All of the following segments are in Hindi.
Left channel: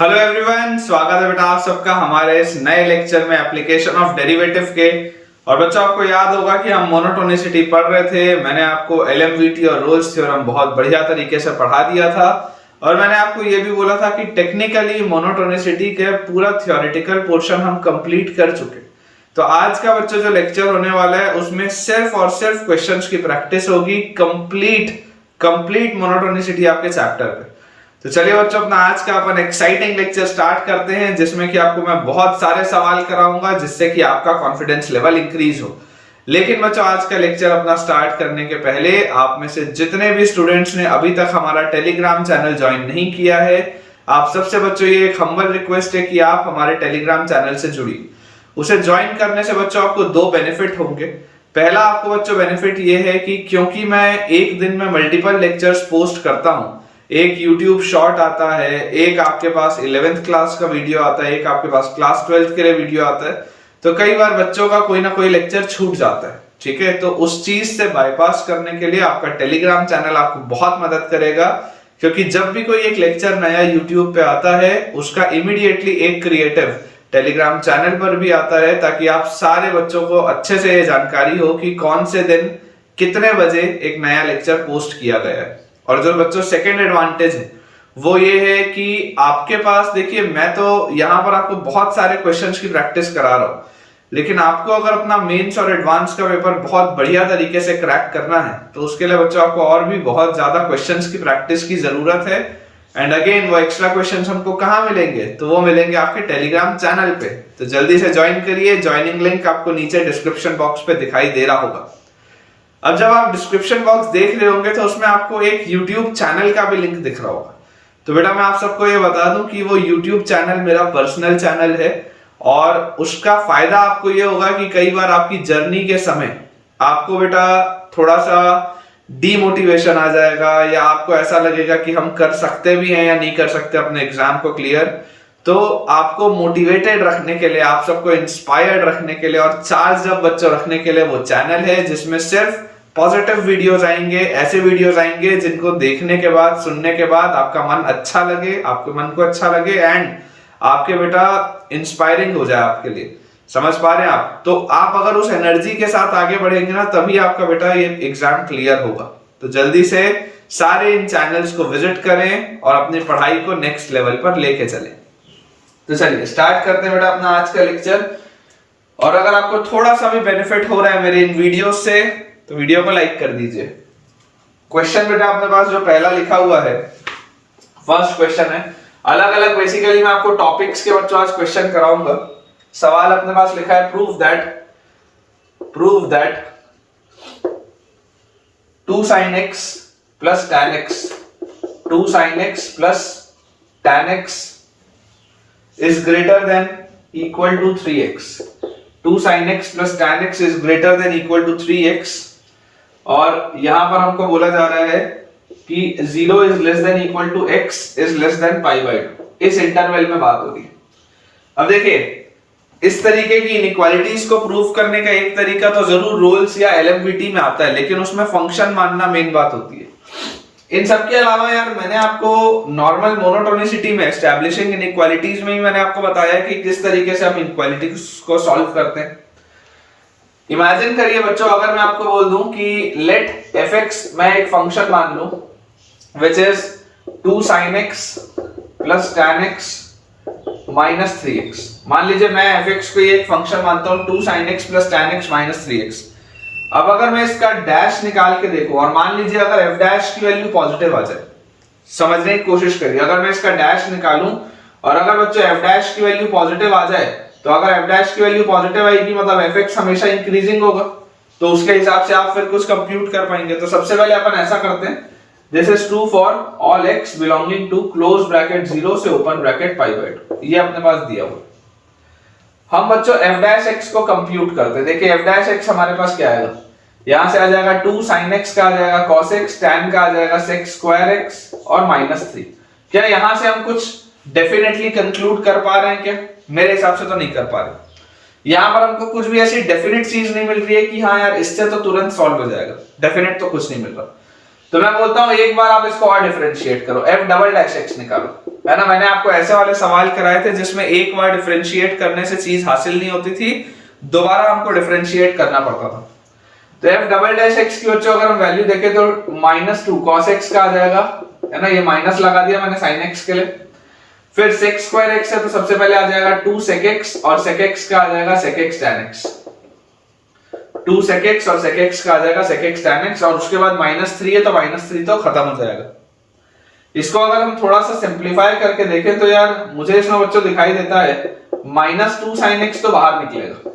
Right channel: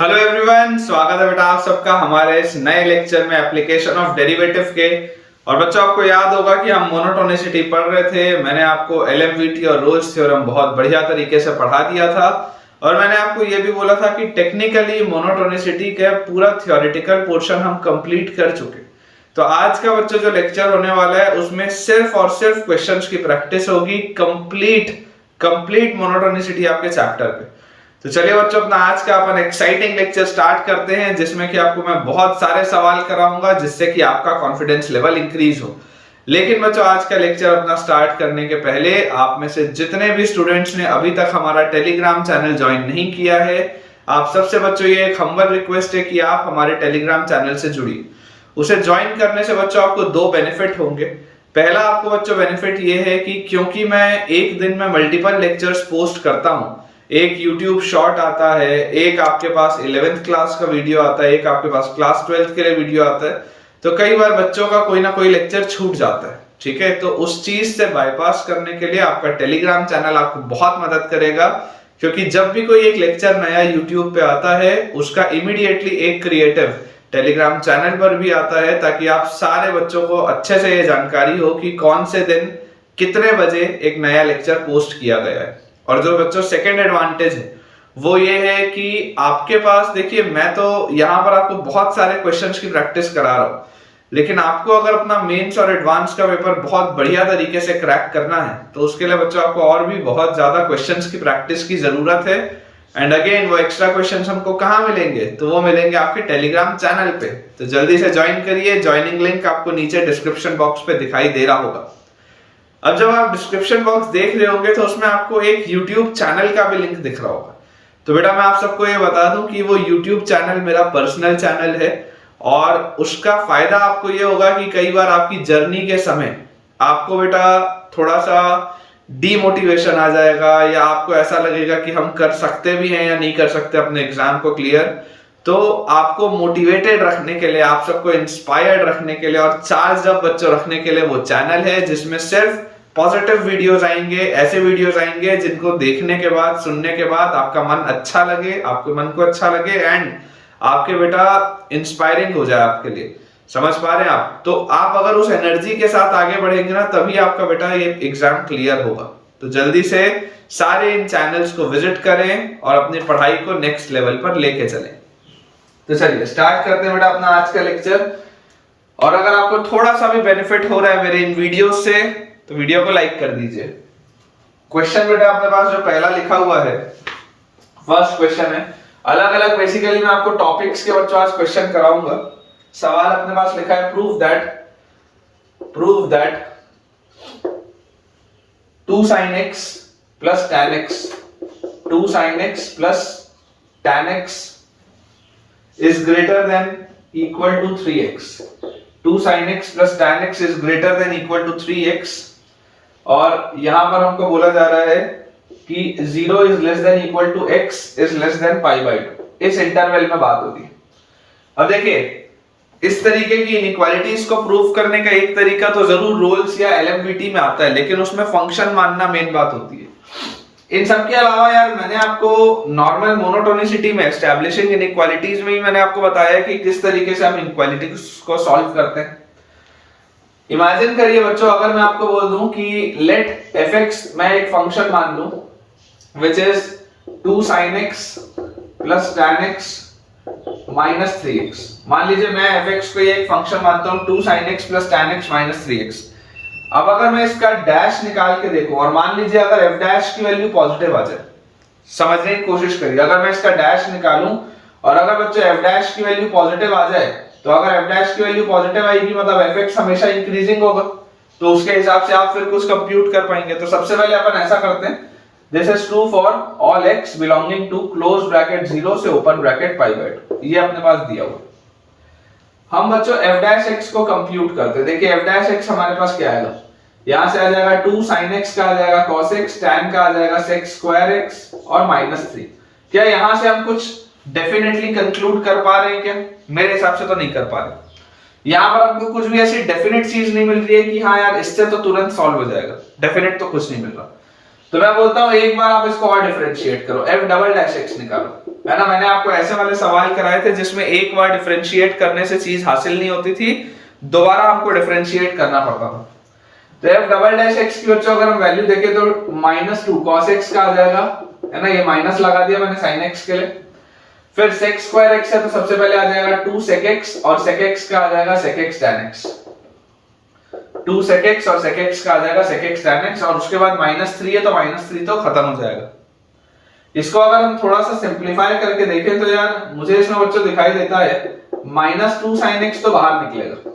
हेलो एवरीवन, स्वागत है बेटा आप सबका हमारे इस नए लेक्चर में एप्लीकेशन ऑफ डेरिवेटिव के। और बच्चों आपको याद होगा कि हम मोनोटोनिसिटी पढ़ रहे थे। मैंने आपको एलएमवीटी और रोल्स थ्योरम बहुत बढ़िया तरीके से पढ़ा दिया था और मैंने आपको ये भी बोला था कि टेक्निकली मोनोटोनिसिटी के पूरा थ्योरेटिकल पोर्शन हम कंप्लीट कर चुके। तो आज का बच्चों जो लेक्चर होने वाला है उसमें सिर्फ और सिर्फ क्वेश्चंस की प्रैक्टिस होगी। कंप्लीट मोनोटोनिसिटी आपके चैप्टर पे। तो चलिए बच्चों, अपना आज का अपन एक्साइटिंग लेक्चर स्टार्ट करते हैं जिसमें कि आपको मैं बहुत सारे सवाल कराऊंगा जिससे कि आपका कॉन्फिडेंस लेवल इंक्रीज हो। लेकिन बच्चों, आज का लेक्चर अपना स्टार्ट करने के पहले आप में से जितने भी स्टूडेंट्स ने अभी तक हमारा टेलीग्राम चैनल ज्वाइन नहीं किया है, आप सबसे बच्चों ये एक हम्बल रिक्वेस्ट है कि आप हमारे टेलीग्राम चैनल से जुड़िए। उसे ज्वाइन करने से बच्चों आपको दो बेनिफिट होंगे। पहला आपको बच्चों बेनिफिट ये है कि क्योंकि मैं एक दिन में मल्टीपल लेक्चर्स पोस्ट करता हूं, एक YouTube शॉर्ट आता है, एक आपके पास 11th क्लास का वीडियो आता है, एक आपके पास क्लास 12th के लिए वीडियो आता है, तो कई बार बच्चों का कोई ना कोई लेक्चर छूट जाता है। ठीक है, तो उस चीज से बाईपास करने के लिए आपका टेलीग्राम चैनल आपको बहुत मदद करेगा, क्योंकि जब भी कोई एक लेक्चर नया YouTube पे आता है उसका इमीडिएटली एक क्रिएटिव टेलीग्राम चैनल पर भी आता है, ताकि आप सारे बच्चों को अच्छे से ये जानकारी हो कि कौन से दिन कितने बजे एक नया लेक्चर पोस्ट किया गया है। और जो बच्चों सेकेंड एडवांटेज है वो ये है कि आपके पास, देखिए मैं तो यहाँ पर आपको बहुत सारे क्वेश्चंस की प्रैक्टिस करा रहा हूँ, लेकिन आपको अगर अपना मेंस और एडवांस का पेपर बहुत बढ़िया तरीके से क्रैक करना है तो उसके लिए बच्चों आपको और भी बहुत ज्यादा क्वेश्चंस की प्रैक्टिस की जरूरत है। एंड अगेन वो एक्स्ट्रा क्वेश्चंस हमको कहाँ मिलेंगे, तो वो मिलेंगे आपके टेलीग्राम चैनल पे। तो जल्दी से ज्वाइन करिए, ज्वाइनिंग लिंक आपको नीचे डिस्क्रिप्शन बॉक्स पे दिखाई दे रहा होगा। अब जब आप डिस्क्रिप्शन बॉक्स देख रहे होंगे तो उसमें आपको एक YouTube चैनल का भी लिंक दिख रहा होगा। तो बेटा मैं आप सबको ये बता दूं कि वो YouTube चैनल मेरा पर्सनल चैनल है और उसका फायदा आपको ये होगा कि कई बार आपकी जर्नी के समय आपको बेटा थोड़ा सा डीमोटिवेशन आ जाएगा, या आपको ऐसा लगेगा कि हम कर सकते भी हैं या नहीं कर सकते अपने एग्जाम को क्लियर। तो आपको मोटिवेटेड रखने के लिए, आप सबको इंस्पायर्ड रखने के लिए और चार्ज अप बच्चों रखने के लिए वो चैनल है जिसमें सिर्फ पॉजिटिव वीडियोस आएंगे, ऐसे वीडियोस आएंगे जिनको देखने के बाद, सुनने के बाद आपका मन अच्छा लगे, आपके मन को अच्छा लगे एंड आपके बेटा इंस्पायरिंग हो जाए आपके लिए। समझ पा रहे हैं आप? तो आप अगर उस एनर्जी के साथ आगे बढ़ेंगे ना, तभी आपका बेटा ये एग्जाम क्लियर होगा। तो जल्दी से सारे इन चैनल्स को विजिट करें और अपनी पढ़ाई को नेक्स्ट लेवल पर लेके चलें। तो चलिए स्टार्ट करते हैं बेटा अपना आज का लेक्चर। और अगर आपको थोड़ा सा भी बेनिफिट हो रहा है मेरे इन वीडियोस से तो वीडियो को लाइक कर दीजिए। क्वेश्चन बेटा अपने पास जो पहला लिखा हुआ है, फर्स्ट क्वेश्चन है। अलग अलग बेसिकली मैं आपको टॉपिक्स के बच्चों आज क्वेश्चन कराऊंगा। सवाल अपने पास लिखा है prove that 2 sin x plus tan x 2 sin x plus tan x is greater than equal to 3x। 2 sin x plus tan x is greater than equal to 3x। और यहां पर हमको बोला जा रहा है कि 0 is less than equal to x is less than pi by 2। इस इंटरवल में बात होगी। अब देखिए, इस तरीके की इनइक्वालिटीज को प्रूव करने का एक तरीका तो जरूर रोल्स या एलएमवीटी में आता है, लेकिन उसमें फंक्शन मानना मेन बात होती है। इन सब के अलावा यार मैंने आपको नॉर्मल मोनोटोनिसिटी में, एस्टैब्लिशिंग इनइक्वालिटीज में ही मैंने आपको बताया कि किस तरीके से आप इनइक्वालिटीज को सॉल्व करते हैं। इमेजिन करिए बच्चों, अगर मैं आपको बोल दूं कि लेट fx मैं एक फंक्शन मान लूं which is 2 sin x plus tan x minus 3x। मान लीजिए मैं fx को एक फंक्शन मानता हूं 2 sin x plus tan x minus 3x। अब अगर मैं इसका डैश निकाल के देखूं और मान लीजिए अगर f डैश की वैल्यू पॉजिटिव आ जाए, समझने की कोशिश करिए। अगर मैं इसका डैश निकालूं और अगर बच्चों f डैश की वैल्यू पॉजिटिव आ जाए, तो अगर f डैश की वैल्यू पॉजिटिव आएगी मतलब fx हमेशा इंक्रीजिंग होगा, तो उसके हिसाब से आप फिर कुछ कंप्यूट कर पाएंगे। तो सबसे पहले अपन ऐसा करते हैं, this is true for all x belonging to close bracket 0 से ओपन ब्रैकेट पाई बाय 2। ये अपने पास दिया हुआ। हम बच्चों f डैश x को कंप्यूट करते हैं। देखिए f डैश x हमारे पास क्या आएगा, यहां से आ जाएगा 2 sin x का आ जाएगा cos x, tan का आ जाएगा sec square x और -3। क्या यहां से हम कुछ डेफिनेटली कंक्लूड कर पा रहे हैं क्या? मेरे हिसाब से तो नहीं कर पा रहे। यहां पर हमको कुछ भी ऐसी डेफिनेट चीज नहीं मिल रही है कि हाँ यार इससे तो तुरंत सॉल्व हो जाएगा। डेफिनेट तो कुछ नहीं मिल रहा। तो मैं बोलता हूं एक बार आप इसको और डिफरेंशिएट करो, f डबल डैश x निकालो, है ना। मैंने आपको ऐसे वाले सवाल कराए थे जिसमें एक बार डिफरेंशिएट करने से चीज हासिल नहीं होती थी, दोबारा हमको डिफरेंशिएट करना पड़ता था। तो f डबल डैश x की बच्चों अगर हम वैल्यू देखें तो -2 cos x का आ जाएगा, है ना, ये माइनस लगा दिया मैंने sin x के लिए। फिर sec स्क्वायर x है तो सबसे पहले आ जाएगा 2 sec x, और sec x का आ जाएगा sec x tan x। 2 sec x और sec x का आ जाएगा sec x tan x, और उसके बाद -3 है तो -3 तो खत्म हो जाएगा। इसको अगर हम थोड़ा सा सिंपलीफाई करके देखें तो यार मुझे इसमें बच्चों दिखाई देता है -2 sin x तो बाहर निकलेगा।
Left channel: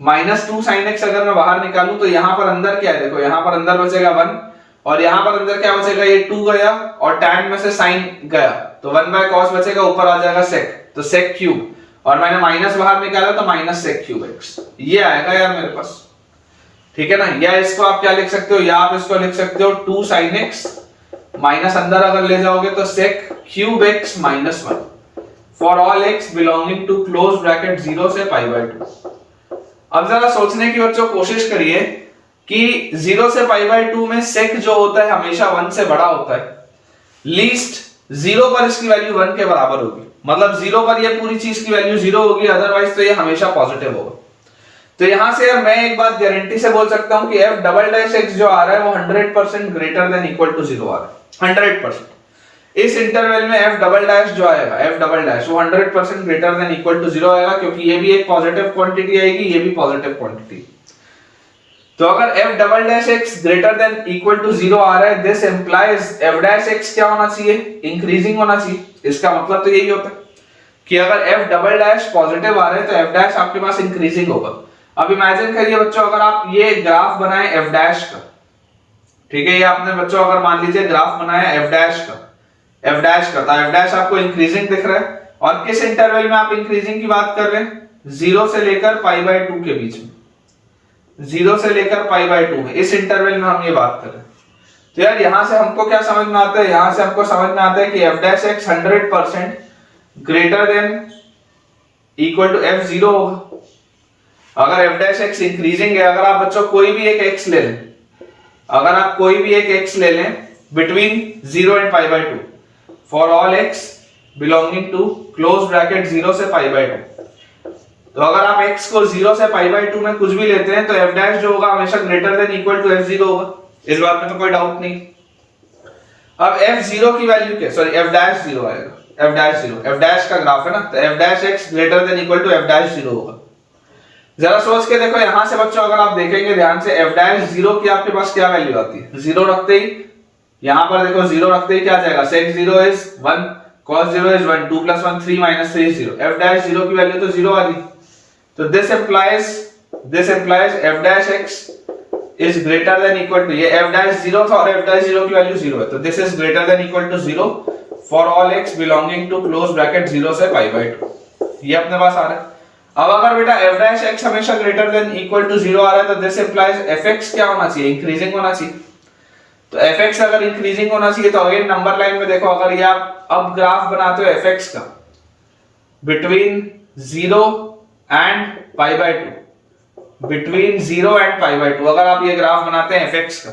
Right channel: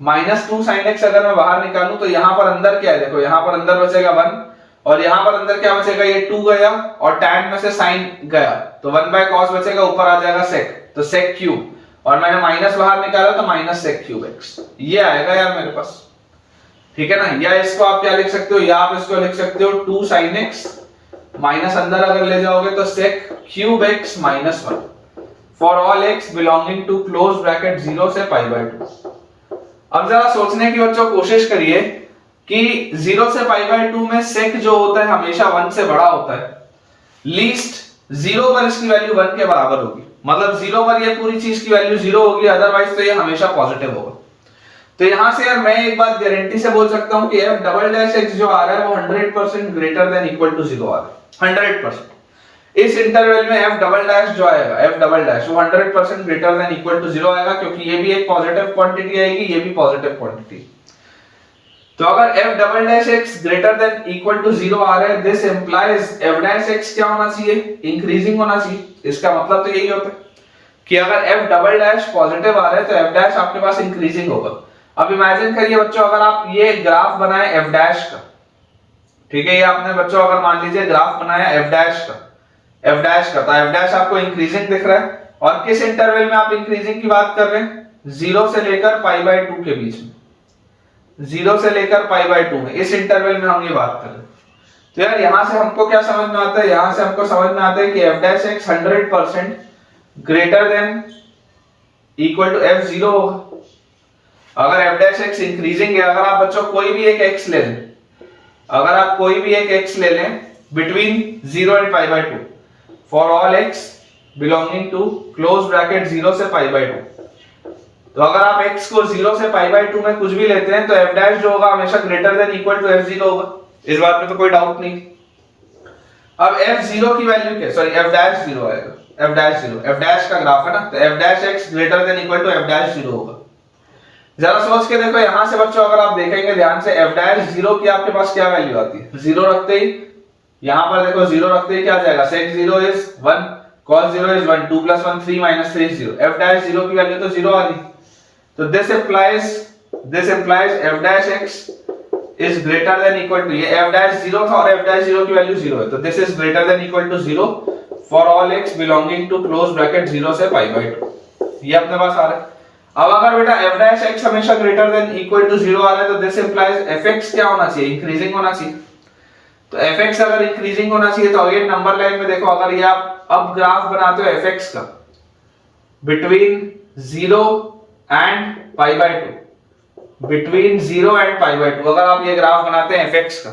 -2 sin x अगर मैं बाहर निकालूं तो यहां पर अंदर क्या है, देखो यहां पर अंदर बचेगा 1, और यहां पर अंदर क्या बचेगा, ये 2 गया और tan में से sin गया तो 1/cos बचेगा, ऊपर आ जाएगा sec, तो sec क्यूब, और मैंने माइनस बाहर निकाला तो -sec क्यूब x, ये आएगा यार मेरे पास, ठीक है ना। या इसको आप क्या लिख सकते हो, या आप इसको लिख सकते हो 2 sin x माइनस अंदर अगर ले जाओगे तो sec cube x -1 for all x belonging to close bracket 0 से π/2। अब जरा सोचने की बच्चों कोशिश करिए कि 0 से π/2 में sec जो होता है हमेशा 1 से बड़ा होता है, लीस्ट 0 पर इसकी वैल्यू 1 के बराबर होगी, मतलब 0 पर ये पूरी चीज की वैल्यू 0 होगी, अदरवाइज तो ये हमेशा पॉजिटिव होगा। तो यहां से यार मैं एक बात गारंटी से बोल सकता हूं कि f डबल डैश x जो आ रहा है वो 100% ग्रेटर देन इक्वल टू 0 आ रहा है, 100%। इस इंटरवल में f डबल डैश जो आएगा, f डबल डैश वो 100% ग्रेटर देन इक्वल टू 0 आएगा, क्योंकि ये भी एक पॉजिटिव क्वांटिटी आएगी, ये भी पॉजिटिव क्वांटिटी। तो अगर f double dash x greater than equal to 0 आ रहा है, this implies f dash x क्या होना चाहिए, इंक्रीजिंग होना चाहिए। इसका मतलब तो यही होता है कि अगर f डबल डैश पॉजिटिव आ रहा है तो f डैश आपके पास इंक्रीजिंग होगा। अब इमेजिन करिए बच्चों, अगर आप ये ग्राफ बनाए f डैश का, ठीक है, ये आपने बच्चों अगर मान लीजिए ग्राफ बनाया f डैश का, तो f डैश आपको इंक्रीजिंग दिख रहा है, और किस इंटरवल में आप इंक्रीजिंग की बात कर रहे हैं, 0 से लेकर π/2 के बीच में, 0 से लेकर π/2 में, इस इंटरवल में हम ये बात कर रहे हैं। तो यार यहां से हमको क्या समझ में आता है, यहां से हमको समझ में आता है कि f dash x 100% greater than equal to f0 होगा। अगर f डैश x इंक्रीजिंग है, अगर आप बच्चों कोई भी एक x ले लें, अगर आप कोई भी एक x ले लें between 0 and π/2 for all x belonging to close bracket 0 से π/2, तो अगर आप x को 0 से π/2 में कुछ भी लेते हैं तो f डैश जो होगा हमेशा greater than equal to f0 होगा, इस बात में तो कोई डाउट नहीं। अब f0 की वैल्यू क्या, सॉरी f डैश 0 आएगा, f डैश का ग्राफ है ना, तो f dash x greater than equal to f dash 0 होगा। जरा सोच के देखो यहां से बच्चों, अगर आप देखेंगे ध्यान से, f डैश 0 की आपके पास क्या वैल्यू आती है, 0 रखते ही, यहां पर देखो 0 रखते ही क्या जाएगा, sec 0 is 1 cos 0 is 1 2 + 1 3 - 3 is 0, f dash 0 की वैल्यू तो 0 आ गई। तो this implies f dash x is greater than equal to, ये f डैश 0 था और f डैश 0 की वैल्यू 0 है, तो this is greater than equal to 0 for all x belonging to close bracket 0 से π/2, ये अपने पास आ रहा है। अब अगर बेटा f डैश x हमेशा ग्रेटर देन इक्वल टू 0 आ रहा है तो दिस इंप्लाइज fx क्या होना चाहिए, इंक्रीजिंग होना चाहिए। तो fx अगर इंक्रीजिंग होना चाहिए तो अगेन नंबर लाइन में देखो, अगर ये आप अब ग्राफ बनाते हो fx का बिटवीन 0 एंड π/2, बिटवीन 0 एंड π/2, अगर आप ये ग्राफ बनाते हैं fx का,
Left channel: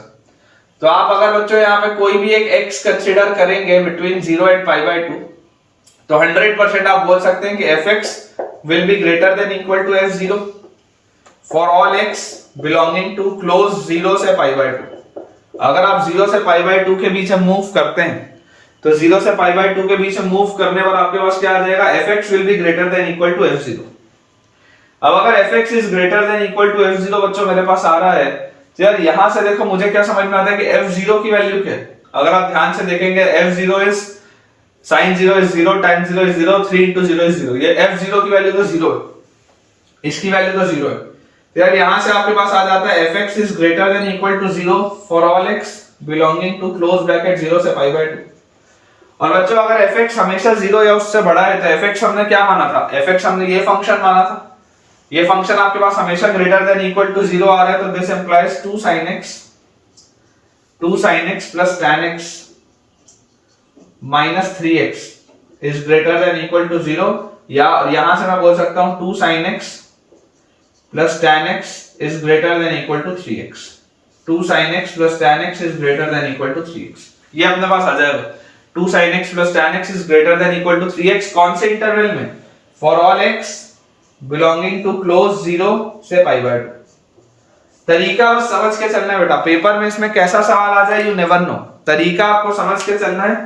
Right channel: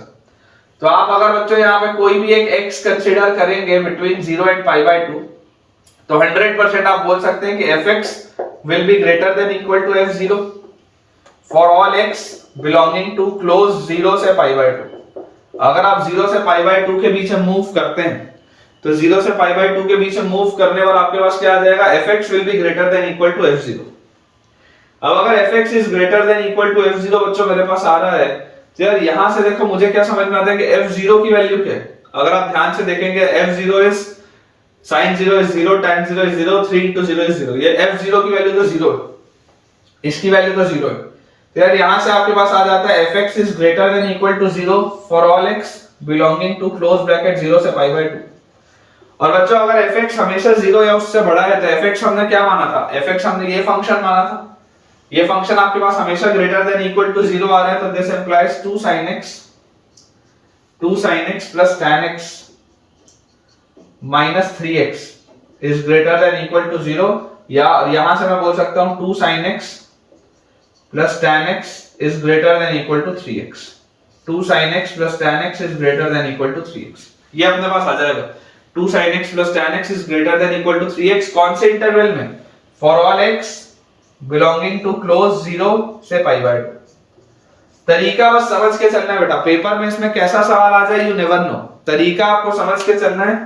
तो आप अगर बच्चों यहाँ पे कोई भी एक x कंसीडर करेंगे बिटवीन 0 एंड π/2, तो 100% आप बोल सकते हैं कि fx will be greater than equal to f0 for all x belonging to close 0 से π/2। अगर आप 0 से π/2 के बीच में मूव करते हैं तो 0 से π/2 के बीच में मूव करने पर आपके पास क्या आ जाएगा, fx will be greater than equal to f0। अब अगर fx is greater than equal to f0 बच्चों मेरे पास आ रहा है, तो यार यहां से देखो मुझे क्या समझ में आता है कि f0 की वैल्यू क्या है। अगर आप ध्यान से देखेंगे f0 is sin 0 is 0, tan 0 is 0, 3 into 0 is 0, ये f0 की वैल्यू तो 0 है, इसकी वैल्यू तो 0 है। तो यार यहां से आपके पास आ जाता है fx is greater than equal to 0 for all x belonging to close bracket 0 से π/2। और बच्चों अगर fx हमेशा 0 या उससे बड़ा है तो fx हमने क्या माना था, fx हमने ये फंक्शन माना था, ये फंक्शन आपके पास हमेशा ग्रेटर देन इक्वल टू 0 आ रहा है, तो this implies 2 sin x plus tan x minus 3x is greater than equal to 0, या यहां से मैं बोल सकता हूं 2 sin x plus tan x is greater than equal to 3x। 2 sin x plus tan x is greater than equal to 3x। ये अपने पास आ जाएगा 2 sin x plus tan x is greater than equal to 3x। कौन से इंटरवल में? For all x belonging to close 0 से pi by 2। तरीका बस समझ के चलना है बेटा, पेपर में इसमें कैसा सवाल आ जाए यू नेवर नो, तरीका आपको समझ के चलना है।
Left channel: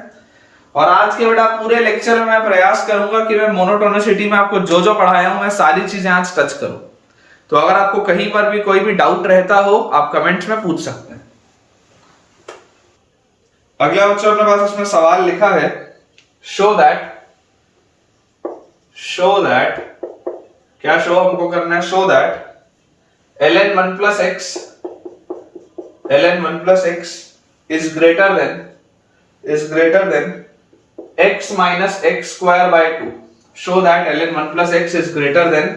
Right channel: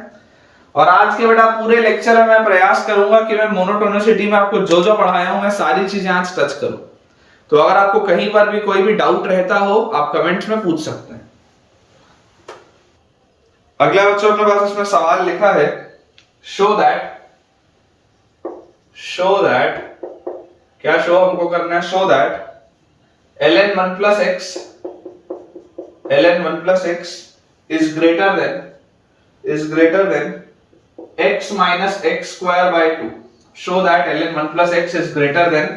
और आज के बेटा पूरे लेक्चर में मैं प्रयास करूंगा कि मैं मोनोटोनिसिटी में आपको जो जो पढ़ाया हूं मैं सारी चीजें आज टच करूं। तो अगर आपको कहीं पर भी कोई भी डाउट रहता हो आप कमेंट्स में पूछ सकते हैं। अगला बच्चों अपने पास इसमें सवाल लिखा है शो दैट क्या शो हमको करना है, show that ln 1 plus x is greater than x minus x square by 2। show that ln 1 plus x is greater than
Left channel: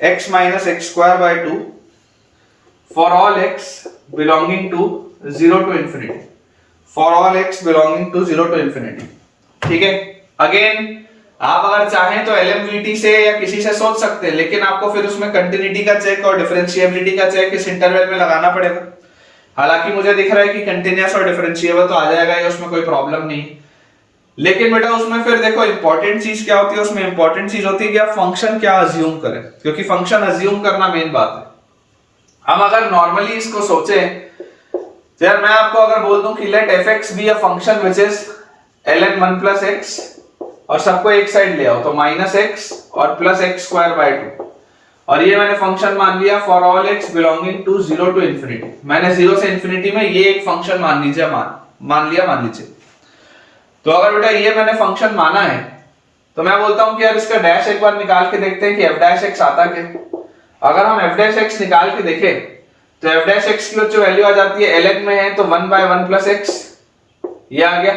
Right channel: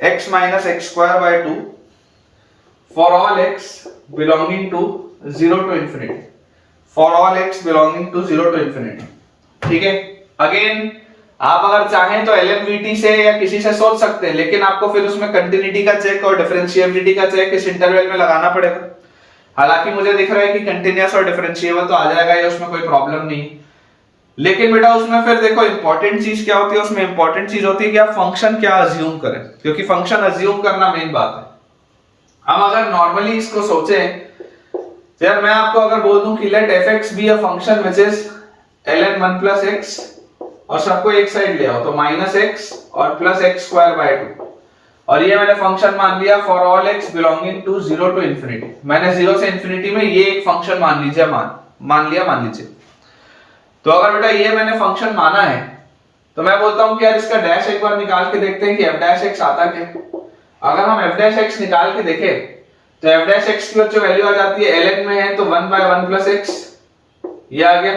x minus x square by 2 for all x belonging to 0 to infinity, for all x belonging to 0 to infinity। ठीक है, अगेन आप अगर चाहें तो LMVT से या किसी से सोच सकते हैं, लेकिन आपको फिर उसमें कंटिन्यूटी का चेक और डिफरेंशिएबिलिटी का चेक इस इंटरवल में लगाना पड़ेगा। हालांकि मुझे दिख रहा है कि कंटिन्यूअस और डिफरेंशिएबल तो आ जाएगा या उसमें कोई प्रॉब्लम नहीं, लेकिन बेटा उसमें फिर देखो इंपॉर्टेंट चीज क्या होती है, उसमें इंपॉर्टेंट चीज होती है कि आप फंक्शन क्या अज्यूम करें, क्योंकि फंक्शन अज्यूम करना मेन बात है। हम अगर नॉर्मली इसको सोचें, यार मैं आपको अगर बोल दूं कि let fx be a function which is ln 1 plus x और सबको एक साइड ले आओ तो माइनस एक्स और प्लस एक्स स्क्वायर बाय 2, और ये मैंने फंक्शन मान लिया for all x belonging to 0 to infinity. मैंने 0 से इंफिनिटी में ये एक फंक्शन मान लीजिए, मान लीजिए। तो अगर बेटा ये मैंने फंक्शन माना है तो मैं बोलता हूं कि यार इसका डैश एक बार निकाल के देखते हैं कि f डैश x आता क्या। अगर हम f डैश x निकाल के देखें तो f डैश x की जो वैल्यू आ जाती है ln में है तो 1 by 1 plus x, ये आ गया।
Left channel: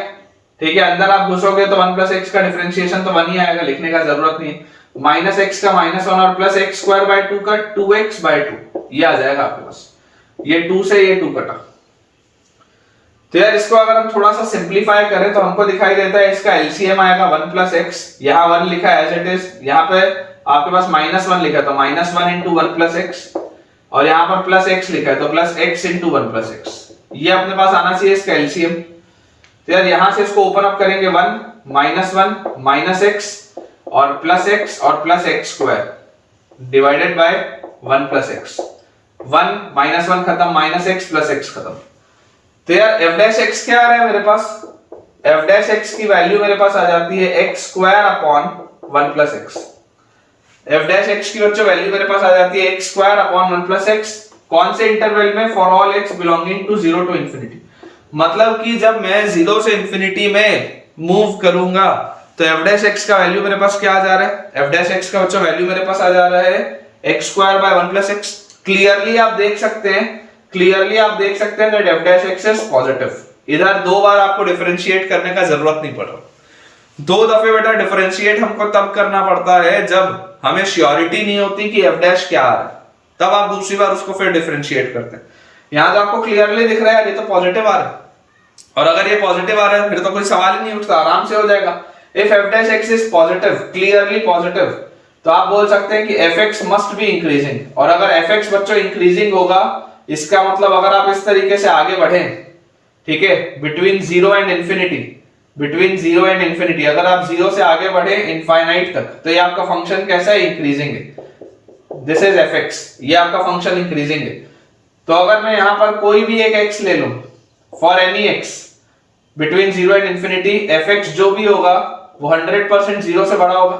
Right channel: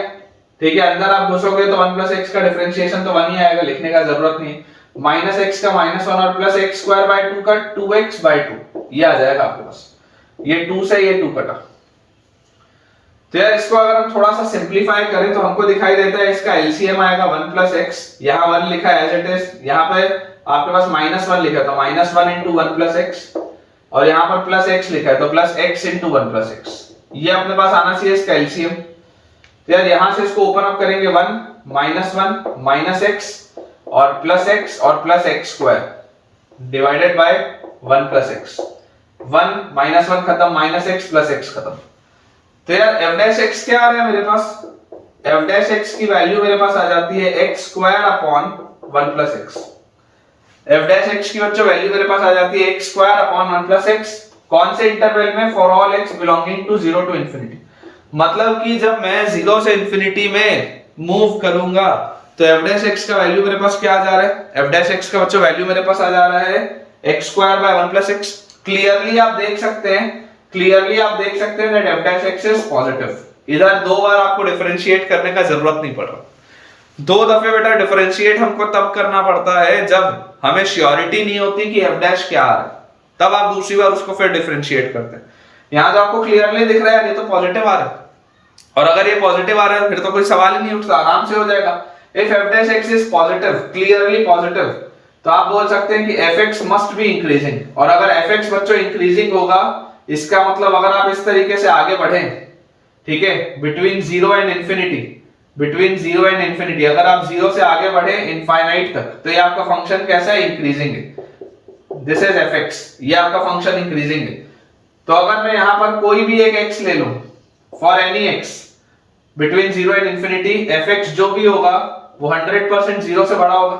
ठीक है, अंदर आप घुसोगे तो 1 plus x का डिफरेंशिएशन तो 1 ही आएगा, लिखने का जरूरत नहीं है। माइनस x का -1 और प्लस x स्क्वायर बाय 2 का 2x बाय 2, ये आ जाएगा आपके पास। ये 2 से ये 2 कटा। तो यार इसको अगर हम थोड़ा सा सिंपलीफाई करें तो हमको दिखाई देता है इसका एलसीएम आएगा 1 plus x, यहाँ 1 लिखा है एज इट इज, यहाँ पे आपके पास -1 लिखा है तो -1 into 1 plus x, और यहाँ पर प्लस x लिखा है तो plus x into 1 plus x, ये अपने पास आना चाहिए इसका एलसीएम। तो यार यहां से इसको ओपन अप करेंगे 1 माइनस x और plus x square divided by 1 plus x, 1 -1 खत्म, माइनस x प्लस x खत्म। तो यार f डैश x क्या आ रहा है मेरे पास, f डैश x की वैल्यू मेरे पास आ जाती है x square upon 1 plus x। f dash x की जो वैल्यू मेरे पास आ जाती है x square upon 1 plus x, कौन से इंटरवल में, for all x belonging to 0 to infinity. मतलब कि जब मैं 0 से इंफिनिटी में मूव करूंगा तो f डैश x का वैल्यू मेरे पास क्या आ जा रहा है, f डैश x का बच्चों वैल्यू मेरे पास आ जा रहा है x square by 1 plus x। Clearly आप देख सकते हैं that f dash x is positive. इधर दो बार आपको डिफरेंशिएट करने का जरूरत नहीं पड़ रहा, दो दफे बेटा डिफरेंशिएट हमको तब करना पड़ता है जब हमें श्योरिटी नहीं होती कि f डैश क्या आ रहा है, तब आप दूसरी बार उसको फिर डिफरेंशिएट करते हैं। यहां तो आपको क्लियरली दिख रहा है ये तो पॉजिटिव आ रहा है, और अगर ये पॉजिटिव आ रहा है फिर तो कोई सवाल ही नहीं उठता, आराम से हो जाएगा। If f dash x is positive, clearly positive, तो आप बोल सकते हैं कि fx मस्ट बी इंक्रीजिंग, और अगर fx बच्चों इंक्रीजिंग होगा इसका मतलब अगर आप इस तरीके से आगे बढ़े, ठीक है, बिटवीन 0 एंड इंफिनिटी, अगर आप 0 से आगे बढ़े इनफाइनाइट तक तो ये आपका फंक्शन कैसा है, इंक्रीजिंग है। दिस इज fx, ये आपका फंक्शन इंक्रीजिंग है। तो अगर मैं यहां पर कोई भी एक x ले लूं, for any x between 0 and infinity, fx जो भी होगा वो 100% 0 से बड़ा होगा,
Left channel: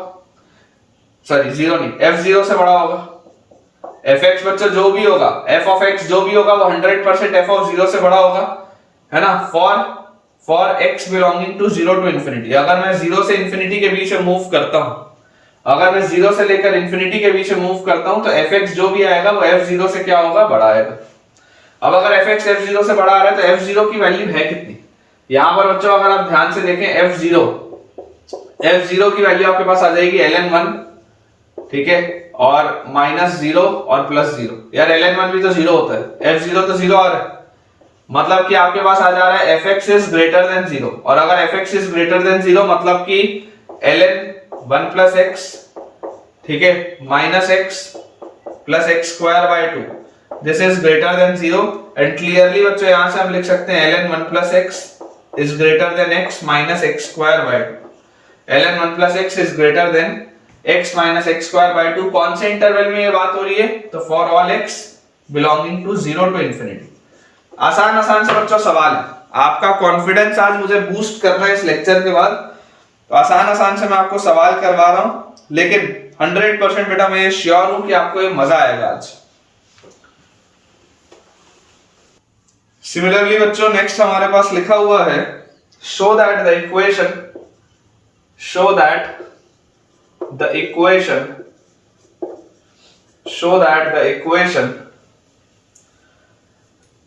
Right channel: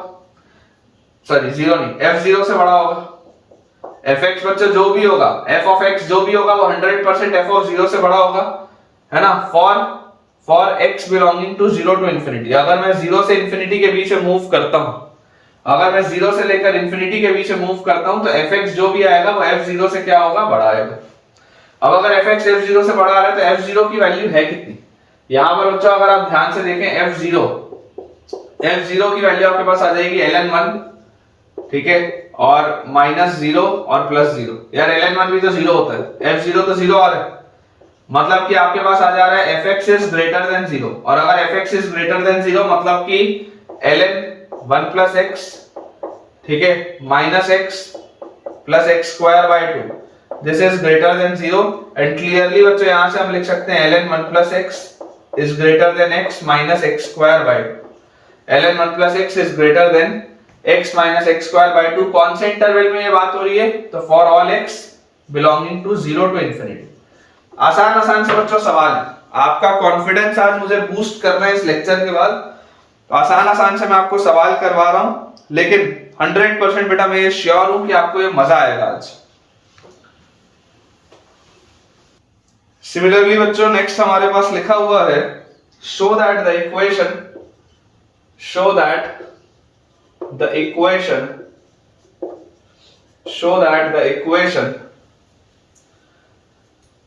सॉरी 0 नहीं, f0 से बड़ा होगा। fx बच्चों जो भी होगा, f of x जो भी होगा वो 100% f of 0 से बड़ा होगा, है ना। For x belonging to 0 to infinity, अगर मैं 0 से इंफिनिटी के बीच में मूव करता हूं, अगर मैं 0 से लेकर इंफिनिटी के बीच में मूव करता हूं तो fx जो भी आएगा वो f0 से क्या होगा, बड़ा आएगा। अब अगर fx f0 से बड़ा आ रहा है तो f0 की वैल्यू है कितनी, यहां पर बच्चों अगर आप ध्यान से देखें f0 की वैल्यू आपके पास आ जाएगी ln 1, ठीक है, और -0 और +0। यार ln 1 भी तो 0 होता है, f0 तो 0 आ रहा है, मतलब कि आपके पास आ जा रहा है fx इज ग्रेटर देन 0, और अगर fx इज ग्रेटर देन 0 मतलब कि ln 1 plus x, ठीक है, -x plus x square by 2, this is greater than 0 and clearly बच्चों यहां से हम लिख सकते हैं ln 1 plus x is greater than x minus x square by 2. ln 1 plus x is greater than x minus x square by 2. कौन से इंटरवल में ये बात हो रही है? तो for all x belonging to 0 to infinity. आसान आसान से बच्चों सवाल है, आपका कॉन्फिडेंस आज मुझे बूस्ट करना है इस लेक्चर के बाद, तो आसान आसान से मैं आपको सवाल करवा रहा हूं, लेकिन 100% बेटा मैं ये श्योर हूं कि आपको ये मजा आएगा आज। सिमिलरली बच्चों नेक्स्ट हमारे पास लिखा हुआ है show that the equation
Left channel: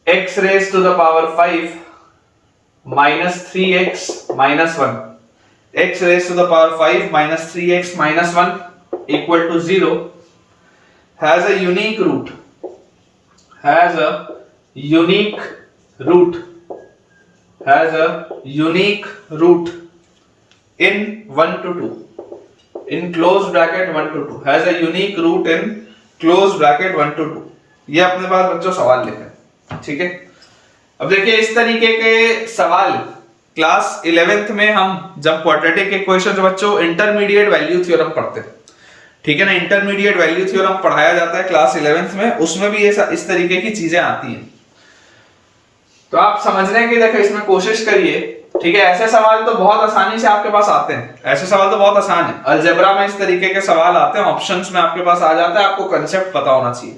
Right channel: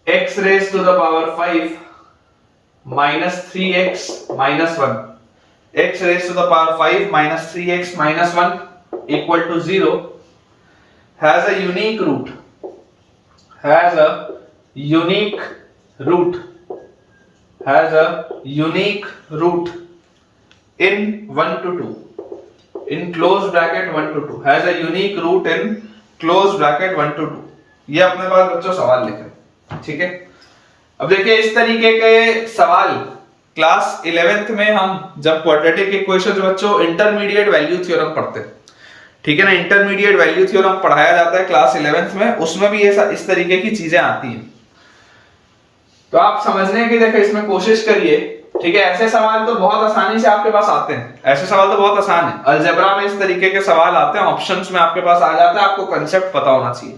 x raised to the power 5 minus 3x minus 1, x raised to the power 5 minus 3x minus 1 equal to 0 has a unique root in 1 to 2 in closed bracket 1 to 2 has a unique root in closed bracket 1 to 2। ये अपने पास बच्चों सवाल लिखे, ठीक है। अब देखिए इस तरीके के सवाल क्लास 11th में हम जब क्वाड्रेटिक इक्वेशन बच्चों इंटरमीडिएट वैल्यू थ्योरम पढ़ते हैं, ठीक है ना, इंटरमीडिएट वैल्यू थ्योरम पढ़ाया जाता है क्लास 11th में, उसमें भी इस तरीके की चीजें आती हैं। तो आप समझने की देखो इसमें कोशिश करिए, ठीक है। ऐसे सवाल तो बहुत आसानी से आपके पास आते हैं, ऐसे सवाल तो बहुत आसान है। अलजेब्रा में इस तरीके के सवाल आते हैं, ऑप्शंस में आपके पास आ जाता है, आपको कंसेप्ट पता होना चाहिए।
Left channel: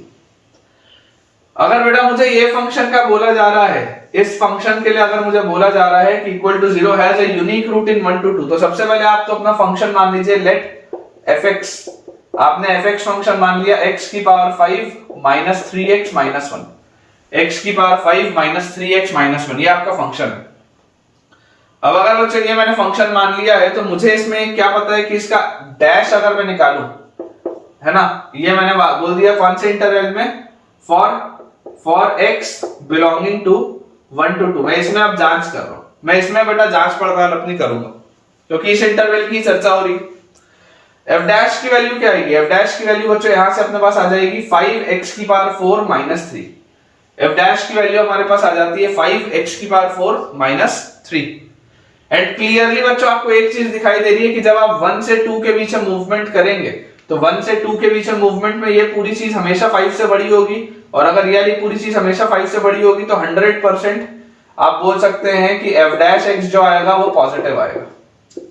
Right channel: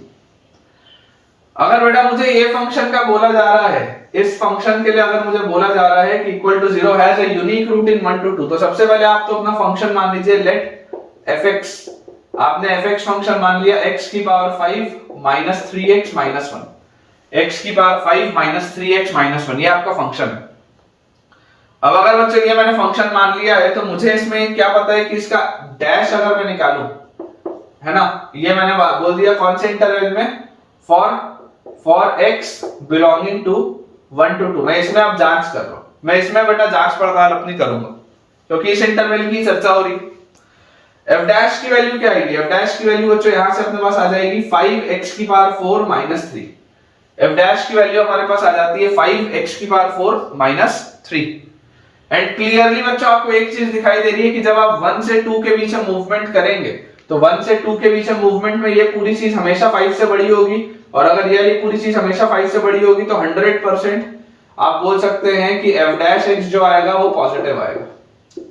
अगर बेटा मुझे ये फंक्शन का बोला जा रहा है, इस फंक्शन के लिए अगर मुझे बोला जा रहा है कि equal to 0 has a unique root in 1 to 2, तो सबसे पहले आप तो अपना फंक्शन मान लीजिए लेट fx। आपने fx फंक्शन मान लिया x की power 5 minus 3x minus 1, x की पावर 5 minus 3x minus 1, ये आपका फंक्शन है। अब अगर बच्चों ये मैंने फंक्शन मान लिया है, तो मुझे इसमें क्या पता है कि इसका डैश अगर मैं निकालूं, है ना, ये मैंने बोल दिया कौन से इंटरवल में, for x belonging to 1 to 2। मैं इसमें अब जांच कर रहा हूं, मैं इसमें बेटा जांच पड़ताल अपनी करूंगा, क्योंकि इस इंटरवल की चर्चा हो रही। f डैश की वैल्यू क्या आएगी? f डैश की वैल्यू बच्चों यहां से अपने पास आ जाएगी 5x की पावर 4 minus 3। f डैश की वैल्यू हमारे पास आ जाती है 5x की पावर 4 minus 3। एंड क्लियरली बच्चों आपको एक चीज दिखाई दे रही है कि जब आप 1 से 2 के बीच में मूवमेंट करेंगे, तो 1 से 2 के बीच में मूवमेंट में ये पूरी चीज हमेशा 5 से बड़ी होगी, और अगर ये पूरी चीज हमेशा 5 से बड़ी होगी तो 100% आप बोल सकते हैं कि f डैश x जो आएगा वो पॉजिटिव आएगा।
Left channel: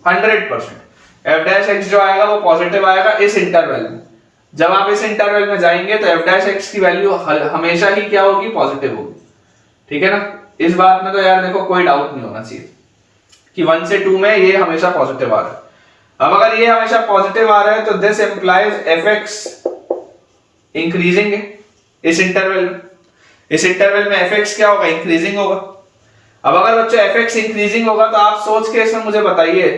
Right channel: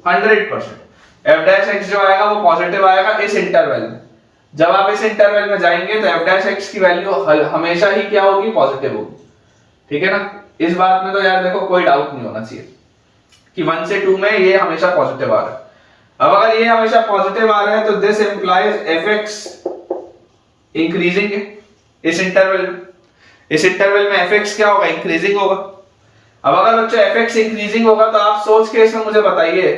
100% f डैश x जो आएगा वो पॉजिटिव आएगा इस इंटरवल में। जब आप इस इंटरवल में जाएंगे तो f डैश x की वैल्यू हमेशा ही क्या होगी? पॉजिटिव होगी, ठीक है ना। इस बात में तो यार देखो कोई डाउट नहीं होना चाहिए कि 1 से 2 में ये हमेशा पॉजिटिव आ रहा है। अब अगर ये हमेशा पॉजिटिव आ रहा है तो दिस इंप्लाइज fx इंक्रीजिंग है इस इंटरवल में fx क्या होगा? इंक्रीजिंग होगा। अब अगर बच्चों fx इंक्रीजिंग होगा तो आप सोच के इसमें मुझे बताइए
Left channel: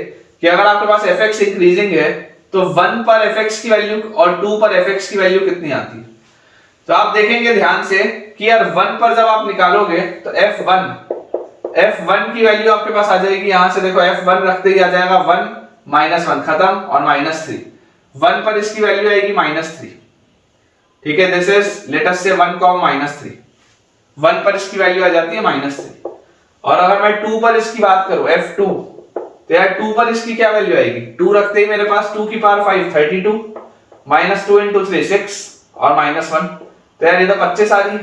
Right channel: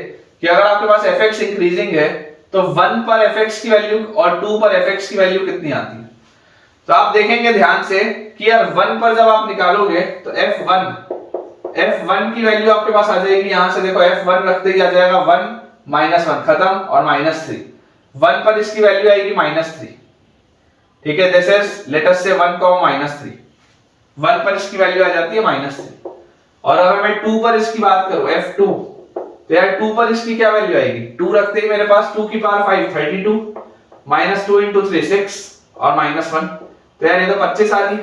कि अगर आपके पास fx इंक्रीजिंग है तो 1 पर fx की वैल्यू और 2 पर fx की वैल्यू कितनी आती है? तो आप देखेंगे ध्यान से कि यार 1 पर जब आप निकालोगे तो f1 की वैल्यू आपके पास आ जाएगी, यहां से देखो f1 रखते ही आ जाएगा 1 minus 1 खत्म और -3। 1 पर इसकी वैल्यू आएगी -3, ठीक है। दिस इज लेट अस से 1 -3, 1 पर इसकी वैल्यू आ जाती है -3। और अगर मैं 2 पर इसकी बात करूं f2, तो यार 2 पर इसकी क्या वैल्यू आएगी? 2 रखते ही मेरे पास 2 की पावर 5 32 -2 into 3 6 और -1, तो यार ये तो 25 आ रही है।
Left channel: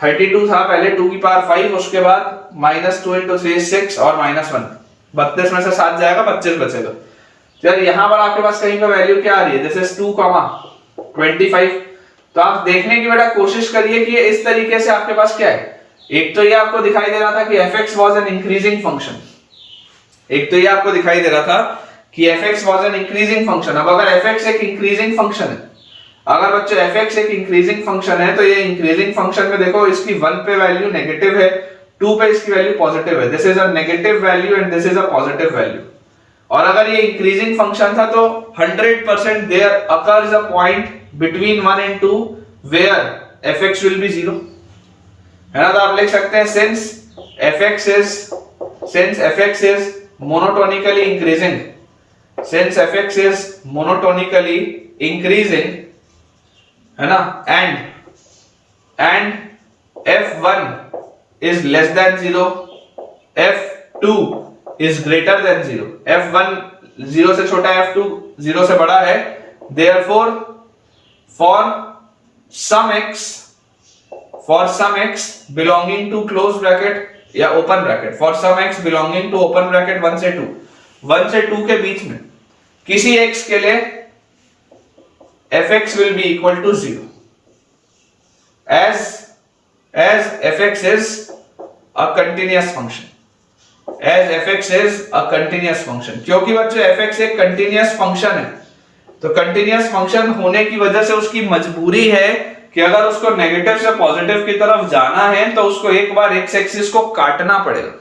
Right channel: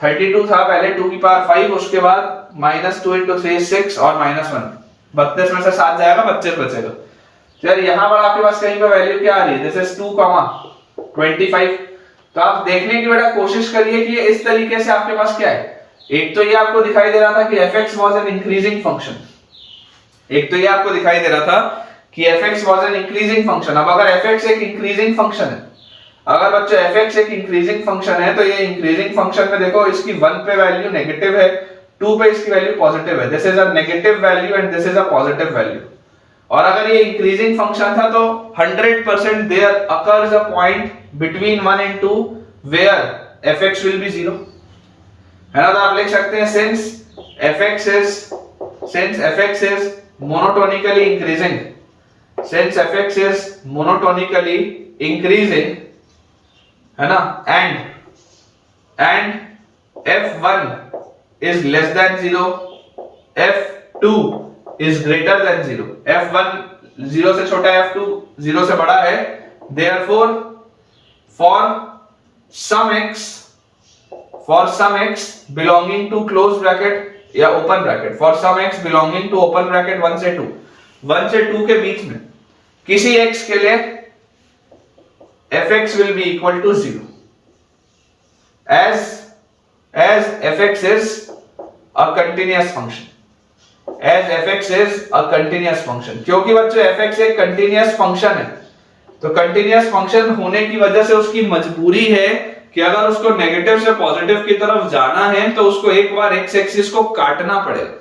32 था पहले 2 की पावर 5, उसके बाद -2 into 3 6 और -1, 32 में से 7 जाएगा 25 बचेगा। तो यार यहां पर आपके पास कहीं पे वैल्यू क्या आ रही है? This is 2, 25। तो आप देखने की बेटा कोशिश करिए कि ये इस तरीके से आपके पास क्या है। एक तो ये आपको दिखाई दे रहा था कि fx was an increasing function, एक तो ये आपको दिखाई दे रहा था कि fx was an increasing function। अब अगर fx एक increasing function है, अगर बच्चों fx एक increasing function है, तो ये increasing function में देखो इसकी 1 पे वैल्यू नेगेटिव है, 2 पे इसकी वैल्यू पॉजिटिव है। This is a negative value and this is a positive value. और अगर ये इंक्रीजिंग फंक्शन था तो 100% there occurs a point between 1 and 2 where fx will be 0, है ना। तो आप लिख सकते हैं since fx is monotonically increasing, है ना, and and f1 is less than 0, f2 is greater than 0, f1 0 से छोटा है, f2 0 से बड़ा है, therefore for some x belonging to close bracket या open bracket, for some x belonging to open bracket 1 से 2 के बीच में किसी x के लिए fx will be equal to 0 as fx is a continuous function, as fx is a continuous function। क्योंकि बच्चों fx एक continuous function है, तो continuous function होने की वजह से उसकी मजबूरी है कि अगर उसको नेगेटिव से पॉजिटिव की तरफ जाना है तो उसको एक बार एक्स एक्सिस को काटना पड़ेगा।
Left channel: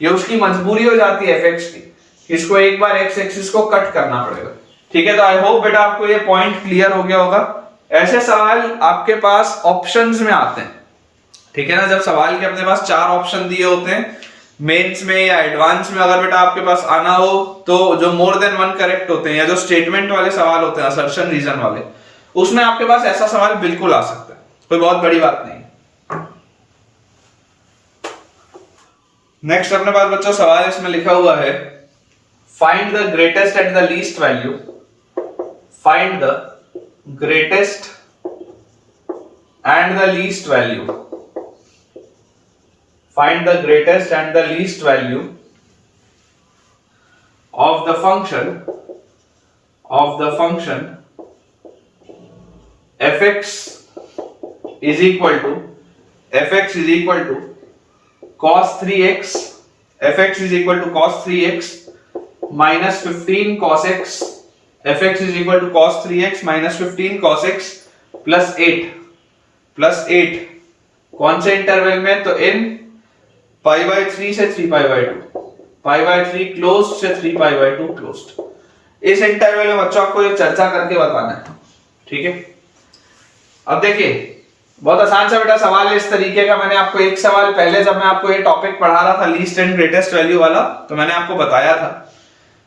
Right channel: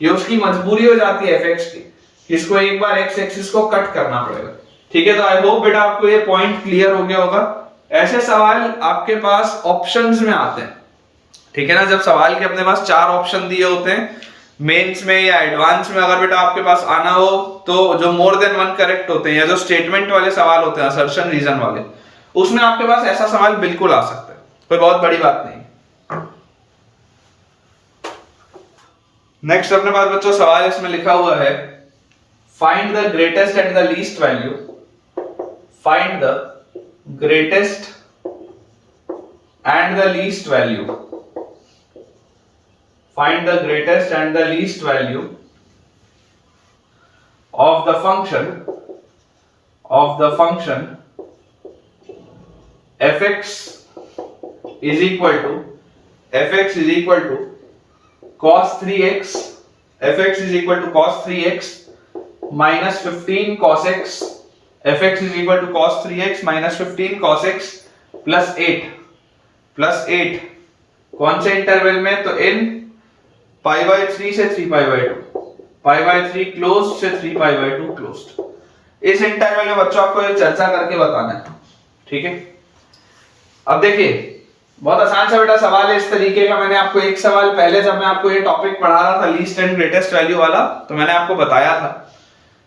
ये उसकी मजबूरी हो जाती है fx की, इसको एक बार एक्स एक्सिस को कट करना पड़ेगा। ठीक है, तो आई होप बेटा आपको ये पॉइंट क्लियर हो गया होगा। ऐसे सवाल आपके पास ऑप्शंस में आते हैं, ठीक है ना, जब सवाल के अपने पास 4 ऑप्शन दिए होते हैं मेंस में या एडवांस में, अगर बेटा आपके पास आना हो तो जो मोर देन 1 करेक्ट होते हैं या जो स्टेटमेंट वाले सवाल होते हैं, असर्शन रीजन वाले, उसमें आपके पास ऐसा सवाल बिल्कुल आ सकता है, कोई बहुत बड़ी बात नहीं। नेक्स्ट अपने पास बच्चों सवाल इसमें लिखा हुआ है, find the greatest and the least value, find the greatest and the least value, find the greatest and the least value of the function fx is equal to cos 3x, fx is equal to cos 3x minus 15 cos x, fx is equal to cos 3x minus 15 cos x plus 8 कौन से इंटरवल में, तो इन पाई बाय 3 से 3 pi bye 2, pi by 3 close से 3 पाई बाय 2 क्लोज्ड। इस इंटरवल में बच्चों आपको ये चर्चा करके बताना है, ठीक है। अब देखिए बहुत आसान सा बेटा सवाल है इस तरीके का। मैंने आपको एक सवाल पहले जब मैं आपको ये टॉपिक पढ़ा रहा था लीस्ट एंड ग्रेटेस्ट वैल्यू वाला, तो मैंने आपको बताया था,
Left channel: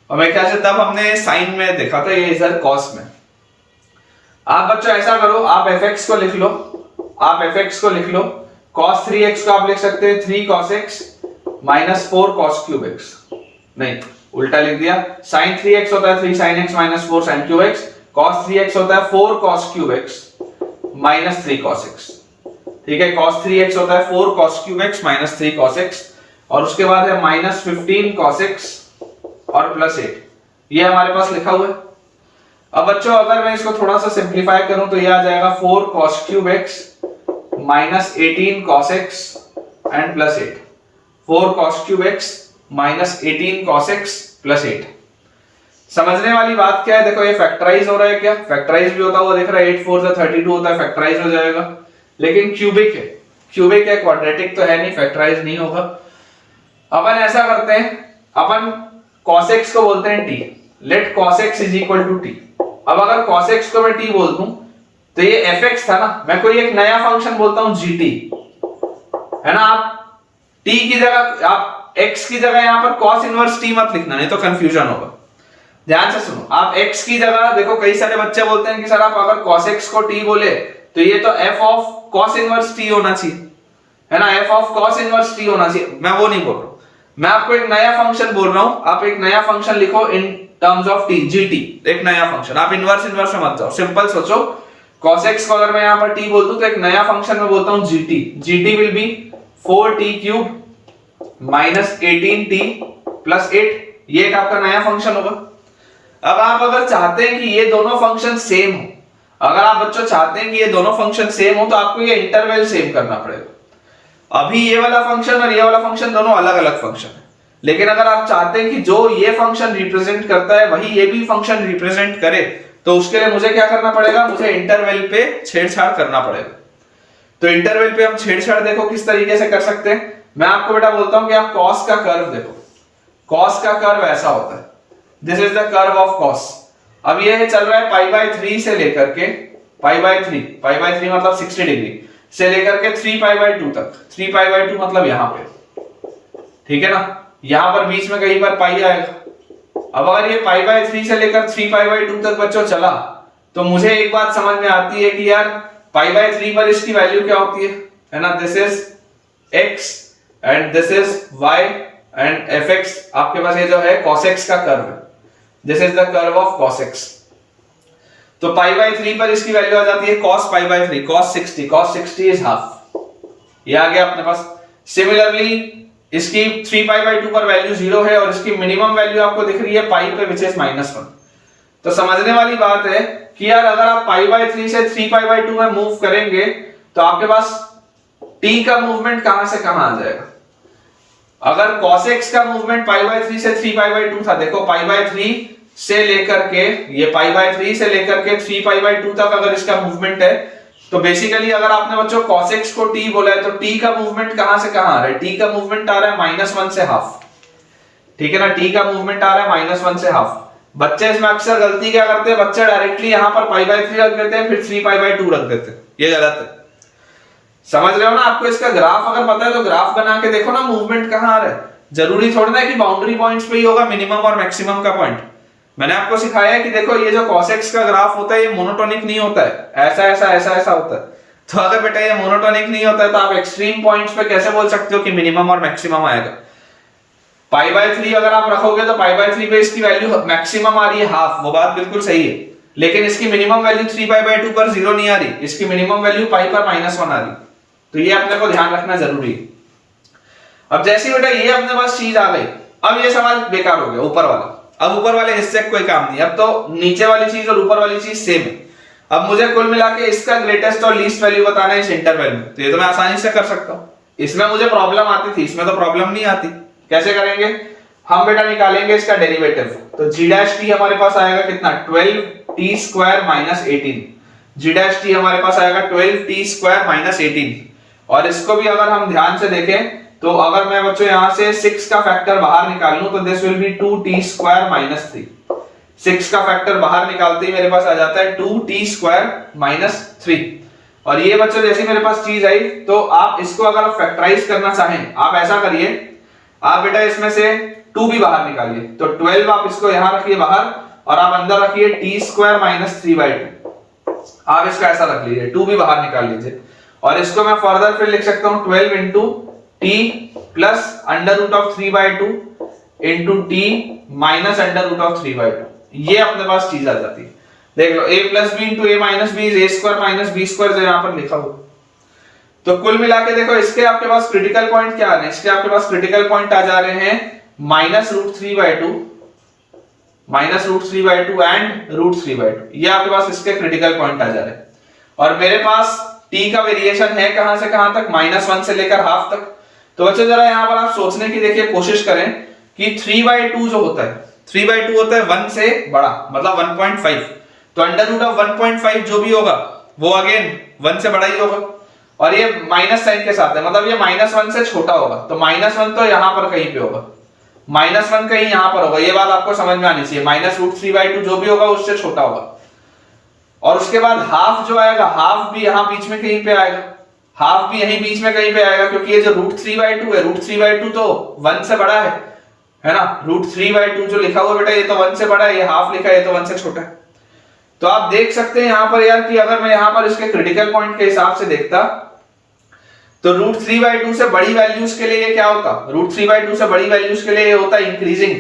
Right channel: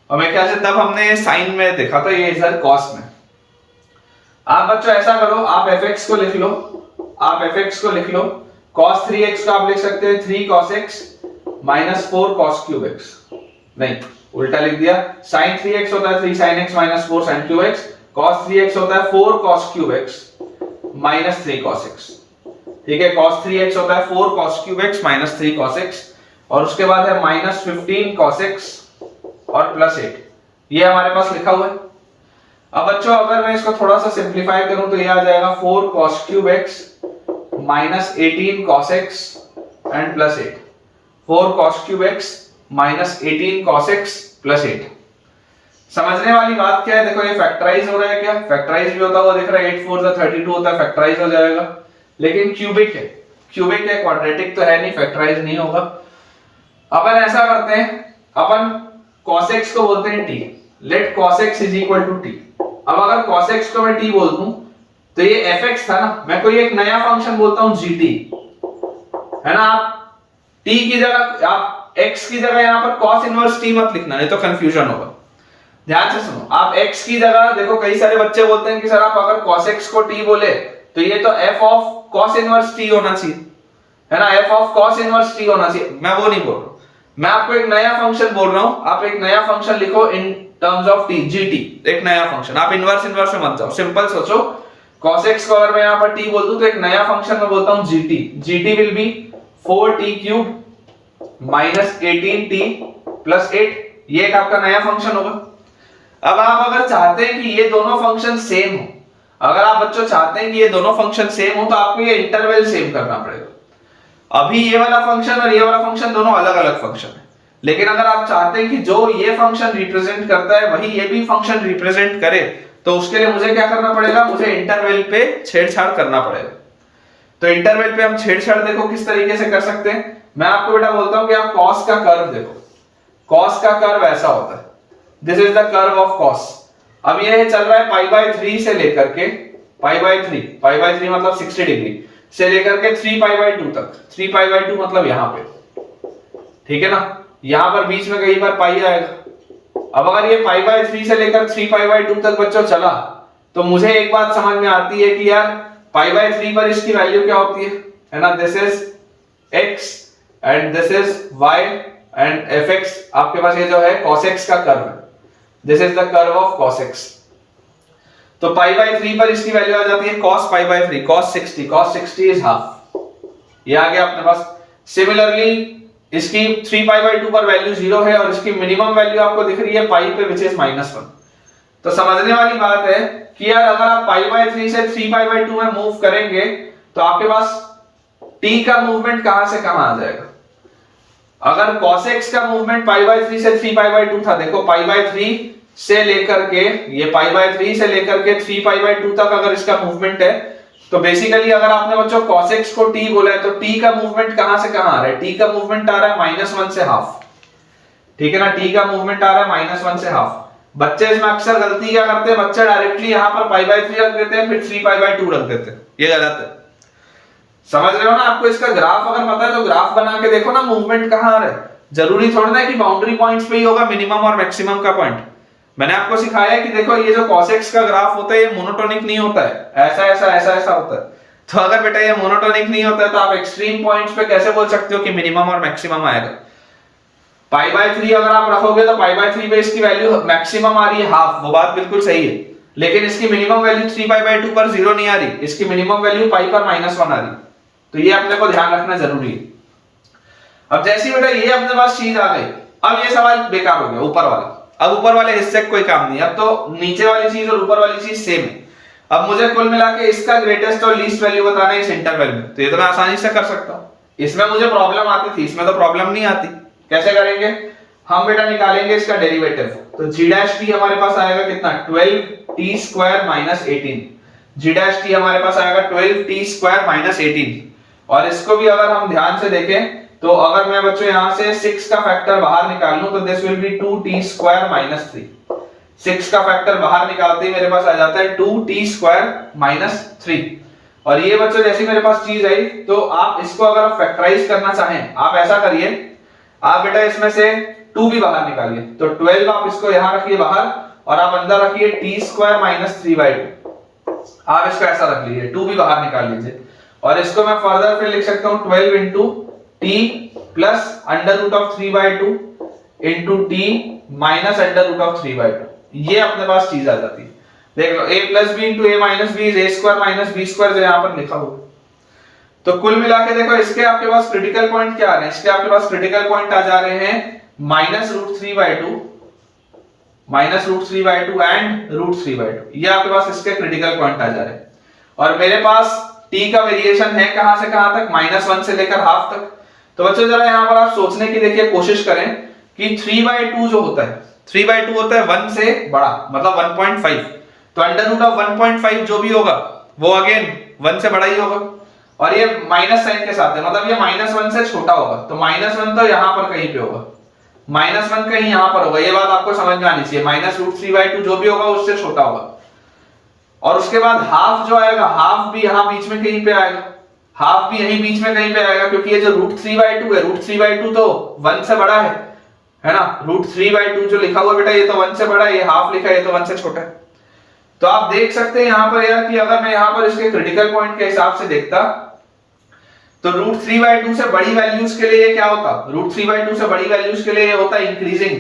और मेरे ख्याल से तब हमने साइन में देखा था, ये इधर कॉस में। आप बच्चों ऐसा करो, आप fx को लिख लो, आप fx को लिख लो, cos 3x को आप लिख सकते हैं 3 cos x minus 4 cos cube x, नहीं उल्टा लिख दिया, sin 3x होता है 3 sin x minus 4 sin cube x, cos 3x होता है 4 cos cube x minus 3 cos x, ठीक है, cos 3x होता है 4 cos cube x minus 3 cos x, और उसके बाद है minus 15 cos x और plus 8, ये हमारे पास लिखा हुआ है। अब बच्चों अगर मैं इसको थोड़ा सा सिंप्लीफाई करूं तो ये आ जाएगा 4 cos cube x minus 18 cos x and plus 8, 4 cos cube x minus 18 cos x plus 8। समझने वाली बात क्या है, देखो ये फैक्टराइज हो रहा है, क्या फैक्टराइज भी होता हुआ दिख रहा है, 8 4 32 होता है, फैक्टराइज हो जाएगा, लेकिन क्यूबिक है, क्यूबिक है, क्वाड्रेटिक तो है नहीं, फैक्टराइज नहीं होगा। अपन ऐसा करते हैं, अपन cos x को बोलते हैं t, let cos x is equal to t। अब अगर cos x को मैं t बोल दूं तो ये fx था ना, मैं कोई एक नया फंक्शन बोलता हूं gt, है ना। आप t की जगह, आप x की जगह यहां पर cos इनवर्स t मत लिखना, नहीं तो कंफ्यूजन होगा। ध्यान से सुनो, आप x की जगह देखो, कई सारे बच्चे बोलते हैं कि सर आप अगर cos x को t बोले तो ये तो f of cos inverse t होना चाहिए, है ना, f of cos inverse t होना चाहिए। मैं वो नहीं बोल रहा हूं, मैं आपको एक नया फंक्शन बोल रहा हूं। आप एक नया फंक्शन लिखो in terms of t, gt, एक नया फंक्शन। आप इनवर्स में मत जाओ, सिंपल सोचो, cos x को अगर मैं यहां पर t बोल दूं तो एक नया फंक्शन में बोलता हूं gt will be 4t cube minus 18t plus 8, ये एक आपका नया फंक्शन होगा। अब आप अगर चाहते हैं कि ये दोनों फंक्शन सेम हो, अगर आप बच्चों चाहते हैं कि ये दोनों फंक्शन सेम हो तो आपको ये इंटरवल सेम करना पड़ेगा। अभी ये वाला फंक्शन और ये वाला फंक्शन दोनों अलग अलग फंक्शन है, लेकिन अगर आप चाहते हैं कि जो ये फंक्शन रिप्रेजेंट करता है वही ये भी फंक्शन रिप्रेजेंट करे, तो उसके लिए मुझे क्या करना पड़ेगा, मुझे इंटरवल पे छेड़छाड़ करना पड़ेगा। तो इंटरवल पे हम छेड़छाड़ देखो किस तरीके से कर सकते हैं। मैं आपको बेटा बोलता हूं कि आप cos का कर्व देखो, cos का कर्व ऐसा होता है, this is the curve of cos। अब ये चल रहा है पाई बाय 3 से लेकर के पाई बाय 3 मतलब 60 डिग्री से लेकर के 3 पाई बाय 2 तक, 3 पाई बाय 2 मतलब यहां पे, ठीक है ना, यहां पर बीच में कई बार पाई आएगा। अब अगर ये पाई बाय 3 से लेकर 3 पाई बाय 2 तक बच्चों चला, तो मुझे एक बात समझ में आती है कि यार पाई बाय 3 पर इसकी वैल्यू क्या होती है ना, this is x and this is y and fx, आपके पास ये जो है cos x का कर्व है, this is the curve of cos x। तो पाई बाय 3 पर इसकी वैल्यू आ जाती है cos pi by 3, cos 60 is half, ये आ गया अपने पास। सिमिलरली इसकी 3 पाई बाय 2 पर वैल्यू 0 है और इसकी मिनिमम वैल्यू आपको दिख रही है पाई पे, विच इज -1। तो समझने वाली बात है कि यार अगर आप पाई बाय 3 से 3 पाई बाय 2 में मूव करेंगे तो आपके पास t का मूवमेंट कहां से कहां आ जाएगा। अगर cos x का मूवमेंट पाई बाय 3 से 3 पाई बाय 2 था, देखो पाई बाय 3 से लेकर के ये पाई बाय 3 से लेकर के 3 पाई बाय 2 तक अगर इसका मूवमेंट है, तो बेसिकली अगर आपने बच्चों cos x को t बोला है तो t का मूवमेंट कहां से कहां आ रहा है, t का मूवमेंट आ रहा है -1 से हाफ, ठीक है ना, t का मूवमेंट आ रहा है -1 से हाफ। बच्चे इसमें अक्सर गलती क्या करते हैं, बच्चे डायरेक्टली यहां पर पाई बाय 3 रख देते हैं, फिर 3 पाई बाय 2 रख देते हैं, ये गलत है। समझ रहे हो ना, आपको इसका ग्राफ अगर पता है तो ग्राफ बना के देखो ना मूवमेंट कहां आ रहा है। जरूरी थोड़ा ना कि बाउंड्री पॉइंट्स पे ही होगा मिनिमम और मैक्सिमम का पॉइंट। मैंने आपको सिखाया है कि देखो ये जो cos x का ग्राफ होता है ये मोनोटोनिक नहीं होता है, ऐसा ऐसा ऐसा ऐसा होता है। तो अगर बेटा ये मोनोटोनिक नहीं होता है तो आप एक्सट्रीम पॉइंट्स पे कैसे बोल सकते हो कि मिनिमम और मैक्सिमम आएगा। पाई बाय 3 अगर आप रखोगे तो पाई बाय 3 पे इसकी वैल्यू मैक्सिमम आ रही है हाफ, वो बात बिल्कुल सही है, लेकिन इसकी मिनिमम वैल्यू 3 पाई बाय 2 पर 0 नहीं आ रही, इसकी मिनिमम वैल्यू पाई पर -1 आ रही। तो ये अपने को ध्यान रखना जरूरी है। अब जैसे बेटा ये अपने पास चीज आ गई, अब ये सवाल बेकार हो गया ऊपर वाला, अब ऊपर वाले हिस्से कोई काम नहीं, अब तो नीचे वाली चीज और ऊपर वाली चीज सेम है। अब मुझे कुल मिला के इसका ग्रेटेस्ट और लीस्ट वैल्यू बताना है इस इंटरवल में, तो ये तो मैं आसानी से कर सकता हूं। इसमें मुझे प्रॉब्लम आती थी, इसमें तो प्रॉब्लम नहीं आती। कैसे करेंगे हम बेटा, निकालेंगे इसका डेरिवेटिव। तो g डैश t हमारे पास आएगा कितना, 12t square - 18। g dash t हमारे पास आएगा 12t स्क्वायर - 18। और इसको भी अगर हम ध्यान से देखें तो अगर मैं बच्चों यहां से 6 का फैक्टर बाहर निकाल लूं तो this will B 2t square - 3। 6 का फैक्टर बाहर निकालते ही मेरे पास आ जाता है 2t स्क्वायर - 3। और ये बच्चों जैसी मेरे पास चीज आई, तो आप इसको अगर फैक्टराइज करना चाहें, आप ऐसा करिए, आप बेटा इसमें से 2 भी बाहर निकालिए, तो 12 आप इसको यहां रखिए बाहर और आप अंदर रखिए t स्क्वायर - 3/2। आप इसको ऐसा रख लीजिए, 2 भी बाहर निकाल लीजिए और इसको मैं फर्दर फिर लिख सकता हूं 12 into t plus √3/2 into t minus √3/2। ये अपने पास चीज आ जाती है। देख लो a plus b into a minus b is a square minus b square, जो यहां पर लिखा हुआ। तो कुल मिला के देखो इसके आपके पास क्रिटिकल पॉइंट क्या आ रहे हैं, इसके आपके पास क्रिटिकल पॉइंट आ जा रहे हैं -√3/2 एंड √3/2। ये आपके पास इसके क्रिटिकल पॉइंट आ जा रहे हैं। और मेरे पास t का वेरिएशन है कहां से कहां तक, -1 से लेकर हाफ तक। तो बच्चों जरा यहां पर आप सोचने की देखिए कोशिश करें कि 3/2 जो होता है, 3/2 होता है 1 से बड़ा, मतलब 1.5। तो √1.5 जो भी होगा वो अगेन 1 से बड़ा ही होगा। और ये माइनस साइन के साथ है, मतलब ये -1 से छोटा होगा। तो -1 तो यहां पर कहीं पे होगा, -1 कहीं यहां पर होगा, ये बात आपको समझ में आनी चाहिए। -√3/2 जो भी होगा उससे छोटा होगा। और उसके बाद हाफ जो आएगा, हाफ भी यहां बीच में कहीं पे आएगा, हाफ भी यहीं बीच में कहीं पे आएगा, क्योंकि ये जो √3/2 है, √3/2 तो 1 से बड़ा है ना। √3/2 जो लिखा हुआ बेटा ये तो 1 से बड़ा है, ये हाफ लिखा है ये तो 1 से छोटा है। तो आप देख सकते हैं यहां पर यार कि अगर मैं यहां पर इसके क्रिटिकल पॉइंट के हिसाब से देखता तो √3/2 से बड़ी वैल्यूज के लिए ये क्या होता, √3/2 से बड़ी वैल्यूज के लिए ये होता है इंक्रीजिंग।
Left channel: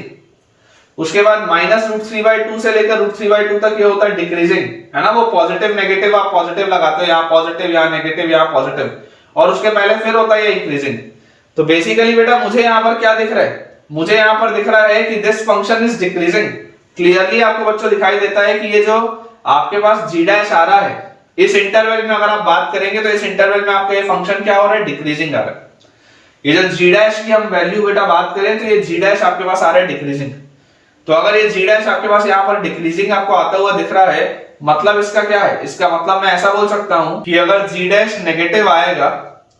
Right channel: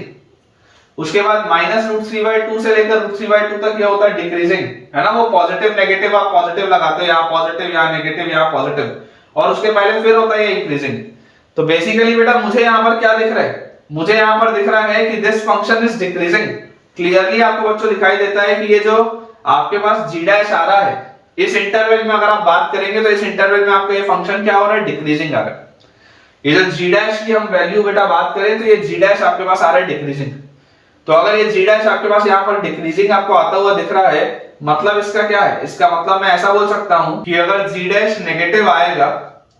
उसके बाद -√3/2 से लेकर √3/2 तक ये होता है डिक्रीजिंग, है ना। वो पॉजिटिव नेगेटिव आप पॉजिटिव लगाते हो, यहाँ पॉजिटिव यहाँ नेगेटिव यहाँ पॉजिटिव, और उसके पहले फिर होता है इंक्रीजिंग। तो बेसिकली बेटा मुझे यहाँ पर क्या दिख रहा है, मुझे यहाँ पर दिख रहा है कि this function is decreasing. Clearly आपको बच्चों दिखाई देता है कि ये जो आपके पास g डैश आ रहा है इस इंटरवल में, अगर आप बात करेंगे तो इस इंटरवल में आपका ये फंक्शन क्या हो रहा है, डिक्रीजिंग आ रहा है। ये जो g डैश की हम वैल्यू बेटा बात करें तो ये g डैश आपके पास आ रहा है डिक्रीजिंग। तो अगर ये g डैश आपके पास यहाँ पर डिक्रीजिंग आपको आता हुआ दिख रहा है, मतलब इसका क्या है, इसका मतलब मैं ऐसा बोल सकता हूं कि अगर g डैश नेगेटिव आएगा,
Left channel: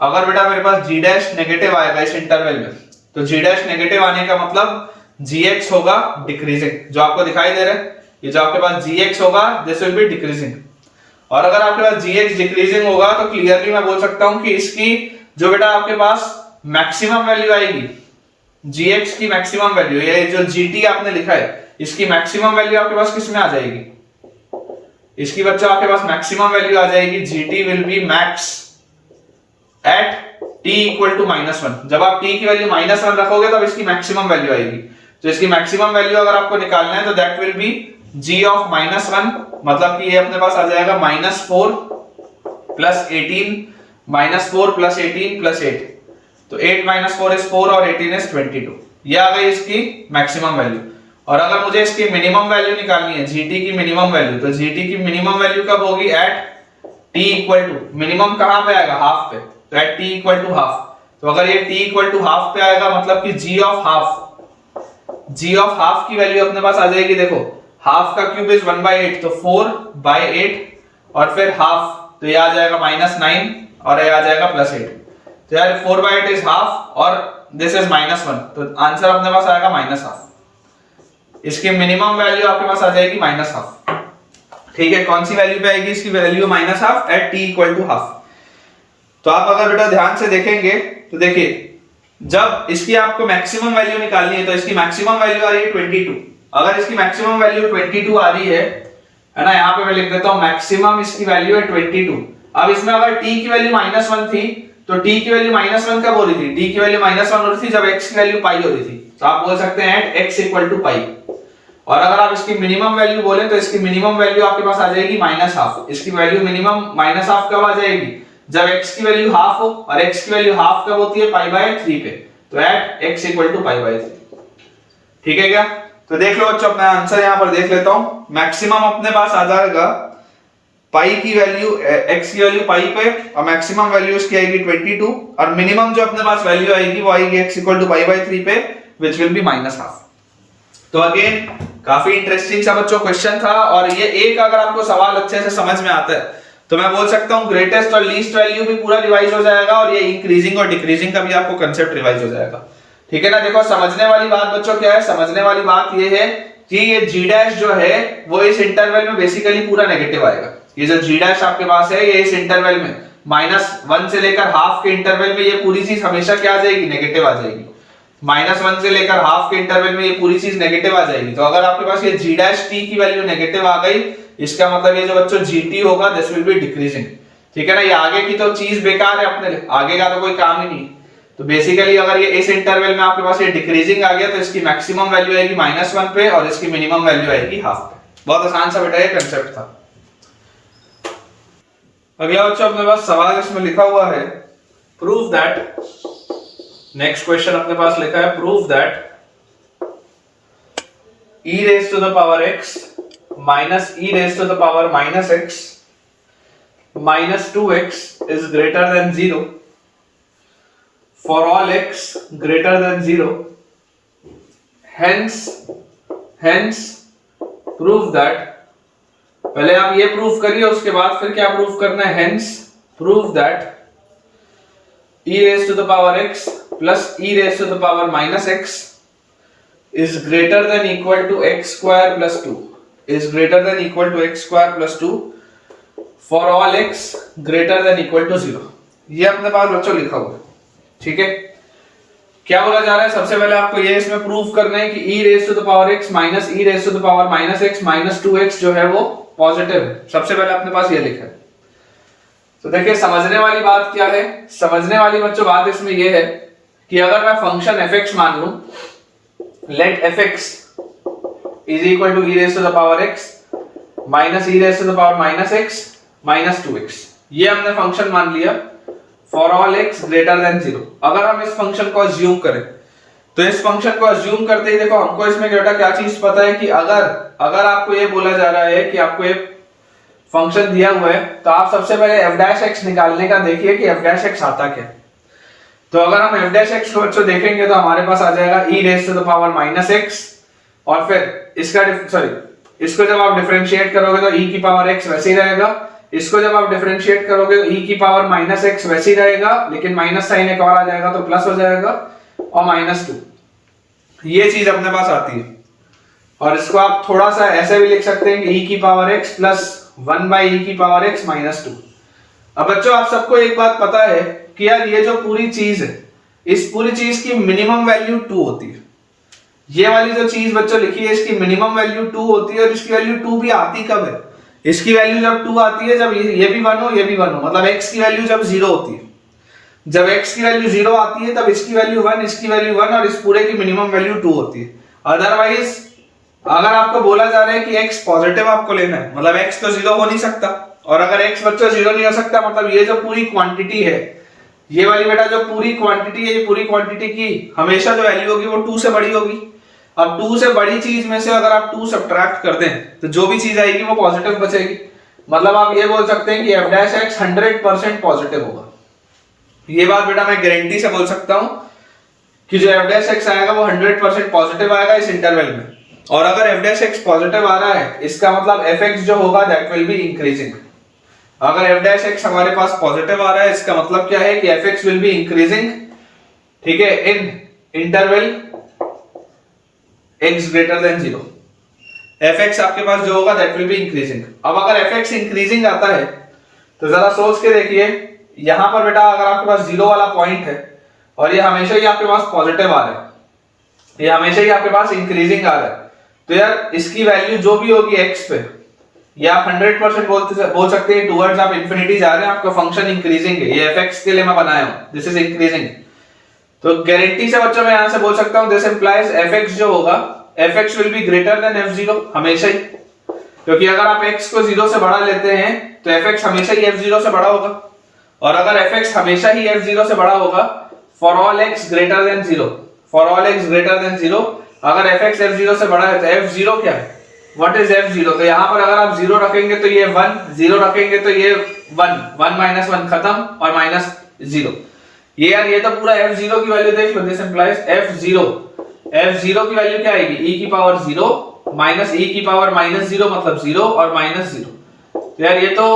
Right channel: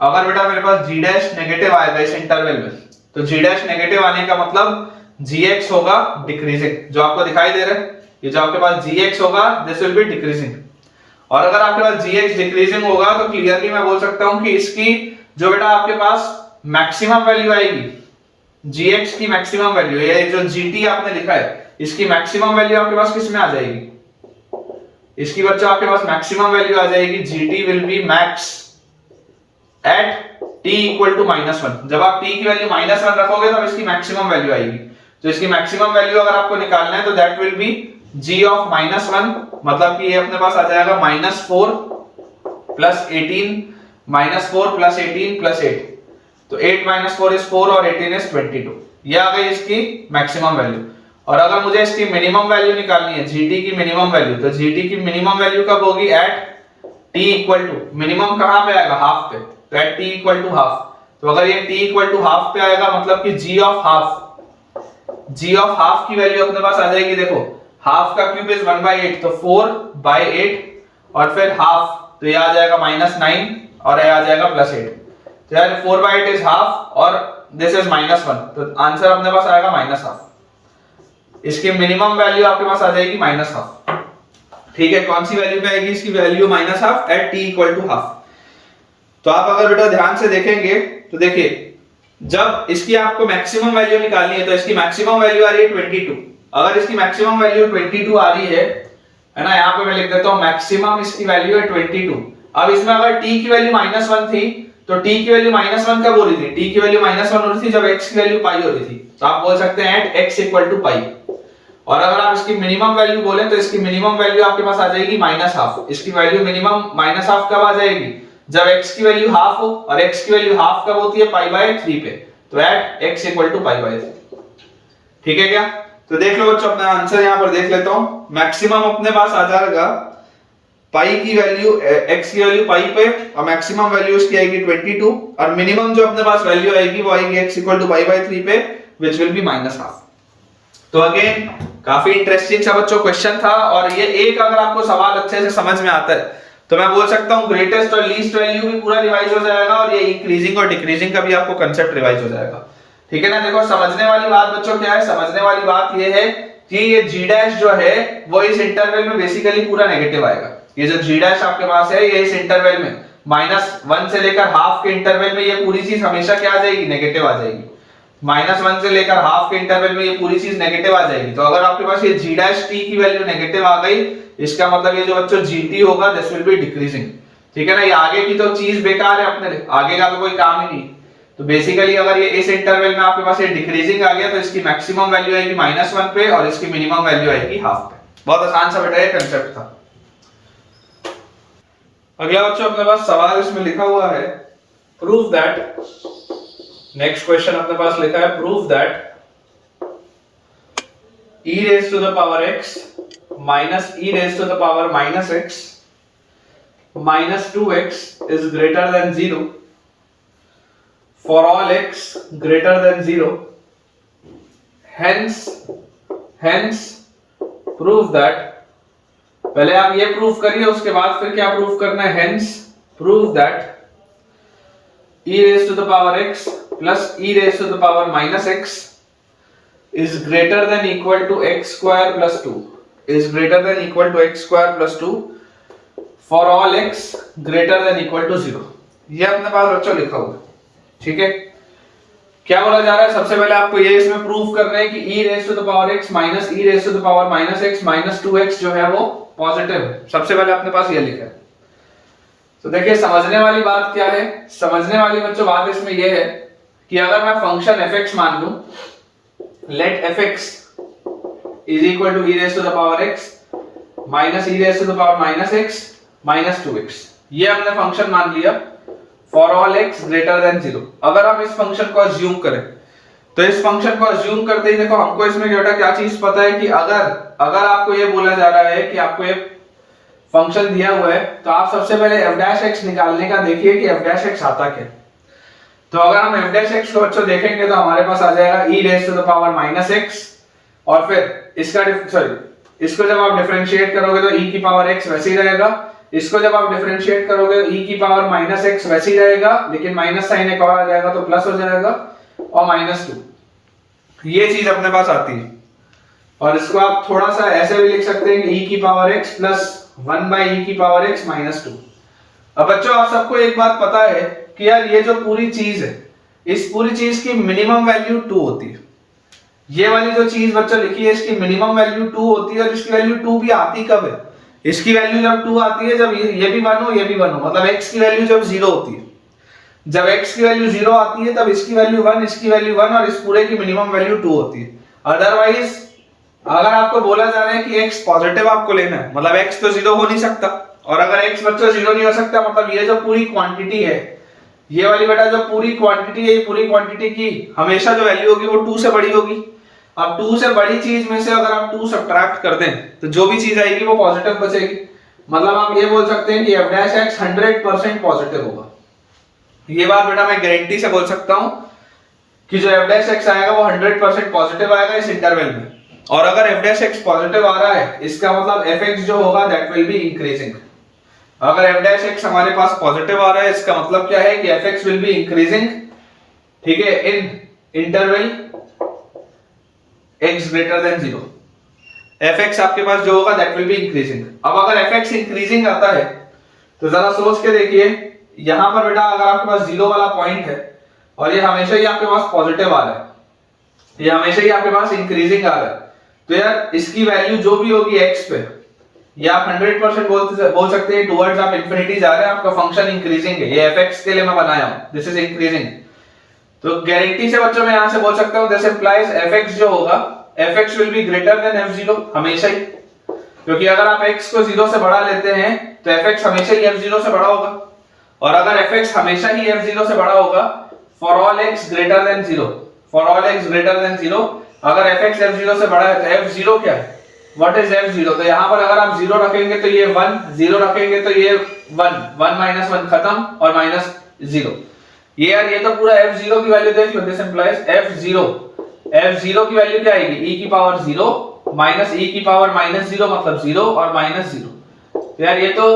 अगर बेटा मेरे पास g डैश नेगेटिव आएगा इस इंटरवल में, तो g डैश नेगेटिव आने का मतलब gx होगा डिक्रीजिंग, जो आपको दिखाई दे रहा है। ये जो आपके पास gx होगा दिस विल बी डिक्रीजिंग। और अगर आपके पास gx डिक्रीजिंग होगा तो क्लियरली मैं बोल सकता हूं कि इसकी जो बेटा आपके पास मैक्सिमम वैल्यू आएगी, gx की मैक्सिमम वैल्यू, ये जो gt आपने लिखा है इसकी मैक्सिमम वैल्यू आपके पास किस में आ जाएगी, इसकी बच्चों आपके पास मैक्सिमम वैल्यू आ जाएगी, g t will be max at t equal to -1। जब आप t की वैल्यू -1 रखोगे तो इसकी मैक्सिमम वैल्यू आएगी। तो इसकी मैक्सिमम वैल्यू अगर आपको निकालना है तो that will be g of -1, मतलब कि ये अपने पास आ जाएगा -4 प्लस 18, -4 प्लस 18 प्लस 8। तो 8 - 4 इज 4 और 18 इज 22। ये आ गई इसकी मैक्सिमम वैल्यू। और अगर मुझे इसकी मिनिमम वैल्यू निकालनी है, जीटी की मिनिमम वैल्यू, तो जीटी की मिनिमम वैल्यू कब होगी? At t equal to, minimum कहां पे आएगा? हाफ पे। तो at t equal to half. तो अगर ये t इक्वल टू हाफ पे आएगा मतलब कि g ऑफ हाफ की वैल्यू अपने पास आ जाएगी। देखो हाफ का क्यूब इज 1/8, तो 4/8 और फिर हाफ, तो ये आ जाएगा -9 और ये आ जाएगा +8। तो यार 4/8 इज हाफ और दिस इज -1, तो आंसर अपने पास आएगा -हाफ। इसकी मिनिमम वैल्यू आपके पास आ जाएगी -हाफ। ठीक है, कौन सी वैल्यू पे आएगी इसकी value? -Half at t equal to half. तो आप अगर बेटा ध्यान से देखेंगे तो देखिए, जब इसकी आपको मैक्सिमम वैल्यू निकालनी है तो इसकी मैक्सिमम वैल्यू आ रही है 22। अगर इसकी मैक्सिमम वैल्यू 22 आ रही है ना, यहाँ पे मैं लिख देता हूँ मैक्सिमम इसकी वैल्यू है 22। अब इसमें अगर t की वैल्यू -1 थी तो t की वैल्यू -1 कब हो रही थी? t की वैल्यू -1 हो रही थी जब x की वैल्यू पाई हो रही थी। तो आप बोल सकते हैं एट x इक्वल टू पाई। और अगर आप इसकी मिनिमम वैल्यू बोले तो इसकी मिनिमम वैल्यू आपके पास आ जाएगी -हाफ। इसकी वैल्यू मिनिमम -हाफ कब आ जाएगी? जब x की वैल्यू हाफ हो, और x की वैल्यू हाफ कब होती है? π/3 पे। तो एट x इक्वल टू π/3। ठीक है क्या? तो देख लो बच्चों, अपना आंसर यहां पर देख लेता हूं। मैक्सिमम अपने पास आ जाएगा पाई की वैल्यू, x की वैल्यू पाई पे, और मैक्सिमम वैल्यू इसकी आएगी 22, और मिनिमम जो अपने पास वैल्यू आएगी वो आएगी x इक्वल टू π/3 पे, विच विल बी -हाफ। तो अगेन काफी इंटरेस्टिंग सा बच्चों क्वेश्चन था। और ये एक अगर आपको सवाल अच्छे से समझ में आता है तो मैं बोल सकता हूं ग्रेटेस्ट और लीस्ट वैल्यू भी पूरा रिवाइज हो जाएगा, और ये इंक्रीजिंग और डिक्रीजिंग का भी आपको कंसेप्ट रिवाइज हो जाएगा। ठीक है ना? देखो समझने वाली बात बच्चों क्या है? समझने वाली बात ये है कि ये g' जो है वो इस इंटरवल में बेसिकली पूरा नेगेटिव आएगा। ये जो g' आपके पास है, ये इस इंटरवल में -1 से लेकर हाफ के इंटरवल में ये पूरी चीज हमेशा क्या आ जाएगी? नेगेटिव आ जाएगी। -1 से लेकर हाफ के इंटरवल में ये पूरी चीज नेगेटिव आ जाएगी। तो अगर आपके पास ये g' t की वैल्यू नेगेटिव आ गई, इसका मतलब ये जो बच्चों gt होगा दिस विल बी डिक्रीजिंग। ठीक है ना? ये आगे की तो चीज बेकार है, अपने लिए आगे का तो कोई काम ही नहीं। तो बेसिकली अगर ये इस इंटरवल में आपके पास ये डिक्रीजिंग आ गया तो इसकी मैक्सिमम वैल्यू आएगी -1 पे और इसकी मिनिमम वैल्यू आएगी हाफ पे। बहुत आसान सा बेटा ये कंसेप्ट था। अगला बच्चों अपने पास सवाल इसमें लिखा हुआ है, प्रूव दैट, नेक्स्ट क्वेश्चन अपने पास लिखा है, prove that e raised to the power x minus e raised to the power -x minus 2x is greater than 0 for all x greater than 0. Hence prove that, पहले आप ये प्रूफ करिए, उसके बाद फिर क्या प्रूफ करना है? hence prove that e raised to the power x plus e raised to the power -x is greater than equal to x square plus 2 is greater than equal to x square plus 2 for all x greater than equal to 0. ये अपने पास बच्चों लिखा हुआ है। ठीक है, क्या बोला जा रहा है? सबसे पहले आपको ये इसमें प्रूफ करना है कि e raised to the power x minus e raised to the power -x minus 2x जो है वो पॉजिटिव है। सबसे पहले अपने पास ये लिखा है। तो देखिए समझने वाली बात क्या है? समझने वाली बच्चों बात इसमें ये है कि अगर मैं फंक्शन fx मान लूं, let fx is equal to e raised to the power x minus e raised to the power -x minus 2x, ये हमने फंक्शन मान लिया for all x greater than 0। अगर हम इस फंक्शन को अज्यूम करें तो इस फंक्शन को अज्यूम करते ही देखो हमको इसमें क्या चीज पता है कि अगर आपको ये बोला जा रहा है कि आपको एक फंक्शन दिया हुआ है तो आप सबसे पहले f' निकालने का देखिए कि f' आता क्या। तो अगर हम f' को बच्चों देखेंगे तो हमारे पास आ जाएगा e raised to the power -x, और फिर इसको जब आप डिफरेंशिएट करोगे तो e की पावर x वैसे ही रहेगा, इसको जब आप डिफरेंशिएट करोगे तो e की पावर -x वैसे ही रहेगा, लेकिन माइनस साइन एक और आ जाएगा तो प्लस हो जाएगा, और -2, ये चीज अपने पास आती है। और इसको आप थोड़ा सा ऐसे भी लिख सकते हैं कि e की पावर x प्लस 1/e की पावर x -2। अब बच्चों आप सबको एक बात पता है कि यार ये जो पूरी चीज है, इस पूरी चीज की मिनिमम वैल्यू 2 होती है। ये वाली जो चीज बच्चों लिखी है इसकी मिनिमम वैल्यू 2 होती है, और इसकी वैल्यू 2 भी आती कब है? इसकी वैल्यू जब 2 आती है, जब ये भी 1 हो ये भी 1 हो, मतलब x की वैल्यू जब 0 होती है, जब x की वैल्यू 0 आती है तब इसकी वैल्यू 1, इसकी वैल्यू 1 और इस पूरे की मिनिमम वैल्यू 2 होती है। अदरवाइज अगर आपको बोला जा रहा है कि x पॉजिटिव आपको लेना है, मतलब x तो 0 हो नहीं सकता, और अगर x बच्चों 0 नहीं हो सकता मतलब ये जो पूरी क्वांटिटी है, ये वाली बेटा जो पूरी क्वांटिटी है, ये पूरी क्वांटिटी की हमेशा जो वैल्यू होगी वो 2 से बड़ी होगी। अब 2 से बड़ी चीज में से अगर आप 2 सब्ट्रैक्ट कर दें तो जो भी चीज आएगी वो पॉजिटिव बचेगी। मतलब आप ये बोल सकते हैं कि f' 100% पॉजिटिव होगा। ये बात बेटा मैं गारंटी से बोल सकता हूं कि जो f' आएगा वो 100% पॉजिटिव आएगा इस इंटरवल में। और अगर f' पॉजिटिव आ रहा है इसका मतलब fx जो होगा दैट विल बी इंक्रीजिंग। अगर f' हमारे पास पॉजिटिव आ रहा है इसका मतलब क्या है कि fx विल बी इंक्रीजिंग, ठीक है, इन interval x greater than 0। fx आपके पास जो होगा दैट विल बी इंक्रीजिंग। अब अगर fx इंक्रीजिंग आता है तो जरा सोच के देखिए, यहां पर बेटा अगर आपके पास 0 वाला पॉइंट है और ये हमेशा ही आपके पास पॉजिटिव आ रहा है, ये हमेशा ही आपके पास इंक्रीजिंग आ रहा है, तो यार इसकी वैल्यू जो भी होगी x पे, या आप 100% बोल सकते हैं टुवर्ड्स आप इंफिनिटी जा रहे हैं, आपका फंक्शन इंक्रीजिंग है। ये fx के लिए मैं बनाया हूं, दिस इज इंक्रीजिंग। तो गारंटी से बच्चों मैं यहां से बोल सकता हूं दिस इंप्लाइज fx जो होगा fx will be greater then f0 हमेशा ही, क्योंकि अगर आप x को 0 से बढ़ा लेते हैं तो fx हमेशा ही f0 से बड़ा होगा। और अगर fx हमेशा ही f0 से बड़ा होगा for all x greater than 0, for all x greater than 0, अगर fx f0 से बड़ा है तो f0 क्या है, व्हाट इज f0? तो यहां पर अगर आप 0 रखेंगे तो ये 1, 0 रखेंगे तो ये 1, 1 माइनस 1 खत्म और माइनस 0। ये यार ये तो पूरा f0 की वैल्यू देख लो, दिस इंप्लाइज f0 की वैल्यू क्या आएगी, e की पावर 0 माइनस e की पावर माइनस 0 मतलब 0 और माइनस 0। तो यार ये तो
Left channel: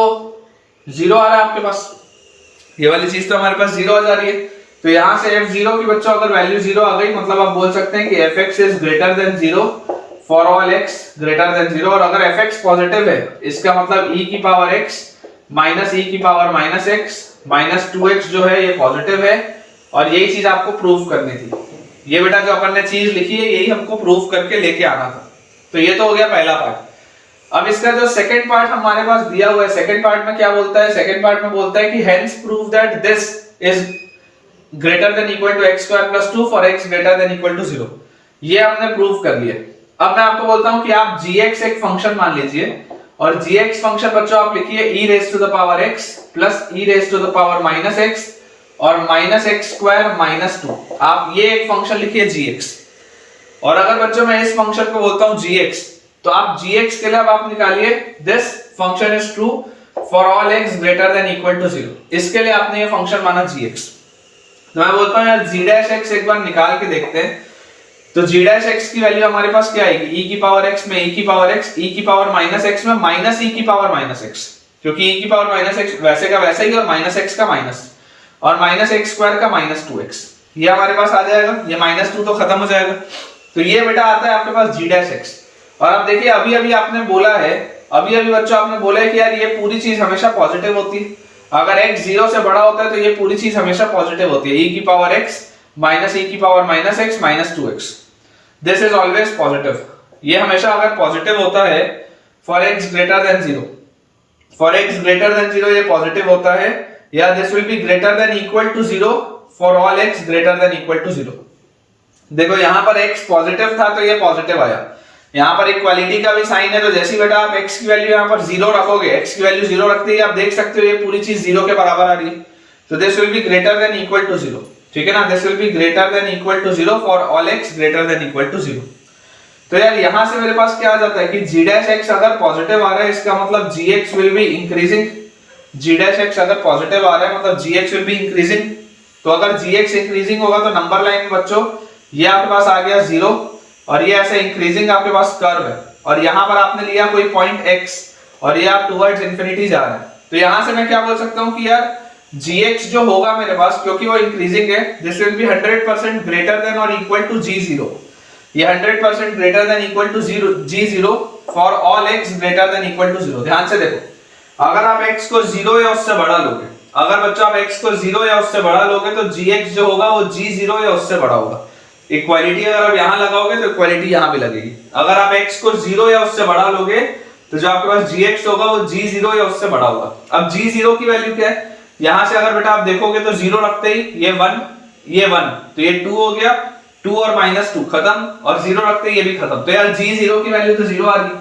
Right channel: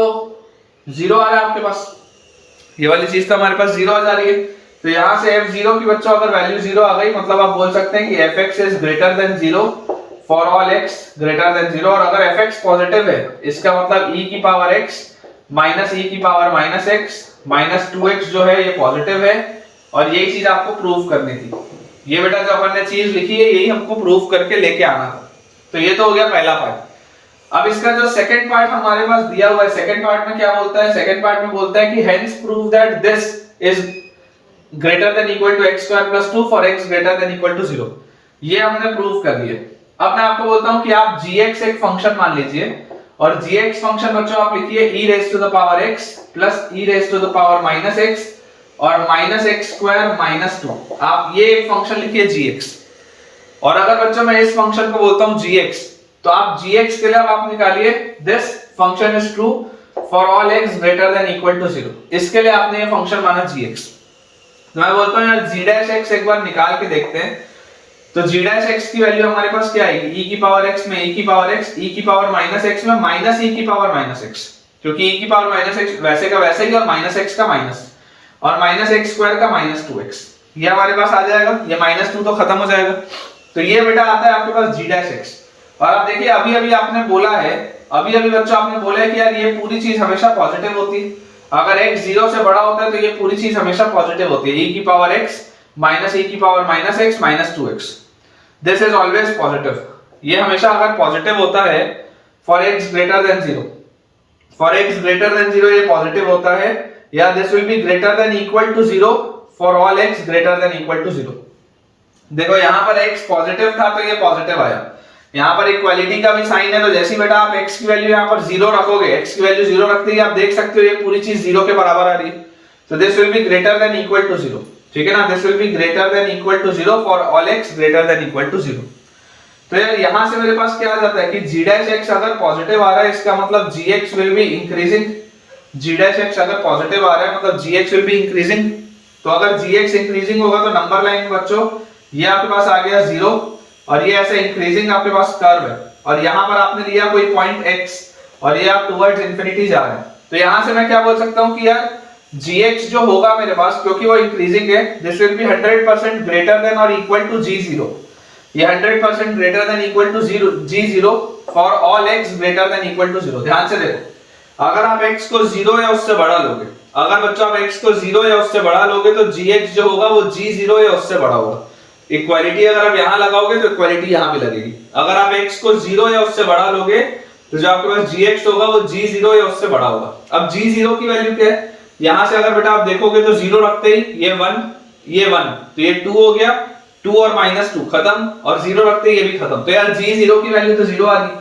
0 आ रहा है आपके पास, ये वाली चीज तो हमारे पास 0 आ जा रही है। तो यहां से f0 की बच्चों अगर वैल्यू 0 आ गई मतलब आप बोल सकते हैं कि fx is greater than 0 for all x greater than 0। और अगर fx पॉजिटिव है इसका मतलब e की पावर x माइनस e की power minus x minus 2x जो है ये पॉजिटिव है, और यही चीज आपको प्रूव करनी थी। ये बेटा जो अपन ने चीज लिखी है यही हमको प्रूव करके लेके आना था। तो ये तो हो गया पहला पार्ट। अब इसका जो सेकंड पार्ट हमारे पास दिया हुआ है, सेकंड पार्ट में क्या बोलता है, सेकंड पार्ट में बोलता है कि hence prove that this is greater than equal to x square plus 2 for x greater than equal to 0। ये हमने प्रूव कर लिया। अब मैं आपको बोलता हूं कि आप gx एक फंक्शन मान लीजिए, और gx फंक्शन बच्चों आप लिखिए e raise to the power x plus e raise to the power minus x और माइनस x स्क्वायर माइनस 2। आप ये एक फंक्शन लिखिए gx। और अगर बच्चों मैं इस फंक्शन को बोलता हूं gx, तो आप gx के लिए अब आप निकालिए this function is true for all x greater than equal to 0। इसके लिए आपने ये फंक्शन माना gx। तो मैं बोलता हूं यार g' एक बार निकाल के देखते हैं। तो g' की वैल्यू हमारे पास क्या आएगी, e की पावर x में e की पावर x, e की पावर माइनस x में माइनस e की पावर माइनस x, क्योंकि e की पावर माइनस x वैसे का वैसे ही और माइनस x का माइनस और माइनस x स्क्वायर का माइनस 2x, ये हमारे पास आ जाएगा। ये माइनस 2 तो खत्म हो जाएगा। तो ये बेटा आता है आपके पास g'। और आप देखिए अभी अभी आपने बोला है, अभी अभी बच्चों आपने बोला है कि यार ये पूरी चीज हमेशा पॉजिटिव होती है। अगर x 0 से बड़ा होता है तो ये पूरी चीज हमेशा पॉजिटिव होती है, e की पावर x माइनस e की power minus x minus 2x, this is always positive. ये हमेशा अगर पॉजिटिव होता है for x greater than 0, for x greater than 0 ये पॉजिटिव होता है, या this will be greater than equal to 0 for all x greater than equal to 0। देखो यहां पर x पॉजिटिव था तो ये पॉजिटिव आया, यहां पर इक्वालिटी का भी साइन है। तो जैसे बेटा आप x की वैल्यू यहां पर 0 रखोगे, x की वैल्यू 0 रखते ही आप देख सकते हो ये पूरी चीज 0 के बराबर आ रही है। तो this will be greater than equal to 0, ठीक है ना, this will be greater than equal to 0 for all x greater than equal to 0। तो यार यहां से मेरे पास क्या आ जाता है कि g' अगर पॉजिटिव आ रहा है इसका मतलब gx will be increasing. g' अगर पॉजिटिव आ रहा है मतलब gx विल बी इंक्रीजिंग। तो अगर gx इंक्रीजिंग होगा तो नंबर लाइन में बच्चों ये आपके पास आ गया 0 और ये ऐसे इंक्रीजिंग आपके पास कर्व है, और यहां पर आपने लिया कोई पॉइंट x और ये आप टुवर्ड्स इंफिनिटी जा रहे हैं। तो यहां से मैं क्या बोल सकता हूं कि यार gx जो होगा मेरे पास, क्योंकि वो इंक्रीजिंग है, this will be 100% greater than और इक्वल टू g0। ये 100% greater than equal to g0 for all x greater than equal to 0। ध्यान से देखो, अगर आप x को 0 या उससे बड़ा लोगे, अगर बच्चों आप x को 0 या उससे बड़ा लोगे तो gx जो होगा वो g0 या उससे बड़ा होगा। इक्वालिटी अगर आप यहां लगाओगे तो इक्वालिटी यहां भी लगेगी। अगर आप x को 0 या उससे बड़ा लोगे तो जो आपके पास gx होगा वो g0 या उससे बड़ा होगा। अब g0 की वैल्यू क्या है, यहां से अगर बेटा आप देखोगे तो 0 रखते ही ये 1 ये 1 तो ये 2 हो गया, 2 और -2 खत्म, और 0 रखते ही ये भी खत्म। तो यार g0 की वैल्यू तो 0 आ गई,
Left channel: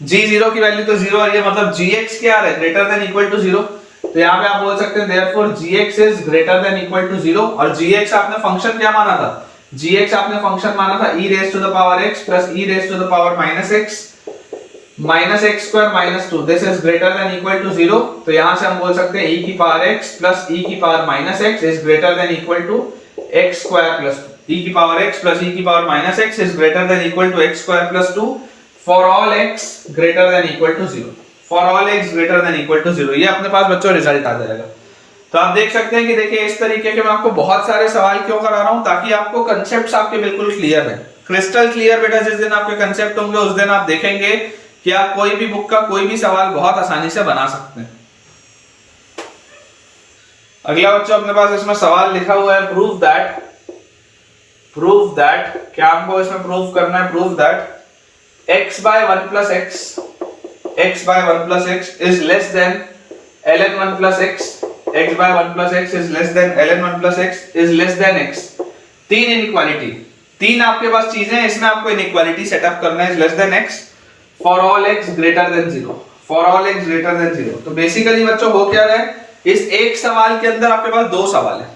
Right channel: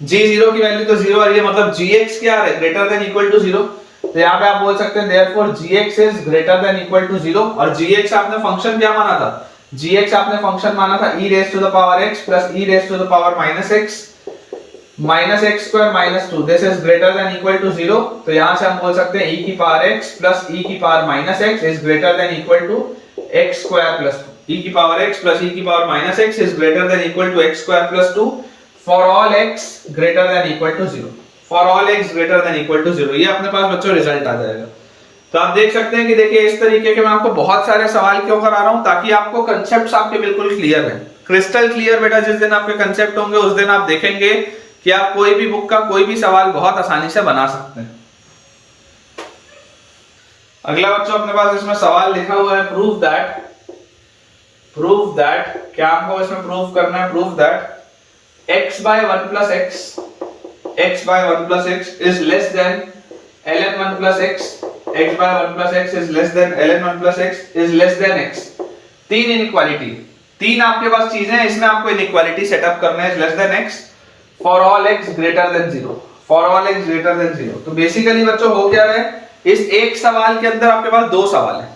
g0 की वैल्यू तो 0 आ रही है, मतलब gx क्या है, ग्रेटर देन इक्वल टू 0। तो यहाँ पे आप बोल सकते हैं therefore gx is greater than equal to 0। और gx आपने फंक्शन क्या माना था, gx आपने फंक्शन माना था e raise to the power x plus e raise to the power -x minus x square minus 2, this is greater than equal to 0। तो यहां से हम बोल सकते हैं e की पावर x प्लस e की power minus x is greater than equal to x square plus 2। e की पावर x प्लस e की power minus x is greater than equal to x square plus 2 for all x greater than equal to 0, for all x greater than equal to 0। ये अपने पास बच्चों रिजल्ट आ जाएगा। तो आप देख सकते हैं कि देखिए इस तरीके के मैं आपको बहुत सारे सवाल क्यों करा रहा हूं, ताकि आपको कंसेप्ट्स आपके बिल्कुल क्लियर है, क्रिस्टल क्लियर। बेटा जिस दिन आपके कंसेप्ट होंगे उस दिन आप देखेंगे कि आप कोई भी बुक का कोई भी सवाल बहुत आसानी से बना सकते हैं। अगला बच्चों अपने पास इसमें सवाल लिखा हुआ है प्रूव दैट क्या हमको इसमें प्रूव करना है, prove that x by 1 plus x is less than ln 1 plus x by 1 plus x is less than ln 1 plus x is less than x। तीन इनइक्वालिटी, तीन आपके पास चीजें हैं, इसमें आपको इनइक्वालिटी सेटअप करना है, less than x for all x greater than 0, for all x greater than 0। तो बेसिकली बच्चों हो क्या रहा है, इस एक सवाल के अंदर आपके पास दो सवाल है।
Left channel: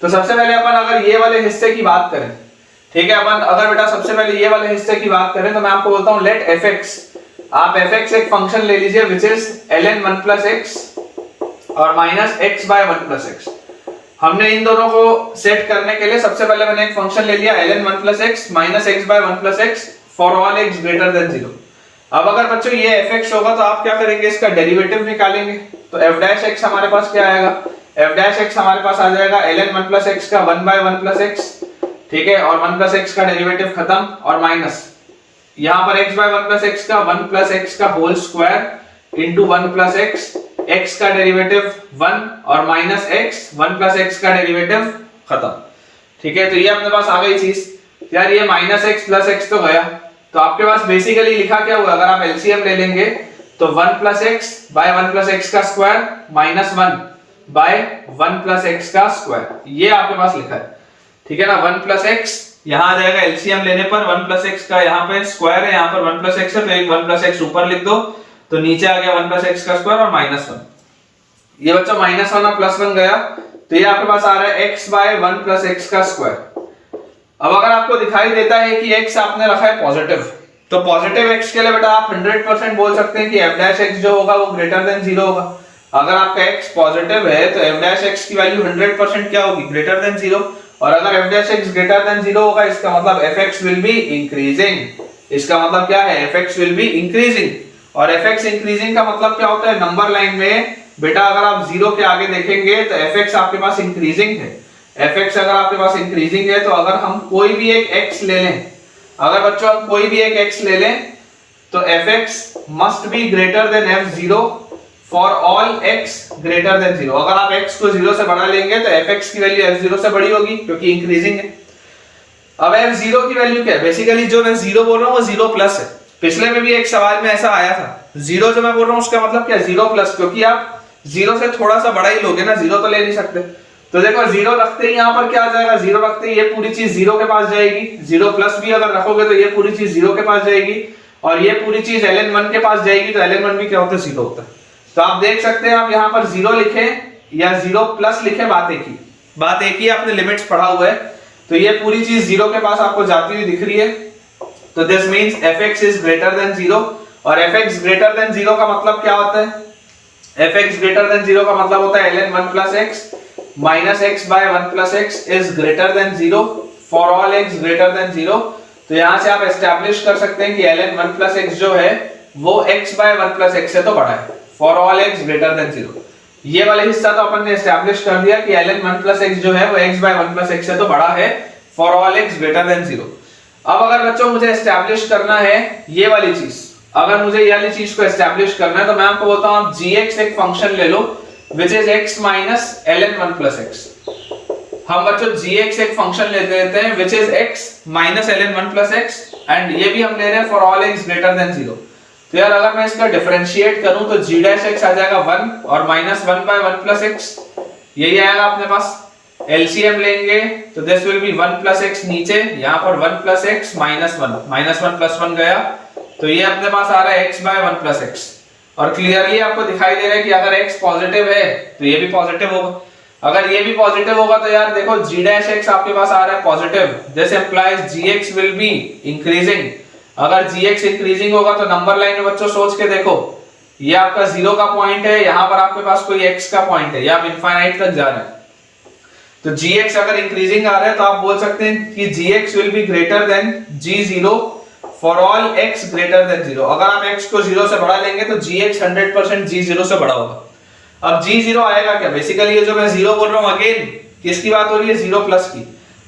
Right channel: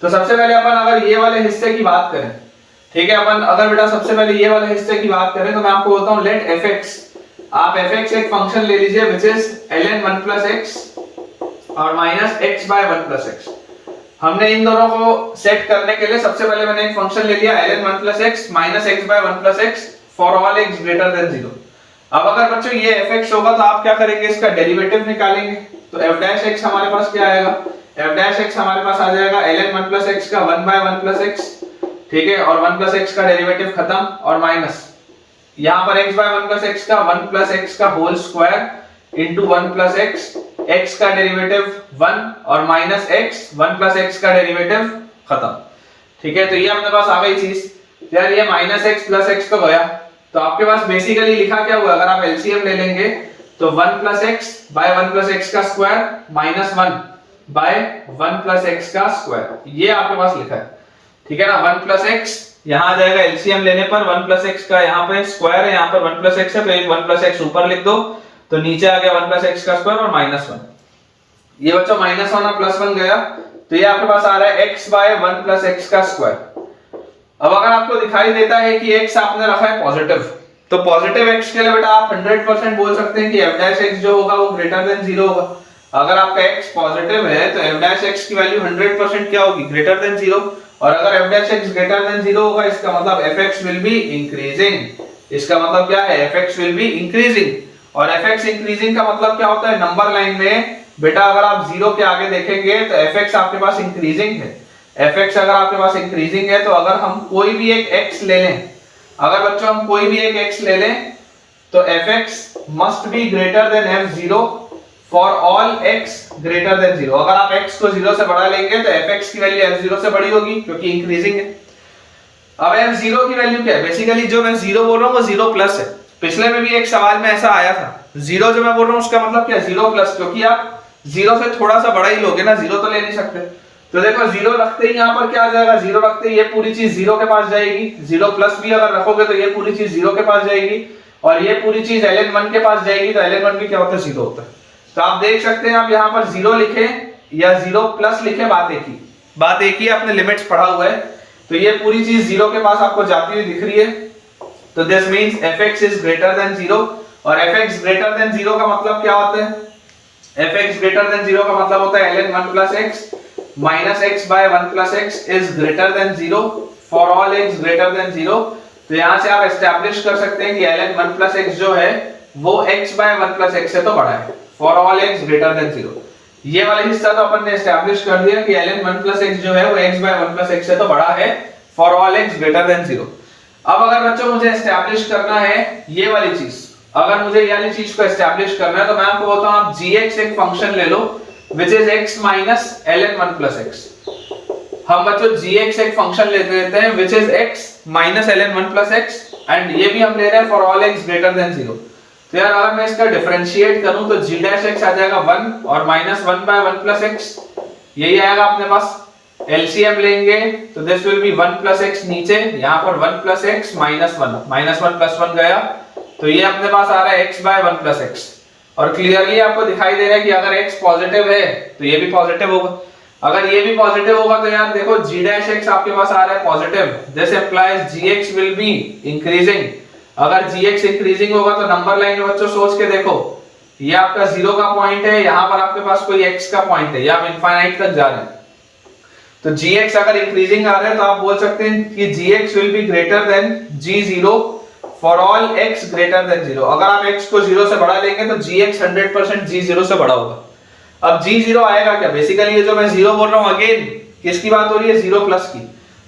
तो सबसे पहले अपन अगर ये वाले हिस्से की बात करें, ठीक है, अपन अगर बेटा सबसे पहले ये वाले हिस्से की बात करें तो मैं आपको बोलता हूं लेट fx, आप fx एक फंक्शन ले लीजिए which is ln 1 plus x और minus x by 1 plus x। हमने इन दोनों को सेट करने के लिए सबसे पहले मैंने एक फंक्शन ले लिया ln 1 plus x minus x by 1 plus x for all x greater than 0। अब अगर बच्चों ये fx होगा तो आप क्या करेंगे, इसका डेरिवेटिव निकालेंगे। तो f' हमारे पास क्या आएगा, f' हमारे पास आ जाएगा ln 1 plus x का 1 by 1 plus x, ठीक है, और 1 plus x का डेरिवेटिव खत्म, और माइनस यहां पर x by 1 plus x का 1 plus x का whole square into 1 plus x, x का डेरिवेटिव 1 और माइनस x 1 plus x का डेरिवेटिव खत्म, ठीक है। तो ये अपने पास आ गई चीज। यार ये माइनस x प्लस x तो गया, तो आपके पास बेसिकली लिखा क्या हुआ, अगर आप एलसीएम ले लेंगे तो 1 plus x by 1 plus x का square minus 1 by 1 plus x का स्क्वायर, ये आपके पास लिखा है, ठीक है ना। 1 plus x यहां आ जाएगा एलसीएम लेने पर 1 plus x का यहाँ पे स्क्वायर है, यहाँ पर 1 plus x है, तो एक 1 plus x ऊपर लिख दो, तो नीचे आ गया 1 plus x का स्क्वायर और माइनस 1। ये बच्चों माइनस 1 और प्लस 1 गया, तो ये आपके पास आ रहा है x by 1 plus x का स्क्वायर। अब अगर आपको दिखाई देता है कि x आपने रखा है पॉजिटिव, तो पॉजिटिव x के लिए बेटा आप 100% बोल सकते हैं कि f' जो होगा वो ग्रेटर देन 0 होगा। अगर आपका x पॉजिटिव है तो f' की वैल्यू 100% क्या होगी, ग्रेटर देन 0। और अगर f' ग्रेटर देन 0 होगा इसका मतलब fx विल बी इंक्रीजिंग, इसका मतलब क्या है, fx विल बी इंक्रीजिंग। और fx इंक्रीजिंग का मतलब क्या होता है, नंबर लाइन में बेटा अगर आप 0 के आगे देखेंगे तो fx आपके पास इंक्रीजिंग है। fx अगर आपके पास इंक्रीजिंग है तो अगर हम कोई भी एक x ले लें, अगर बच्चों हम कोई भी एक x ले लें तो fx must be greater then f0 for all x greater than 0। अगर आप x को 0 से बढ़ा लेंगे तो fx की वैल्यू f0 से बड़ी होगी क्योंकि इंक्रीजिंग है। अब f0 की वैल्यू क्या है, बेसिकली जो मैं 0 बोल रहा हूं वो 0 प्लस है। पिछले में भी एक सवाल में ऐसा आया था, 0 जो मैं बोल रहा हूं उसका मतलब क्या है, 0 प्लस, क्योंकि आप 0 से थोड़ा सा बड़ा ही लोगे ना, 0 तो ले नहीं सकते। तो देखो 0 रखते ही यहाँ पर क्या आ जाएगा, 0 रखते ही ये पूरी चीज 0 के पास जाएगी, 0 प्लस भी अगर रखोगे तो ये पूरी चीज 0 के पास जाएगी, और ये पूरी चीज ln 1 के पास जाएगी, तो ln 1 भी क्या होता है, 0 होता है। तो आप देख सकते हैं, आप यहाँ पर 0 लिखे या 0 प्लस लिखे, बात एक ही, आपने लिमिट्स पढ़ा हुआ है। तो ये पूरी चीज 0 के पास आपको जाती हुई दिख रही है, तो this means fx is greater than 0। और fx ग्रेटर देन 0 का मतलब क्या होता है, fx ग्रेटर देन 0 का मतलब होता है ln 1 plus x minus x by 1 plus x is greater than 0 for all x greater than 0। तो यहां से आप एस्टैब्लिश कर सकते हैं कि ln 1 plus x जो है वो x by 1 plus x से तो बड़ा है, for all x greater than 0। ये वाला हिस्सा तो अपन ने एस्टैब्लिश कर दिया कि ln 1 plus x जो है वो x by 1 plus x से तो बड़ा है, for all x greater than 0। अब अगर बच्चों मुझे एस्टैब्लिश करना है ये वाली चीज, अगर मुझे ये वाली चीज को एस्टैब्लिश करना है तो मैं आपको बोलता हूं आप gx एक फंक्शन ले लो which is x minus ln 1 plus x। हम बच्चों gx एक फंक्शन लेते हैं which is x minus ln 1 plus x, and ये भी हम ले रहे हैं for all x greater than 0। तो यार अगर मैं इसका डिफरेंशिएट करूं तो g डैश x आ जाएगा 1 और माइनस 1 बाय 1 प्लस x, यही आएगा अपने पास। एलसीएम लेंगे तो this will B 1 plus x, नीचे यहां पर 1 प्लस x माइनस 1 प्लस 1 गया, तो ये अपने पास आ रहा है x बाय 1 प्लस x। और क्लियरली आपको दिखाई दे रहा है कि अगर x पॉजिटिव है तो ये भी पॉजिटिव होगा, अगर ये भी पॉजिटिव होगा तो यार देखो g डैश x आपके पास आ रहा है positive, this implies gx will be increasing. अगर gx इंक्रीजिंग होगा तो नंबर लाइन में बच्चों सोच के देखो, ये आपका 0 का पॉइंट है, यहां पर आपके पास कोई x का पॉइंट है, ये आप इनफाइनाइट तक जा रहे हैं, तो gx अगर इंक्रीजिंग आ रहा है तो आप बोल सकते हैं कि gx will be greater then g0 for all x greater than 0। अगर आप x को 0 से बढ़ा लेंगे तो gx 100% g0 से बड़ा होगा। अब g0 आएगा क्या, बेसिकली ये जो मैं 0 बोल रहा हूं अगेन किसकी बात हो रही है, 0 प्लस की।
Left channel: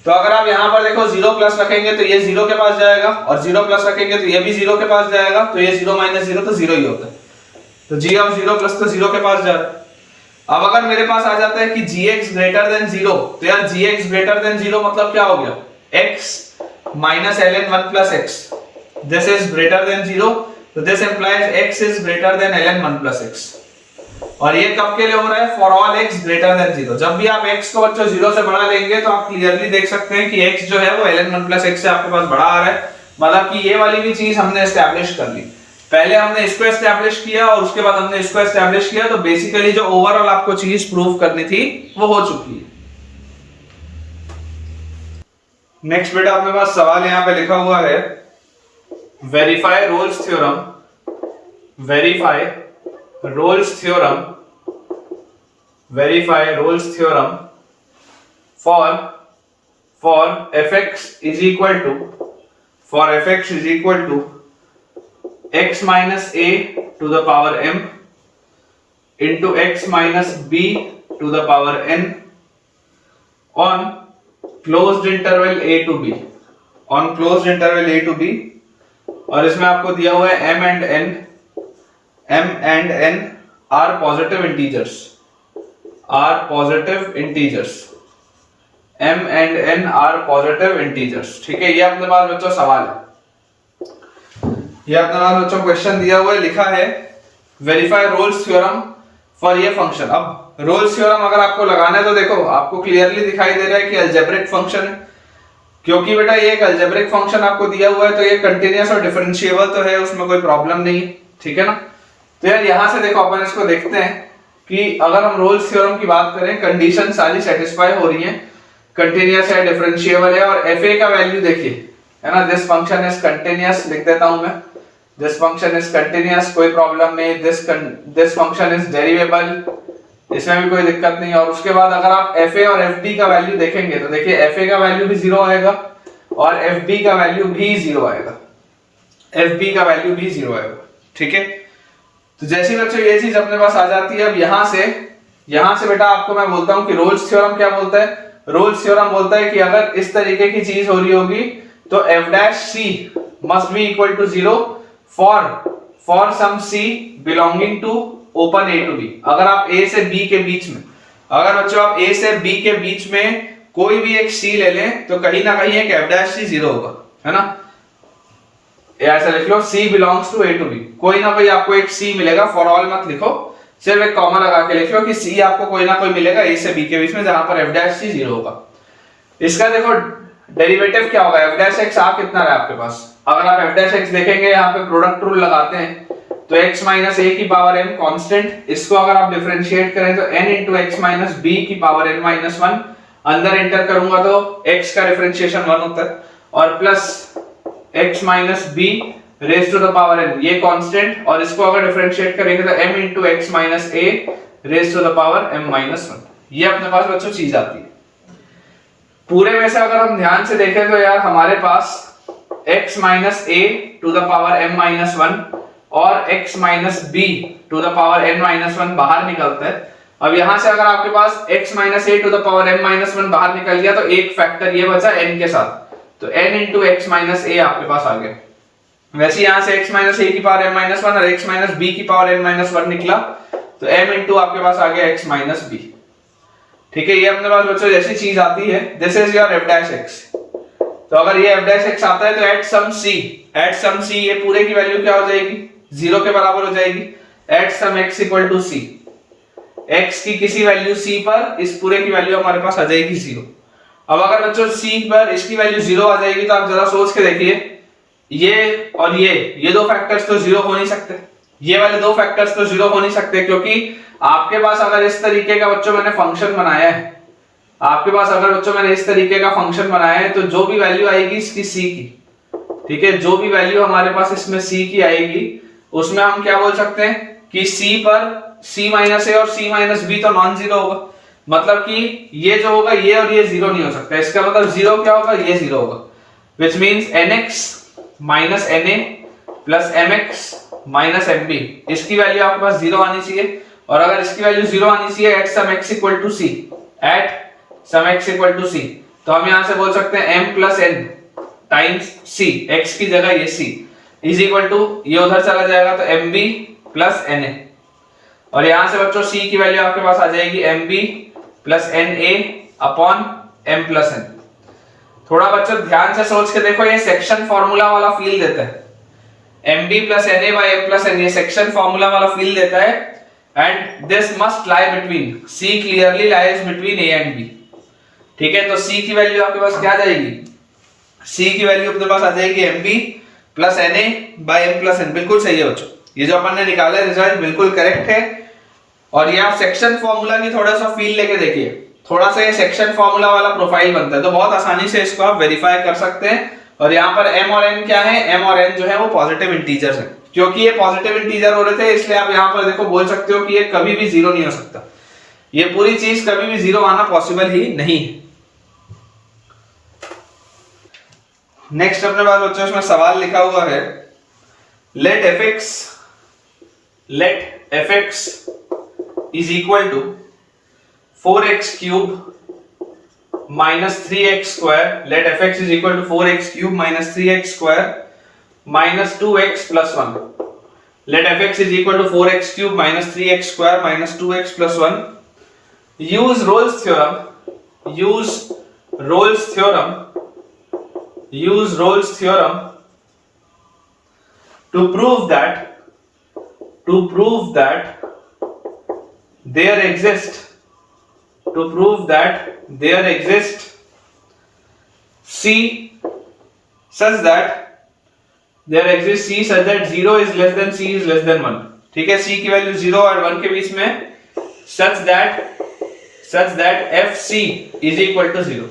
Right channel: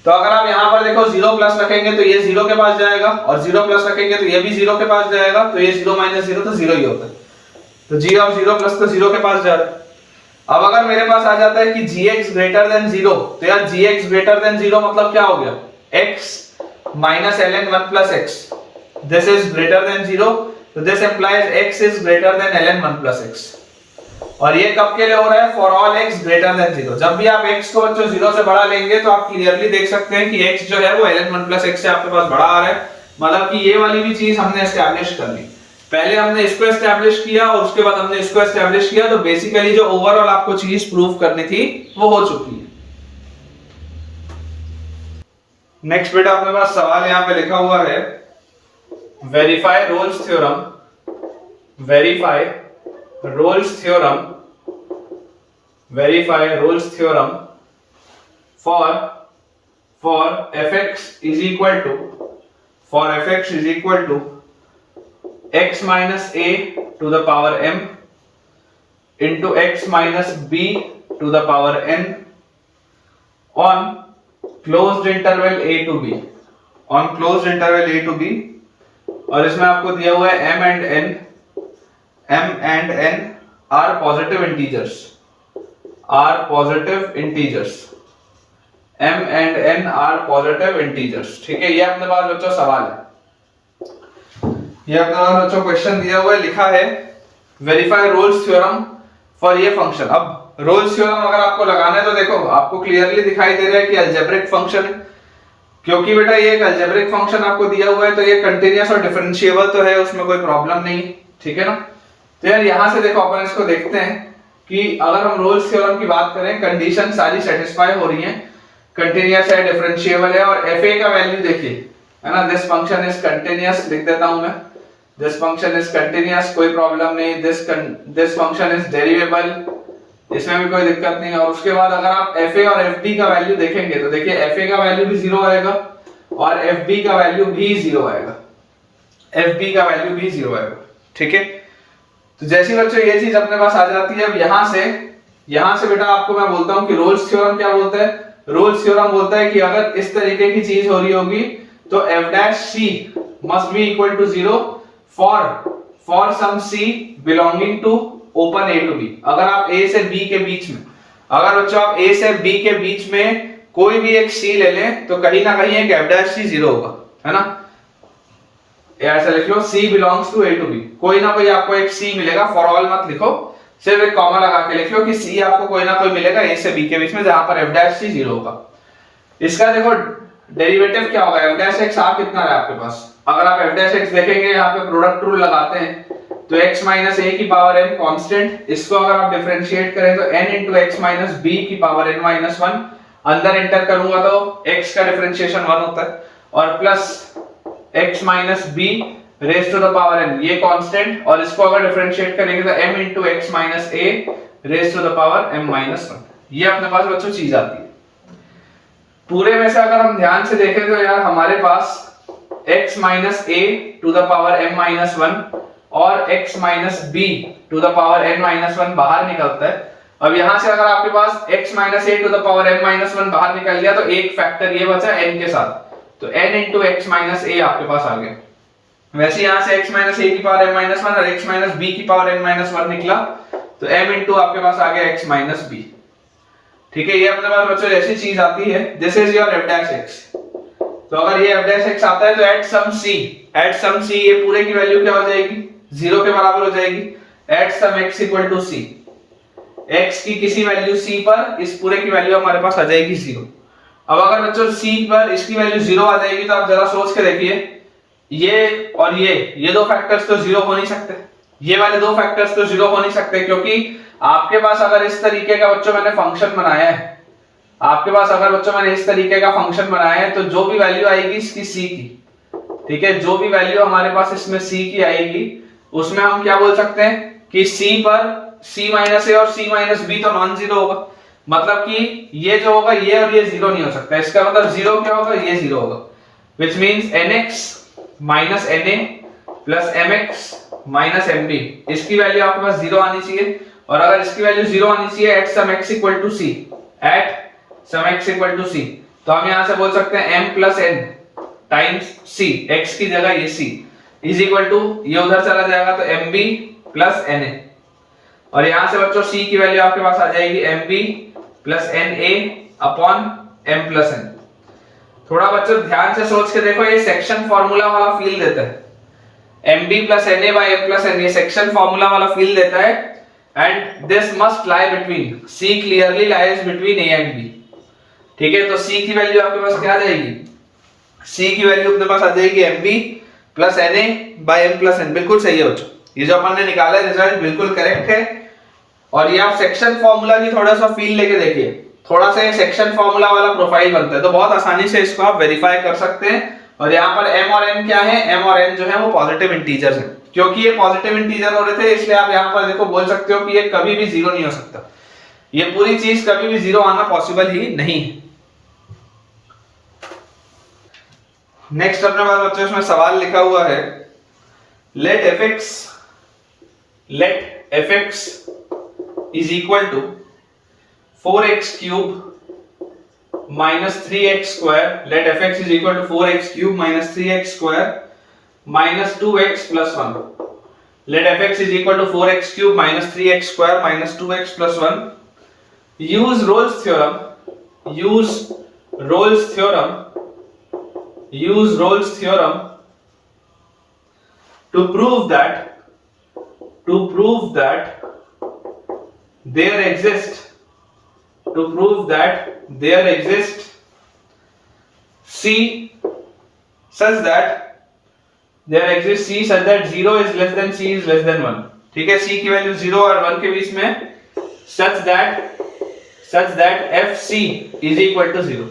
तो अगर आप यहां पर देखो 0 प्लस रखेंगे तो ये 0 के पास जाएगा, और 0 प्लस रखेंगे तो ये भी 0 के पास जाएगा, तो ये 0 माइनस 0 तो 0 ही होता है, तो g ऑफ 0 प्लस तो 0 के पास जा रहा है। अब अगर मेरे पास आ जाता है कि gx ग्रेटर देन 0, तो यार gx ग्रेटर देन 0 मतलब क्या हो गया, x minus ln 1 plus x, this is greater than 0, तो this implies x is greater then ln 1 plus x। और ये कब के लिए हो रहा है, for all x greater than 0। जब भी आप x को बच्चों 0 से बड़ा लेंगे तो आप क्लियरली देख सकते हैं कि x जो है वो ln 1 प्लस x से आपके पास बड़ा आ रहा है, मतलब कि ये वाली भी चीज हमने एस्टैब्लिश कर ली। पहले हमने इसको एस्टैब्लिश किया और उसके बाद हमने इसको एस्टैब्लिश किया, तो बेसिकली जो ओवरऑल आपको चीज प्रूव करनी थी वो हो चुकी है। नेक्स्ट बेटा अपने पास सवाल यहां पे लिखा हुआ है, verify Rolle's theorem, verify Rolle's theorem, verify Rolle's theorem for fx is equal to, for fx is equal to x minus a to the power m into x minus b to the power n on closed interval a to b, on closed interval a to b। और इसमें आपको दिया हुआ है m and n are positive integers, are positive integers, m and n are positive integers। ठीक है, ये अपने पास बच्चों सवाल है, ये अपने पास बच्चों क्वेश्चन दिया हुआ है, लिखा है वेरीफाई रोल्स थ्योरम फॉर ये फंक्शन। अब रोल्स थ्योरम अगर आपको लगाना है तो देखो आपको क्लियरली दिखाई दे रहा है कि अलजेब्रिक फंक्शन है, क्योंकि बेटा ये एक अलजेब्रिक फंक्शन आपको दिया हुआ है तो ये कंटीन्यूअस और डिफरेंशिएबल तो है, उसमें कोई प्रॉब्लम नहीं, ठीक है ना। तो यार यहां से देखो अपन इसको देखते हैं कि अगर हम रोल्स थ्योरम की बात करें, कंडीशन सारी सेटिस्फाई हो रही है, कंटीन्यूअस है, डिफरेंशिएबल है, और fa का वैल्यू देखिए, है ना, दिस फंक्शन इज कंटीन्यूअस, लिख देता हूं मैं, दिस फंक्शन इज कंटीन्यूअस, कोई प्रॉब्लम नहीं, दिस फंक्शन इज डेरिवेबल, इसमें भी कोई दिक्कत नहीं है। और उसके बाद अगर आप fa और fb का वैल्यू देखेंगे तो देखिए fa का वैल्यू भी 0 आएगा और fb का वैल्यू भी 0 आएगा, fb का वैल्यू भी 0 आएगा, ठीक है। तो जैसी बच्चों ये चीज अपने पास आ जाती है, अब यहां से बेटा आपको मैं बोलता हूं कि रोल्स थ्योरम क्या बोलता है, रोल्स थ्योरम बोलता है कि अगर इस तरीके की चीज हो रही होगी तो f dash c must be equal to 0 for some c belonging to open a to b। अगर आप a से b के बीच में, अगर बच्चों आप a से b के बीच में कोई भी एक c ले लें तो कहीं ना कहीं एक f डैश c 0 होगा, है ना, ऐसा लिख लो, c belongs to a to b, कोई ना कोई आपको एक c मिलेगा, फॉर ऑल मत लिखो, सिर्फ एक कॉमा लगा के लिख लो कि c आपको कोई ना कोई मिलेगा a से b के बीच में जहां पर f डैश c 0 होगा। इसका देखो डेरिवेटिव क्या होगा, f डैश x आ कितना रहा है आपके पास, अगर आप f डैश x देखेंगे यहाँ पे प्रोडक्ट रूल लगाते हैं तो x माइनस a की पावर n कांस्टेंट, इसको अगर आप डिफरेंशिएट करें तो n into x minus b की पावर n माइनस 1, अंदर एंटर करूंगा तो x का डिफरेंशिएशन 1 होता है, और plus x minus b raise to the power n, ये कांस्टेंट, और इसको अगर डिफरेंशिएट करेंगे तो m into x minus a raise to the power m minus 1, ये अपने पास बच्चों चीज आती है। पूरे में से अगर हम ध्यान से देखें तो यार हमारे पास x minus a to the power m minus 1 और x minus b to the power n minus 1 बाहर निकलता है। अब यहां से अगर आपके पास x minus a to the power m minus 1 बाहर निकल गया तो एक फैक्टर ये बचा n के साथ, तो n into x minus a आपके पास आ गया। वैसे यहां से x माइनस a की पावर m माइनस 1 और x माइनस b की पावर n माइनस 1 निकला, तो m इंटू आपके पास आ गया x माइनस b, ठीक है। ये अपने पास बच्चों जैसी चीज आती है, this is your f dash x। तो अगर ये f डैश x आता है तो एट सम c ये पूरे की वैल्यू क्या हो जाएगी, जीरो के बराबर हो जाएगी at some x equal to c. x की किसी वैल्यू c पर इस पूरे की वैल्यू हमारे पास आ जाएगी जीरो। अब अगर बच्चों c पर इसकी वैल्यू जीरो आ जाएगी तो आप जरा सोच के देखिए, ये और ये दो फैक्टर्स तो जीरो हो नहीं सकते, ये वाले दो फैक्टर्स तो जीरो हो नहीं सकते, क्योंकि आपके पास अगर इस तरीके का बच्चों मैंने फंक्शन बनाया है, आपके पास अगर बच्चों मैंने इस तरीके का फंक्शन बनाया है, तो जो भी वैल्यू आएगी इसकी c की, ठीक है, जो भी वैल्यू हमारे पास इसमें c की आएगी उसमें हम क्या बोल सकते हैं कि c पर c माइनस ए और c माइनस बी तो नॉन जीरो होगा, मतलब कि ये जो होगा ये और ये जीरो नहीं हो सकता। इसका मतलब जीरो क्या होगा, ये जीरो होगा, which means nx minus na plus mx minus mb, इसकी वैल्यू आपके पास जीरो आनी चाहिए। और अगर इसकी वैल्यू जीरो आनी चाहिए at some x equal to c, at some x equal to c, तो हम यहां से बोल सकते हैं m plus n times c, x की जगह ये c इज इक्वल टू, ये उधर चला जाएगा तो mb प्लस na, और यहां से बच्चों c की वैल्यू आपके पास आ जाएगी mb plus na upon m plus n। थोड़ा बच्चों ध्यान से सोच के देखो, ये सेक्शन फॉर्मूला वाला फील देता है, mb plus na by m plus n, ये सेक्शन फॉर्मूला वाला फील देता है, and this must lie between, c clearly lies between a and b, ठीक है। तो c की वैल्यू आपके पास क्या आ जाएगी, c की वैल्यू अपने पास आ जाएगी mb plus na by m plus n, बिल्कुल सही है बच्चों, ये जो अपन ने निकाला है रिजल्ट बिल्कुल करेक्ट है। और ये आप सेक्शन फॉर्मूला की थोड़ा सा फील लेके देखिए, थोड़ा सा ये सेक्शन फॉर्मूला वाला प्रोफाइल बनता है, तो बहुत आसानी से इसको आप वेरीफाई कर सकते हैं। और यहाँ पर m और n क्या है, m और n जो है वो पॉजिटिव इंटीजर्स हैं, क्योंकि ये पॉजिटिव इंटीजर हो रहे थे इसलिए आप यहाँ पर देखो बोल सकते हो कि ये कभी भी जीरो नहीं हो सकता, ये पूरी चीज कभी भी जीरो आना पॉसिबल ही नहीं है। नेक्स्ट अपने पास बच्चों इसमें सवाल लिखा हुआ है, let fx is equal to 4x cube minus 3x square, let fx is equal to 4x cube minus 3x square minus 2x plus 1, let fx is equal to 4x cube minus 3x square minus 2x plus 1, use Rolle's theorem to prove that there exists c such that 0 is less than c is less than 1, ठीक है, c की वैल्यू 0 और 1 के बीच में, such that fc is equal to 0,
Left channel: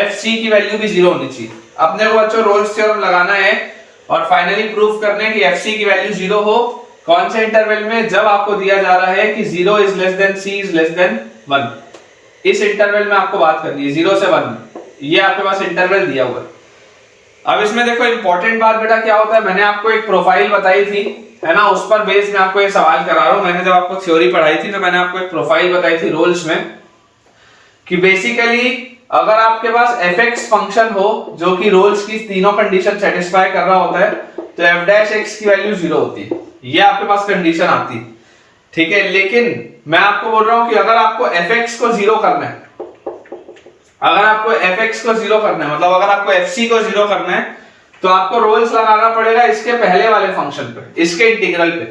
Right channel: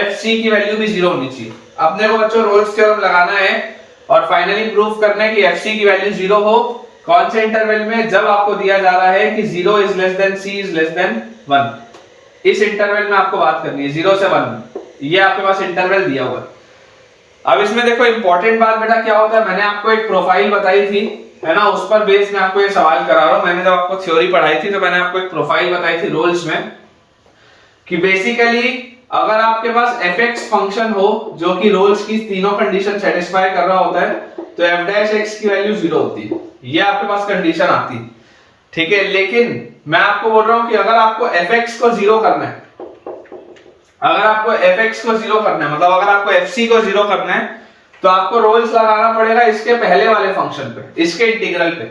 fc की वैल्यू भी 0 होनी चाहिए। अपने को बच्चों रोल्स थ्योरम लगाना है और फाइनली प्रूफ करना है कि fc की वैल्यू 0 हो, कौन से इंटरवल में, जब आपको दिया जा रहा है कि 0 is less then c is less than 1, इस इंटरवल में आपको बात करनी है 0 से 1, ये आपके पास इंटरवल दिया हुआ है। अब इसमें देखो इंपॉर्टेंट बात बेटा क्या होता है, मैंने आपको एक प्रोफाइल बताई थी, है ना, उस पर बेस में आपको ये सवाल करा रहा हूं। मैंने जब आपको थ्योरी पढ़ाई थी तो मैंने आपको एक प्रोफाइल बताई थी रोल्स में, कि बेसिकली अगर आपके पास fx फंक्शन हो जो कि रोल्स की तीनों कंडीशन सेटिस्फाई कर रहा होता है, तो f डैश x की वैल्यू 0 होती है, ये आपके पास कंडीशन आती है, ठीक है। लेकिन मैं आपको बोल रहा हूं कि अगर आपको fx को 0 करना है, मतलब अगर आपको fc को 0 करना है, तो आपको रोल्स लगाना पड़ेगा इसके पहले वाले फंक्शन पे, इसके इंटीग्रल पे।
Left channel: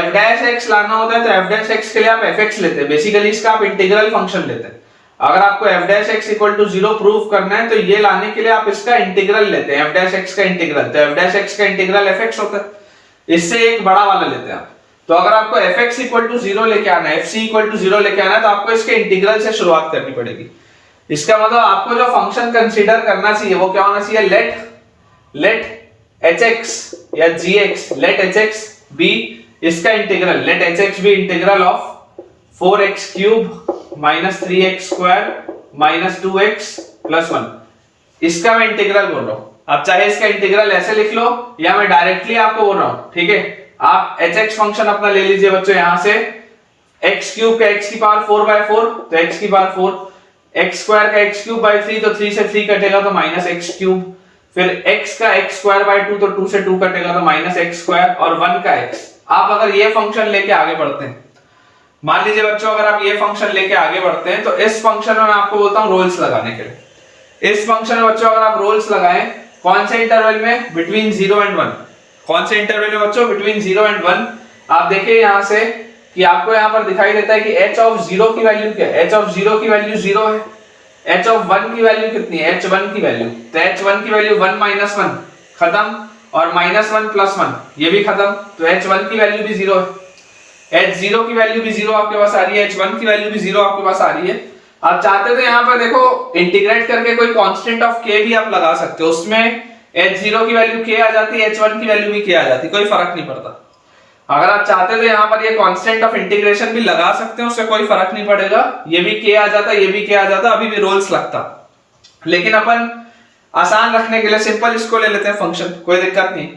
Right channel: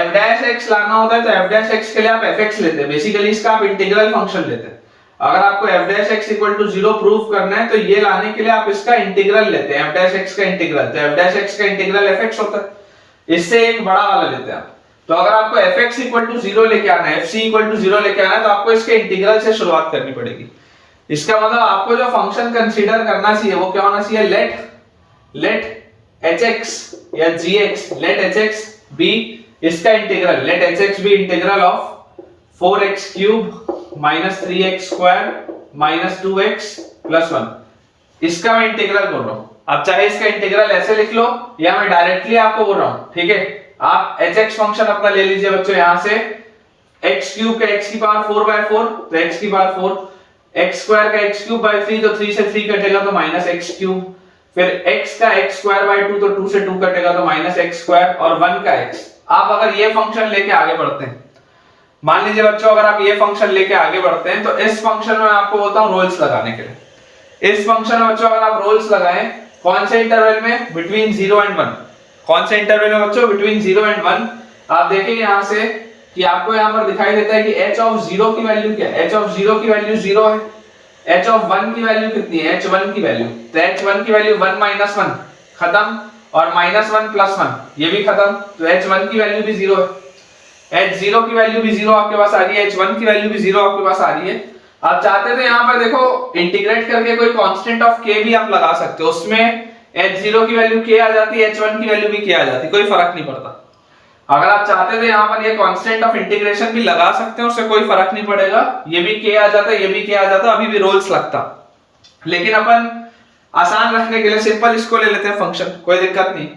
f डैश x लाना होता है तो f डैश x के लिए आप fx लेते हैं, बेसिकली इसका आप इंटीग्रल फंक्शन लेते हैं। अगर आपको f dash x equal to 0 prove करना है तो ये लाने के लिए आप इसका इंटीग्रल लेते हैं, f डैश x का इंटीग्रल, तो f डैश x का इंटीग्रल fx होता है, इससे एक बड़ा वाला लेते हैं आप। तो अगर आपको fx इक्वल टू 0 लेके आना है, fc इक्वल टू 0 लेके आना है, तो आपको इसके इंटीग्रल से शुरुआत करनी पड़ेगी। इसका मतलब आपको जो फंक्शन कंसीडर करना चाहिए वो क्या होना चाहिए, लेट hx या gx, लेट hx बी इसका integral, let hx be integral of 4x cube minus 3x square minus 2x plus 1, इसका मैं इंटीग्रल बोल रहा हूं। आप चाहे इसका इंटीग्रल ऐसे लिख लो या मैं डायरेक्टली आपको बोल रहा हूं, ठीक है। आप hx फंक्शन अपना ले लीजिए बच्चों, यहां से x क्यूब का x की पावर 4/4, तो x की पावर 4, x स्क्वायर का x क्यूब बाय 3, तो 3 से 3 कटेगा तो माइनस x क्यूब, फिर x का x स्क्वायर बाय 2, तो 2 से 2 कटेगा तो माइनस x स्क्वायर, और 1 का x। आप अगर ये फंक्शन लेके आगे बढ़ते हैं, मान लीजिए बच्चों अगर आप ये फंक्शन लेके आगे बढ़ते हैं, तो इस फंक्शन में मैं आपको बोलता हूं रोल्स लगाने के लिए। इस फंक्शन में बच्चों अगर आप रोल्स लगाएं, कौन से इंटरवल में, बिटवीन 0 एंड 1, कौन से इंटरवल में बच्चों? Between 0 and 1। आप देखिए यहाँ से कि आपको यहाँ पर दिखाई देता है कि h ऑफ 0 की वैल्यू क्या है? h ऑफ 0 की वैल्यू 0 है। h ऑफ 1 की वैल्यू कितनी है? h1 की वैल्यू, तो h1 की वैल्यू 1 माइनस 1 खत्म, और माइनस 1 प्लस 1 ये भी खत्म, तो h1 की वैल्यू भी 0 है। h0 की वैल्यू भी 0 आपके पास आ रही है, h1 की वैल्यू भी 0 आपके पास आ रही है। आप चाहते थे यहाँ पर देखो इंटीग्रेट करके कोई कांस्टेंट ऑफ k भी आप लगा सकते हो, उसमें h0 की वैल्यू k आ जाती है, h1 की वैल्यू भी k आ जाती, कोई फर्क नहीं पड़ता। अगर आप चाहते थे यहाँ पर ये कांस्टेंट ऑफ इंटीग्रेशन भी लगा सकते हैं, उससे कोई फर्क नहीं पड़ेगा, ये भी k आ जाता, ये भी k आ जाता, अभी भी रोल्स लगता। लेकिन अपन आसान रखने के लिए सिंपल इसको ले लेते हैं फंक्शन, कोई दिक्कत नहीं।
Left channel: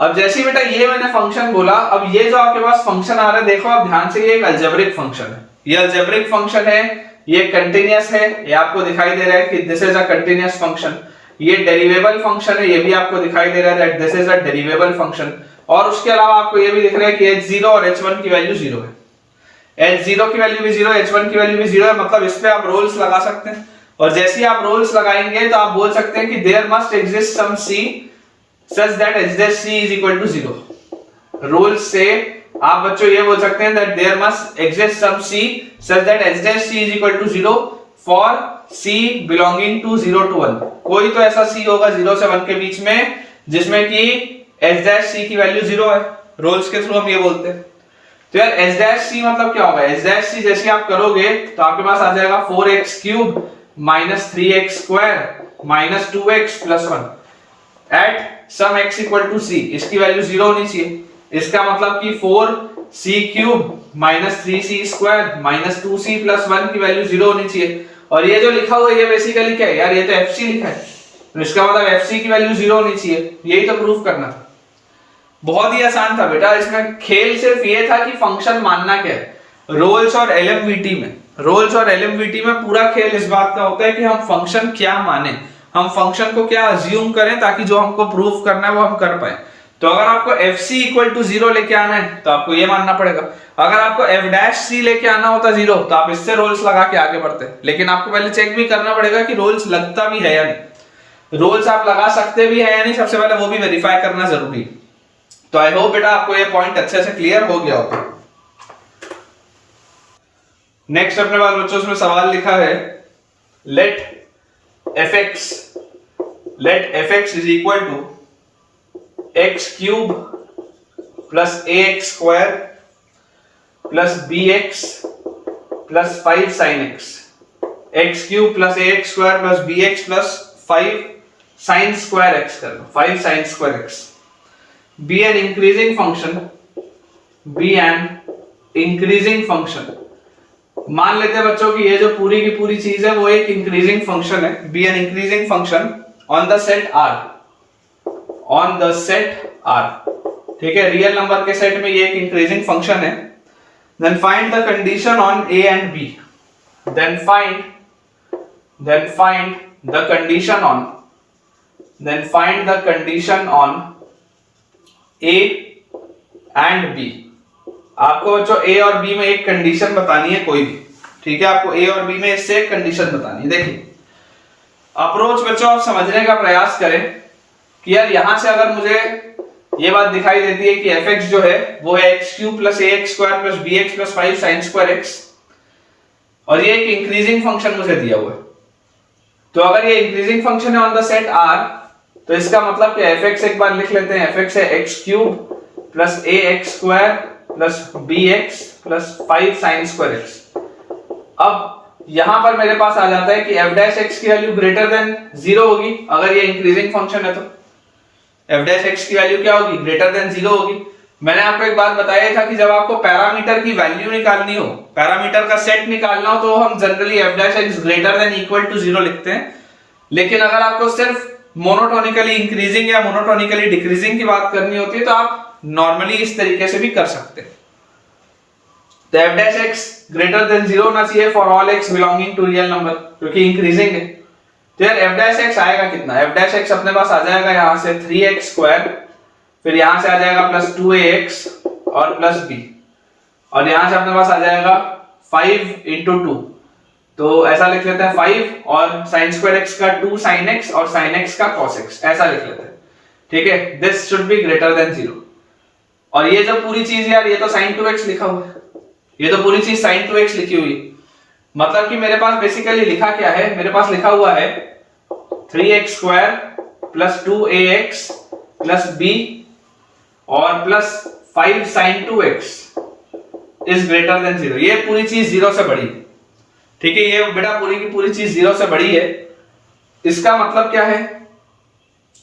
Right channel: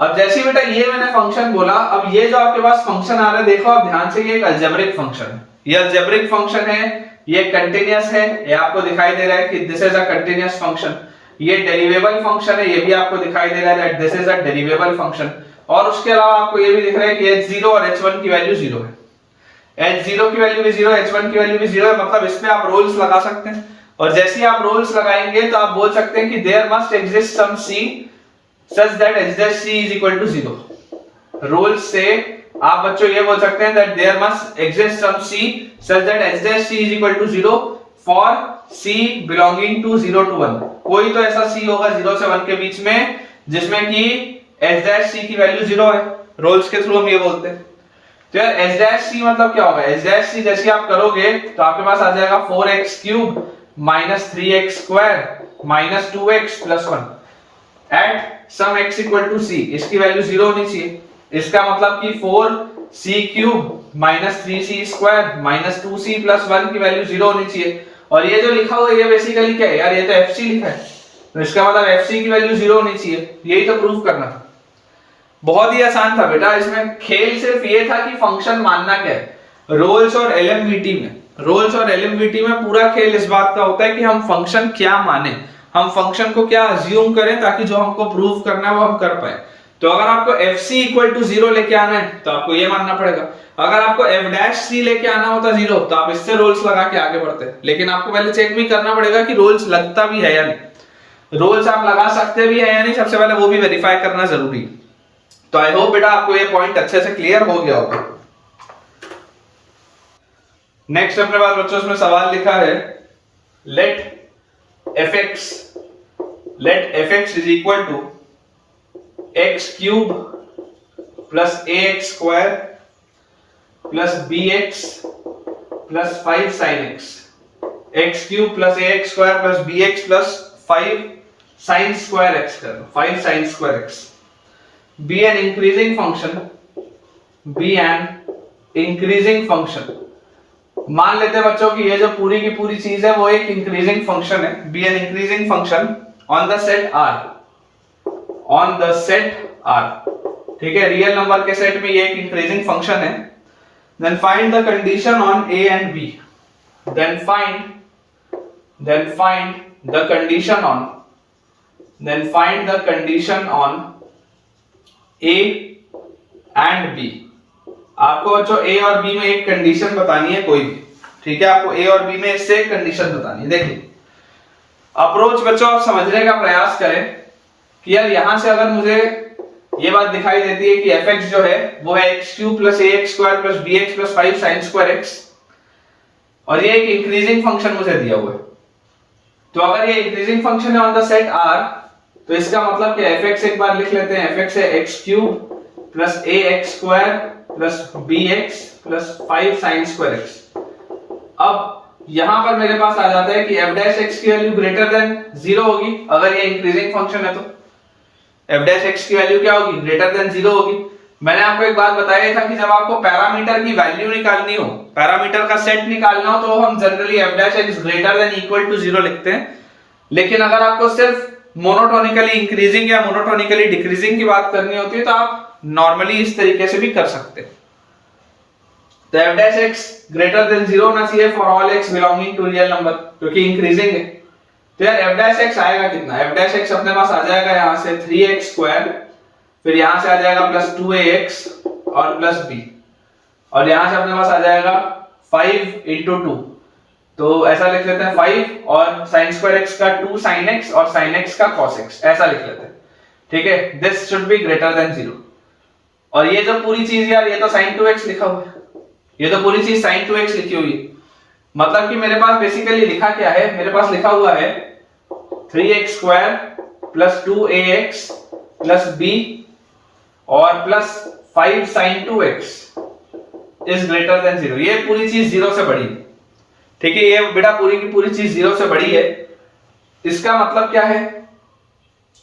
अब जैसे बेटा ये मैंने फंक्शन बोला, अब ये जो आपके पास फंक्शन आ रहा है देखो आप ध्यान से, ये एक अलजेब्रिक फंक्शन है, ये अलजेब्रिक फंक्शन है, ये कंटीन्यूअस है, ये आपको दिखाई दे रहा है कि this is a continuous function. ये डेरिवेबल फंक्शन है, ये भी आपको दिखाई दे रहा है that this is a derivable function. और उसके अलावा आपको ये भी दिख रहा है कि h0 और h1 की वैल्यू 0 है, h0 की वैल्यू भी 0 है, h1 की वैल्यू भी 0 है, मतलब इस पे आप रोल्स लगा सकते हैं। और जैसे ही आप रोल्स लगाएंगे तो आप बोल सकते हैं कि there must exist some c such that h dash c is equal to 0। Rule से आप बच्चों ये बोल सकते हैं that there must exist some c such that h dash c is equal to 0 for c belonging to 0 to 1। कोई तो ऐसा c होगा 0 से 1 के बीच में जिसमें कि h dash c की वैल्यू 0 है, रोल्स के थ्रू हम ये बोलते हैं। तो यार h dash c मतलब क्या होगा? h dash c जैसे आप करोगे तो आपके पास आ जाएगा 4x cube minus 3x square minus 2x plus 1 at some x equal to c। इसकी वैल्यू 0 होनी चाहिए, इसका मतलब कि 4c cube minus 3c square minus 2c plus 1 की वैल्यू 0 होनी चाहिए। और ये जो लिखा हुआ है ये बेसिकली क्या है यार? ये तो fc लिखा है, तो इसका मतलब fc की वैल्यू 0 होनी चाहिए, यही तो प्रूफ करना था। बहुत ही आसान था बेटा, इसमें खेल सिर्फ ये था कि फंक्शन मानना क्या है। रोल्स और एलएमवीटी में पूरा खेल इस बात का होता है कि हम फंक्शन क्या माने, हम फंक्शन को क्या अज्यूम करें ताकि जो हमको प्रूव करना है वो हम कर पाए। तो अगर आपको fc इक्वल टू 0 लेके आना है तो आपको ये मानना पड़ेगा, अगर आपको f डैश c लेके आना होता 0 तो आप इससे रोल्स लगा के आगे बढ़ते, लेकिन आपको पहले चेक भी करना पड़ेगा कि रोल्स लगता भी है या नहीं, रोल्स आप लगा सकते भी है या नहीं, सबसे पहले वो भी वेरीफाई करना जरूरी है। तो आई होप बेटा आपको ये पॉइंट अच्छे से क्लियर हो गया होगा। नेक्स्ट अपने पास बच्चों उसमें सवाल लिखा है let fx is equal to x cube plus ax square plus bx plus 5 sin x, x cube plus ax square plus bx plus 5 sin square x कर लो, 5 sin square x be an increasing function। मान लेते हैं बच्चों कि ये जो पूरी की पूरी चीज है वो एक इंक्रीजिंग फंक्शन है, be an increasing function on the set R, ठीक है, रियल नंबर के सेट में ये एक इंक्रीजिंग फंक्शन है। then find the condition on a and b, then find the condition on a and b। आपको बच्चों a और b में एक कंडीशन बतानी है कोई भी, ठीक है, आपको a और b में इससे एक कंडीशन बतानी है। देखिए अप्रोच बच्चों आप समझने का प्रयास करें कि यार यहां से अगर मुझे ये बात दिखाई देती है कि fx जो है वो है x cube plus ax square plus bx plus 5 sin square x, और ये एक इंक्रीजिंग फंक्शन मुझे दिया हुआ है, तो अगर ये इंक्रीजिंग फंक्शन है ऑन द सेट R तो इसका मतलब कि fx एक बार लिख लेते हैं, fx है x cube plus ax square plus bx plus 5 sin square x। अब यहां पर मेरे पास आ जाता है कि f डैश x की वैल्यू ग्रेटर देन 0 होगी, अगर ये इंक्रीजिंग फंक्शन है तो f डैश x की वैल्यू क्या होगी? ग्रेटर देन 0 होगी। मैंने आपको एक बात बताया था कि जब आपको पैरामीटर की वैल्यू निकालनी हो, पैरामीटर का सेट निकालना हो, तो हम generally f dash x greater than equal to 0 लिखते हैं। लेकिन अगर आपको सिर्फ मोनोटोनिकली इंक्रीजिंग या मोनोटोनिकली डिक्रीजिंग की बात करनी होती है तो आप नॉर्मली इस तरीके से भी कर सकते हैं। तो f dash x greater than 0 होना चाहिए for all x belonging to real number, क्योंकि इंक्रीजिंग है। तो यार f डैश x आएगा कितना? f डैश x अपने पास आ जाएगा यहां से 3x स्क्वायर, फिर यहां से आ जाएगा प्लस 2ax और प्लस b, और यहां से अपने पास आ जाएगा 5 into 2, तो ऐसा लिख लेते हैं 5 और sin स्क्वायर x का 2 sin x और sin x का cos x, ऐसा लिख लेते हैं। ठीक है, this should be greater than 0। और ये जो पूरी चीज यार, ये तो sin 2x लिखा हुआ है, ये तो पूरी चीज sin 2x लिखी हुई है। मतलब कि मेरे पास बेसिकली लिखा क्या है, मेरे पास लिखा हुआ है 3x square plus 2ax plus b और plus 5 sin 2x is greater than 0। ये पूरी चीज 0 से बड़ी है, ठीक है, ये बेटा पूरी की पूरी चीज 0 से बड़ी है। इसका मतलब क्या है,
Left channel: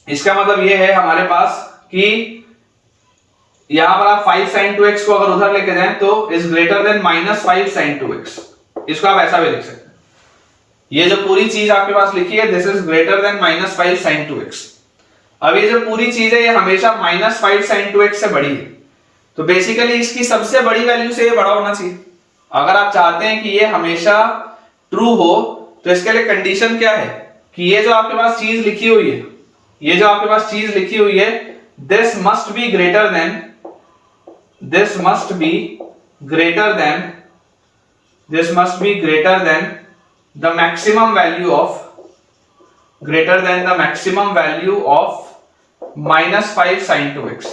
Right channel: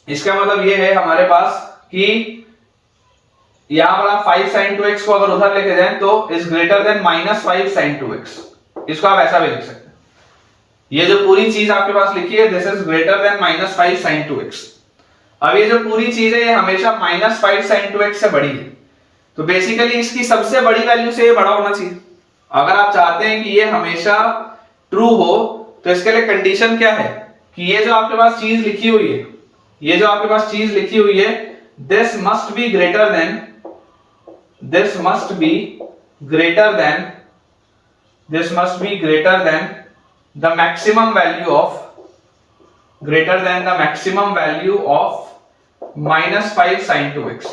इसका मतलब ये है हमारे पास कि यहां पर आप 5 sin 2x को अगर उधर लेके जाएं तो is greater then -5 sin 2x। इसको आप ऐसा भी लिख सकते हैं, ये जो पूरी चीज आपके पास लिखी है this is greater then -5 sin 2x। अब ये जो पूरी चीज है ये हमेशा -5 sin 2x से बड़ी है, तो बेसिकली इसकी सबसे बड़ी वैल्यू से ये बड़ा होना चाहिए। अगर आप चाहते हैं कि ये हमेशा ट्रू हो तो इसके लिए कंडीशन क्या है कि ये जो आपके पास चीज लिखी हुई है, ये जो आपके पास चीज लिखी हुई है this must be greater than this must be greater than this must be greater than the maximum value of greater than the maximum value of -5 sin 2x।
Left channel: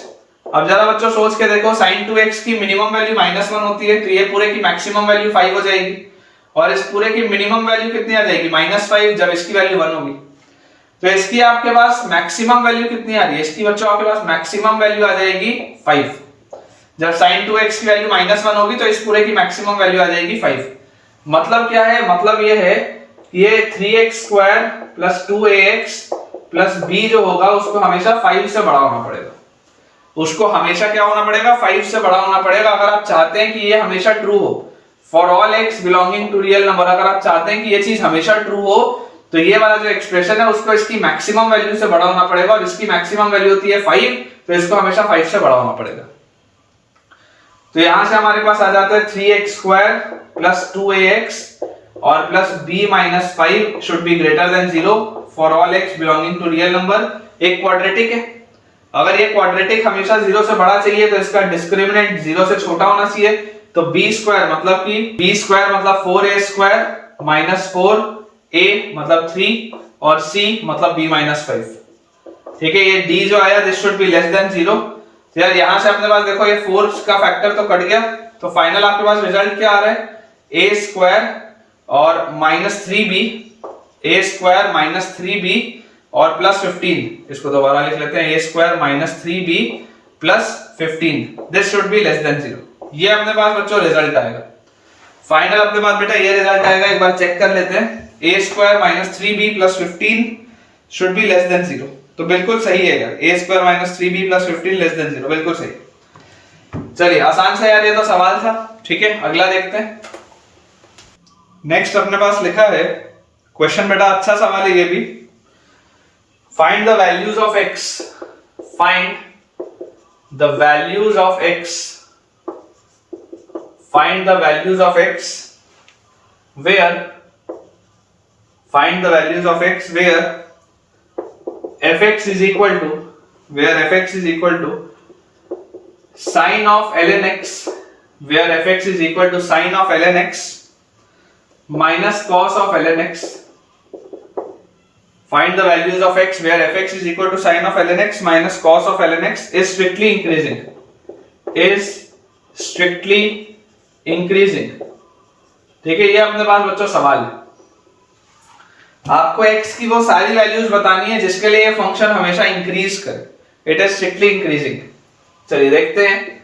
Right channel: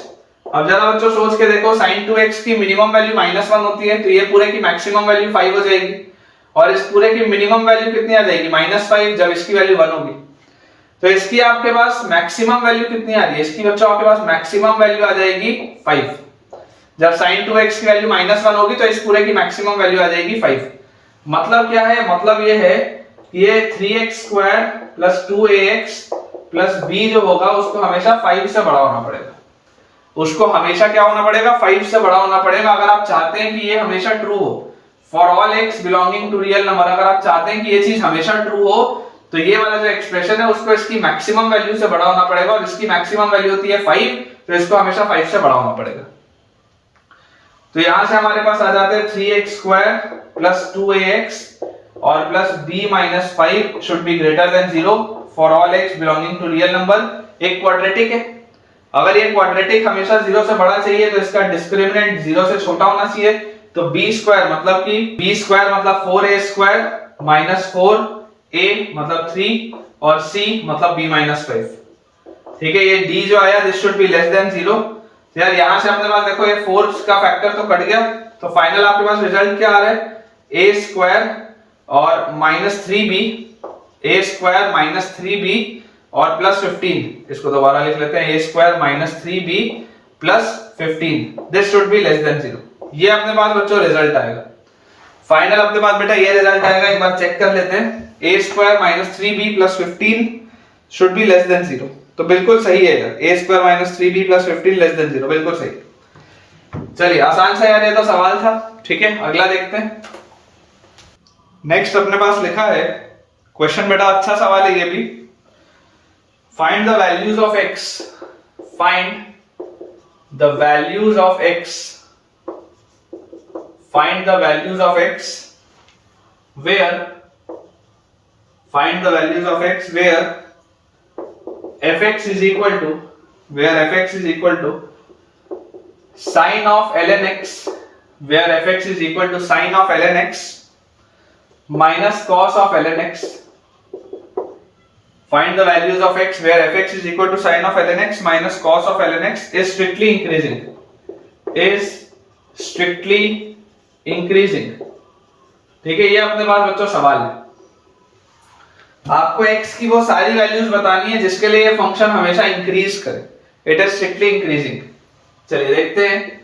अब जरा बच्चों सोच के देखो, sin 2x की मिनिमम वैल्यू -1 होती है, तो ये पूरे की मैक्सिमम वैल्यू 5 हो जाएगी, और इस पूरे की मिनिमम वैल्यू कितनी आ जाएगी -5, जब इसकी वैल्यू 1 होगी। तो इसकी आपके पास मैक्सिमम वैल्यू कितनी आ रही है, इसकी बच्चों आपके पास मैक्सिमम वैल्यू आ जाएगी 5। जब sin 2x की वैल्यू -1 होगी तो इस पूरे की मैक्सिमम वैल्यू आ जाएगी 5। मतलब क्या है, मतलब ये है कि ये 3x square plus 2ax plus b जो होगा उसको हमेशा 5 से बड़ा होना पड़ेगा, उसको हमेशा क्या होना पड़ेगा, 5 से बड़ा होना पड़ेगा। अगर आप चाहते हैं कि ये हमेशा ट्रू हो, for all x belonging to real number, अगर आप चाहते हैं कि ये चीज हमेशा ट्रू हो तो ये वाला जो एक्सप्रेशन है उसको इसकी मैक्सिमम वैल्यू से बड़ा होना पड़ेगा, और इसकी मैक्सिमम वैल्यू होती है 5, तो इसको हमेशा 5 से बड़ा होना पड़ेगा। तो यहां से हमारे पास आ जाता है 3x स्क्वायर प्लस 2ax और plus b minus 5 should be greater than 0 for all x belonging to real number. एक क्वाड्रेटिक है, अगर ये क्वाड्रेटिक हमेशा 0 से बड़ा चाहिए तो इसका डिस्क्रिमिनेंट 0 से छोटा होना चाहिए। तो b स्क्वायर मतलब कि b स्क्वायर मतलब 4a स्क्वायर माइनस 4a मतलब 3 और c मतलब b माइनस 5। ठीक है, ये d जो आया this should be less than 0। तो यार यहां से अपने पास देखो ये 4 का फैक्टर तो कट गया, तो फाइनल आपके पास रिजल्ट क्या आ रहा है, a स्क्वायर और minus 3b, a square minus 3b और प्लस 15। इसको दोबारा लिख लेते हैं, a square minus 3b plus 15 this should be less than 0। ये अपने पास बच्चों रिजल्ट आएगा फाइनल, अपने पास बेटा ये रिजल्ट आएगा। एक बार चेक कर लेते हैं, a square minus 3b plus 15 should be less than 0। तो बिल्कुल सही है, a square minus 3b plus 15 less than 0, बिल्कुल सही। चलिए आसान सा यार ये तो सवाल था। ठीक है, अगला देखते हैं। नेक्स्ट अपने पास लिखा है क्वेश्चन, बेटा अच्छा सवाल है ये भी। Find the values of x, find the values of x, find the values of x where, find the values of x where fx is equal to, where fx is equal to sin of ln x, where fx is equal to sin of ln x minus cos of ln x. Find the values of x where fx is equal to sin of ln x minus cos of ln x is strictly increasing, is strictly increasing। ठीक है, ये अपने पास बच्चों सवाल है। आपको x की वो सारी वैल्यूज बतानी है जिसके लिए ये फंक्शन हमेशा इंक्रीज करे, इट इज स्ट्रिक्टली इंक्रीजिंग। चलिए देखते हैं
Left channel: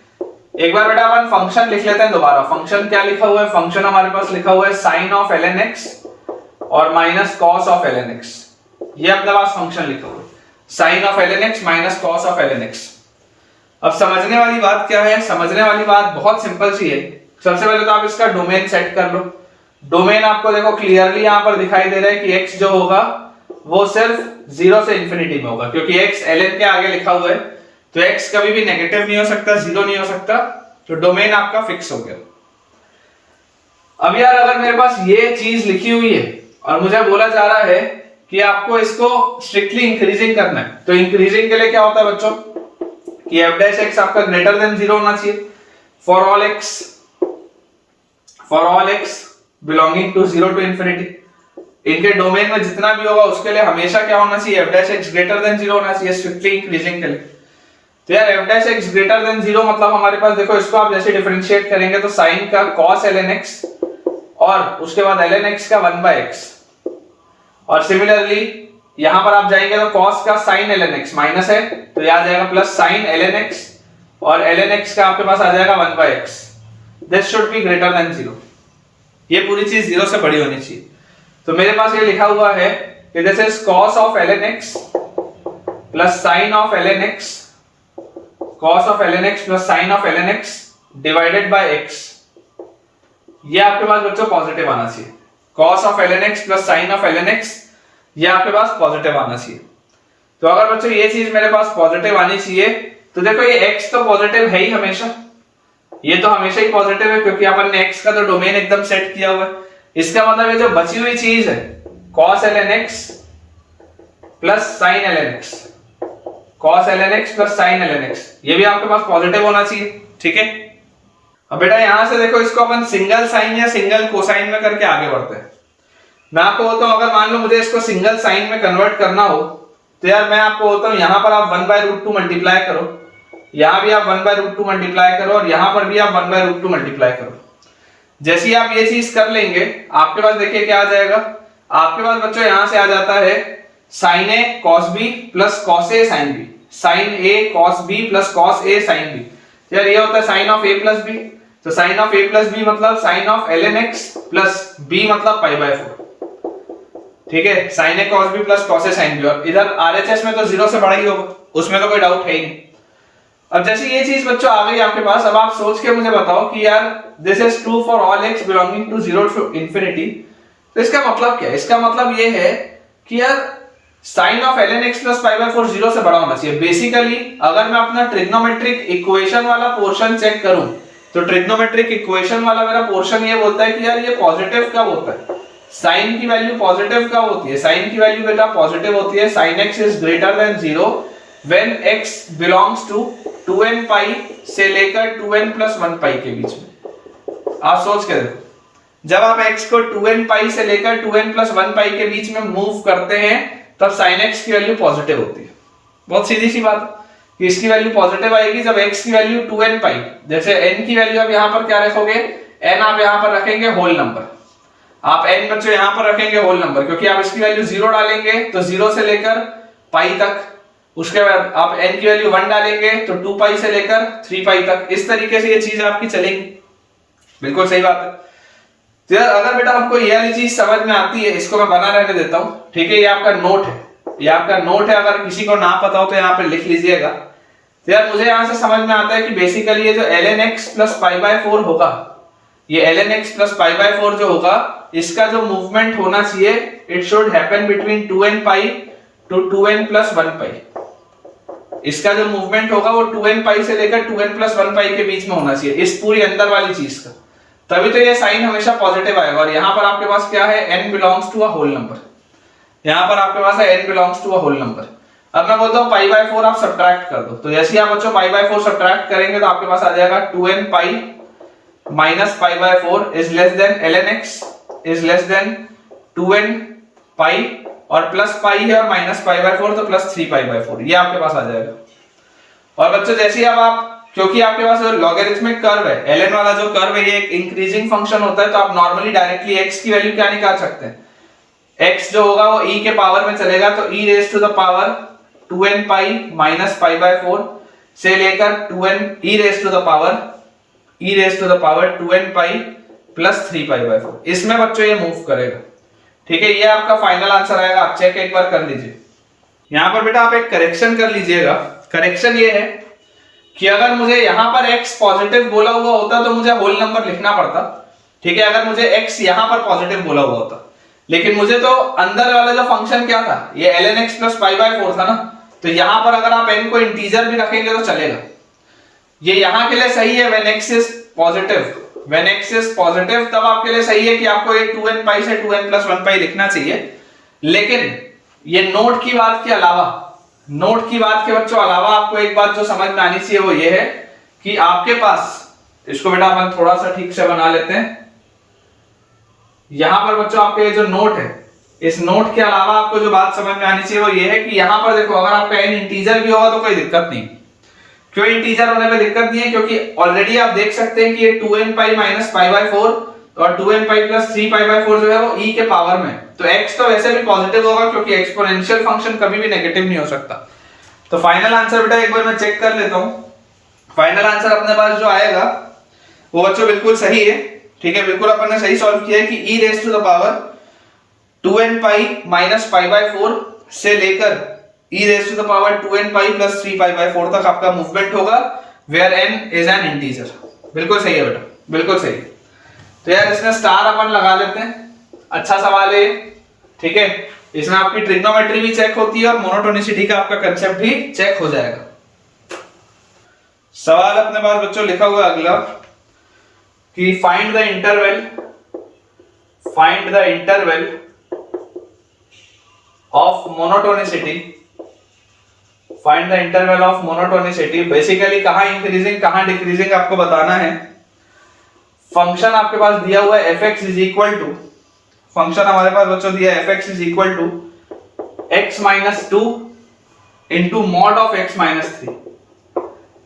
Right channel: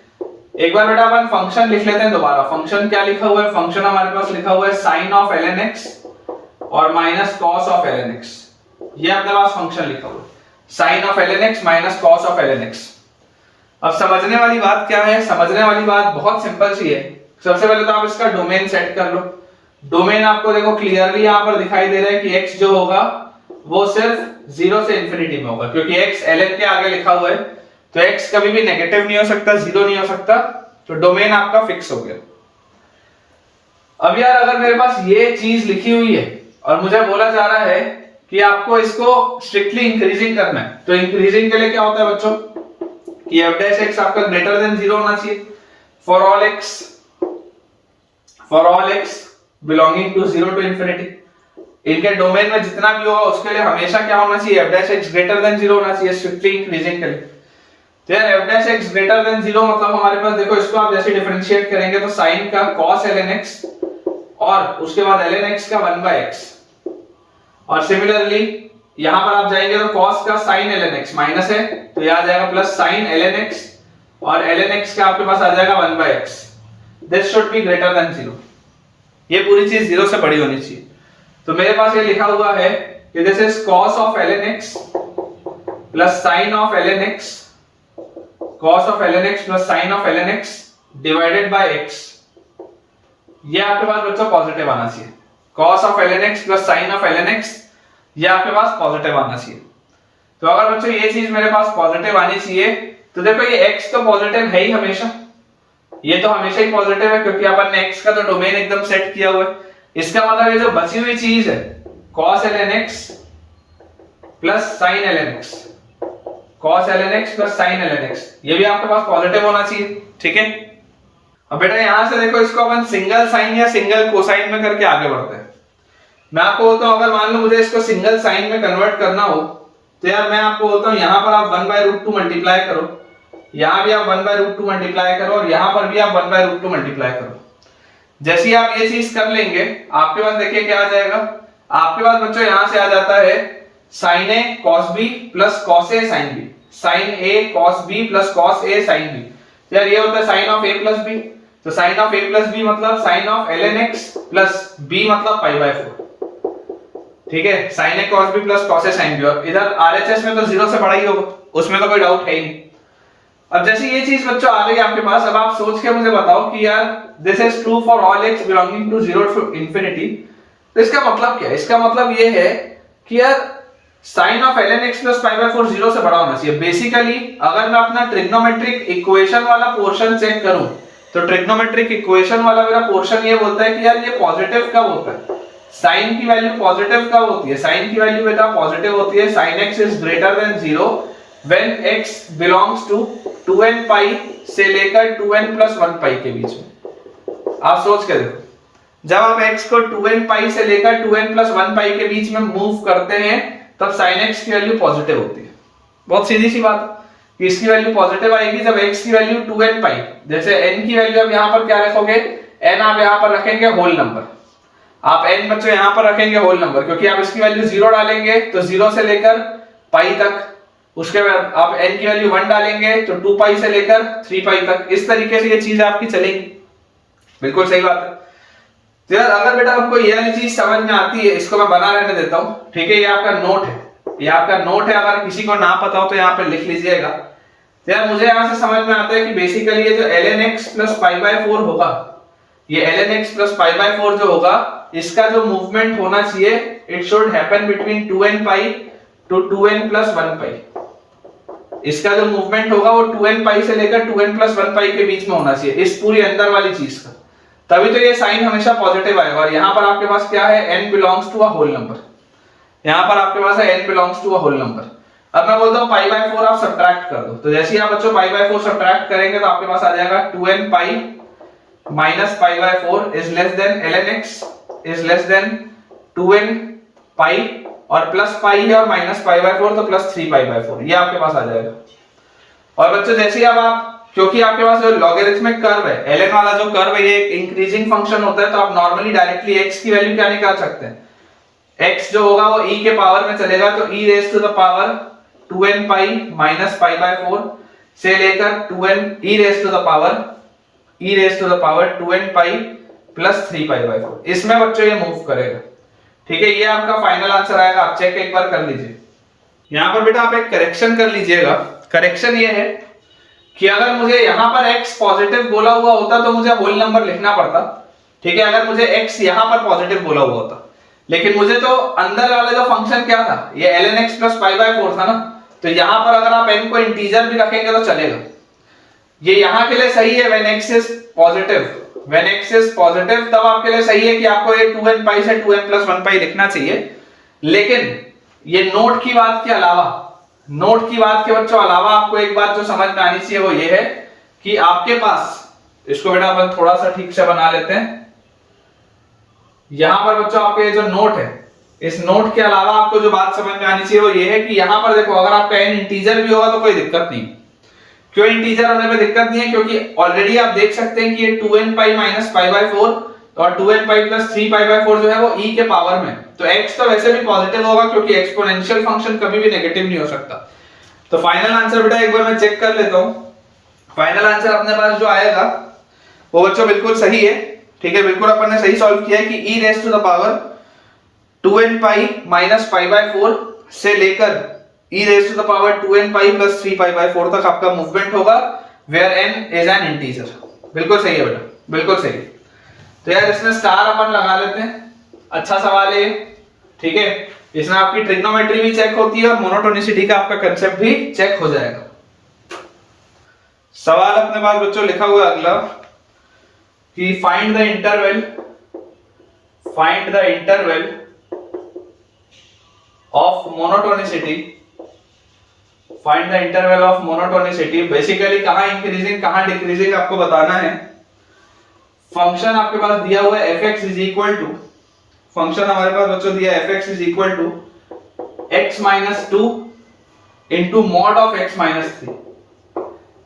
एक बार बेटा, अपन फंक्शन लिख लेते हैं दोबारा। फंक्शन क्या लिखा हुआ है, फंक्शन हमारे पास लिखा हुआ है sin ऑफ ln x और minus cos of ln x। ये अपने पास फंक्शन लिखा हुआ है sin of ln x minus cos of ln x। अब समझने वाली बात क्या है, समझने वाली बात बहुत सिंपल सी है। सबसे पहले तो आप इसका डोमेन सेट कर लो। डोमेन आपको देखो क्लियरली यहां पर दिखाई दे रहा है कि x जो होगा वो सिर्फ 0 से इंफिनिटी में होगा, क्योंकि x ln के आगे लिखा हुआ है, तो x कभी भी नेगेटिव नहीं हो सकता, 0 नहीं हो सकता, तो डोमेन आपका फिक्स हो गया। अब यार अगर मेरे पास ये चीज लिखी हुई है और मुझे बोला जा रहा है कि आपको इसको स्ट्रिक्टली इंक्रीजिंग करना है, तो इंक्रीजिंग के लिए क्या होता है बच्चों कि f डैश x आपका ग्रेटर देन 0 होना चाहिए for all x belonging to 0 to infinity. इनके डोमेन में जितना भी होगा उसके लिए हमेशा क्या होना चाहिए, f dash x greater than 0 होना चाहिए स्ट्रिक्टली इंक्रीजिंग के लिए। तो यार f dash x greater than 0 मतलब हमारे पास देखो, इसको आप जैसे डिफरेंशिएट करेंगे तो साइन का cos ln x और उसके बाद ln x का 1/x, और सिमिलरली यहां पर आप जाएंगे तो cos का sin ln x माइनस है तो यह आ जाएगा प्लस sin ln x और ln x का आपके पास आ जाएगा 1/x। This should be greater than 0। ये पूरी चीज 0 से बड़ी होनी चाहिए। तो मेरे पास ये लिखा हुआ है कि this is cos of ln x plus sin of ln x, cos of ln x plus sin of ln x divided by x। ये आपके पास बच्चों पॉजिटिव आना चाहिए। cos of ln x plus sin of ln x ये आपके पास पॉजिटिव आना चाहिए। तो अगर बच्चों ये चीज मेरे पास पॉजिटिव आनी चाहिए तो देखो ये x तो पॉजिटिव है ही हमेशा, ये तो हमेशा ही पॉजिटिव है क्योंकि अपन ने x का तो डोमेन एकदम सेट किया हुआ है। इसका मतलब ये जो बची हुई चीज है cos ln x plus sin ln x, cos ln x plus sin ln x, ये भी आपके पास पॉजिटिव होना चाहिए। ठीक है, अब बेटा यहां से देखो इसको अपन सिंगल साइन या सिंगल कोसाइन में करके आगे बढ़ते हैं। मैं आपको बोलता हूं अगर मान लो मुझे इसको सिंगल साइन में कन्वर्ट करना हो तो यार मैं आपको बोलता हूं यहां पर आप 1/√2 मल्टीप्लाई करो, यहां भी आप 1/√2 मल्टीप्लाई करो और यहां पर भी आप 1/√2 मल्टीप्लाई करो। जैसे ही आप ये चीज कर लेंगे आपके पास देखिए क्या आ जाएगा, आपके पास बच्चों यहां से आ जाता है sin a cos b plus cos a sin b, sin a cos b plus cos a sin b। यार ये होता है sin of a plus b, तो sin of a plus b मतलब sin of ln x plus b मतलब π/4। ठीक है, sin a cos b plus cos a sin b, और इधर RHS में तो 0 से बड़ा ही होगा, उसमें तो कोई डाउट है ही नहीं। अब जैसे ये चीज बच्चों आ गई आपके पास, अब आप सोच के मुझे बताओ कि यार this is true for all x belonging to 0 to infinity. तो इसका मतलब क्या है? इसका मतलब ये है कि यार sin of ln x plus π/4 0 से बड़ा होना चाहिए। बेसिकली अगर मैं अपना ट्रिग्नोमेट्रिक इक्वेशन वाला पोर्शन चेक करूं तो ट्रिग्नोमेट्रिक इक्वेशन वाला मेरा पोर्शन ये बोलता है कि यार ये पॉजिटिव कब होता है, साइन की वैल्यू पॉजिटिव कब होती है, साइन की वैल्यू बेटा पॉजिटिव होती है sin x is greater than 0 when x belongs to 2n pi से लेकर 2n plus 1 pi के बीच में। आप सोच के देखो, जब आप x को 2n pi से लेकर 2n plus 1 pi के बीच में मूव करते हैं तब sin x की वैल्यू पॉजिटिव होती है। बहुत सीधी सी बात कि इसकी वैल्यू पॉजिटिव आएगी जब x की वैल्यू 2n pi, जैसे n की वैल्यू आप यहां पर क्या रखोगे, n आप यहां पर रखेंगे होल नंबर, आप n बच्चों यहां पर रखेंगे होल नंबर क्योंकि आप इसकी वैल्यू 0 डालेंगे तो 0 से लेकर पाई तक, उसके बाद आप n की वैल्यू 1 डालेंगे तो 2 पाई से लेकर 3 पाई तक, इस तरीके से ये चीज आपकी चलेगी। बिल्कुल सही बात है। तो यार अगर बेटा हमको ये वाली चीज समझ में आती है, इसको मैं बना रहने देता हूं, ठीक है, ये आपका नोट है, ये आपका नोट है, अगर किसी को ना पता हो तो यहाँ पे लिख लीजिएगा। तो यार मुझे यहाँ से समझ में आता है कि बेसिकली ये जो ln x प्लस π/4 होगा, ये ln x प्लस π/4 जो होगा, इसका जो मूवमेंट होना चाहिए it should happen between 2n pi to 2n plus 1 pi। इसका जो मूवमेंट होगा वो 2n pi से लेकर 2n प्लस 1 pi के बीच में होना चाहिए, इस पूरी अंदर वाली चीज का, तभी तो ये साइन हमेशा पॉजिटिव आएगा। और यहाँ पर आपके पास क्या है, n belongs to a whole number, यहाँ पर आपके पास है n belongs to a whole number. अब मैं बोलता हूँ π/4 आप सब्ट्रैक्ट कर दो, तो जैसे ही आप बच्चों π/4 सब्ट्रैक्ट करेंगे तो आपके पास आ जाएगा 2n pi minus π/4 is less than ln x is less than 2n pi, और प्लस पाई है और माइनस π/4 तो प्लस 3 π/4, ये आपके पास आ जाएगा। और बच्चों जैसे ही आप, क्योंकि आपके पास लॉगरिथमिक कर्व है, ln वाला जो कर्व है ये एक इंक्रीजिंग फंक्शन होता है, तो आप नॉर्मली डायरेक्टली x की वैल्यू क्या निकाल सकते हैं, x जो होगा वो e के पावर में चलेगा, तो e raise to the power 2n pi minus π/4 से लेकर 2n e raise to the power 2n pi plus 3 π/4, इसमें बच्चों ये मूव करेगा। ठीक है, ये आपका फाइनल आंसर आएगा, आप चेक एक बार कर लीजिए। यहां पर बेटा आप एक करेक्शन कर लीजिएगा। करेक्शन ये है कि अगर मुझे यहां पर x पॉजिटिव बोला हुआ होता तो मुझे होल नंबर लिखना पड़ता, ठीक है, अगर मुझे x यहां पर पॉजिटिव बोला हुआ होता, लेकिन मुझे तो अंदर वाला जो फंक्शन क्या था, ये ln x प्लस π/4 था ना, तो यहां पर अगर आप n को इंटीजर भी रखेंगे तो चलेगा। ये यहां के लिए सही है when x is positive, when x is positive तब आपके लिए सही है कि आपको ये 2n pi से 2n plus 1 pi लिखना चाहिए। लेकिन ये नोट की बात के बच्चों अलावा आपको एक बात जो समझ में आनी चाहिए वो ये है कि आपके पास, इसको बेटा अपन थोड़ा सा ठीक से बना लेते हैं, यहां पर बच्चों आपके ये जो नोट है इस नोट के अलावा आपको जो बात समझ में आनी चाहिए वो ये है कि यहां पर देखो, अगर आपका n इंटीजर भी होगा तो कोई दिक्कत नहीं। क्यों इंटीजर होने में दिक्कत नहीं है? क्योंकि ऑलरेडी आप देख सकते हैं कि ये 2n pi minus pi by 4 और 2n pi plus 3 pi by 4 जो है वो e के पावर में, तो x तो वैसे भी पॉजिटिव होगा क्योंकि एक्सपोनेंशियल फंक्शन कभी भी नेगेटिव नहीं हो सकता। तो फाइनल आंसर बेटा एक बार मैं चेक कर लेता हूं। फाइनल आंसर अपने पास जो आएगा वो बच्चों बिल्कुल सही है, ठीक है, बिल्कुल अपन ने सही सॉल्व किया है कि e raise to the power 2n pi minus pi by 4 से लेकर e raise to the power 2n pi plus 3 pi by 4 तक आपका मूवमेंट होगा, where n is an integer. बिल्कुल सही है बेटा, बिल्कुल सही। तो यार इसमें स्टार अपन लगा लेते हैं, अच्छा सवाल है, ठीक है। इसमें आपकी ट्रिग्नोमेट्री भी चेक होती है और मोनोटोनिसिटी का आपका कंसेप्ट भी चेक हो जाएगा। सवाल अपने पास बच्चों लिखा हुआ है अगला कि find the interval of monotonicity. Find the interval of monotonicity, basically कहां इंक्रीजिंग कहां डिक्रीजिंग आपको बताना है। फंक्शन आपके पास दिया हुआ है fx is equal to, function हमारे पास बच्चों दिया है fx is equal to x minus 2 into mod of x minus 3,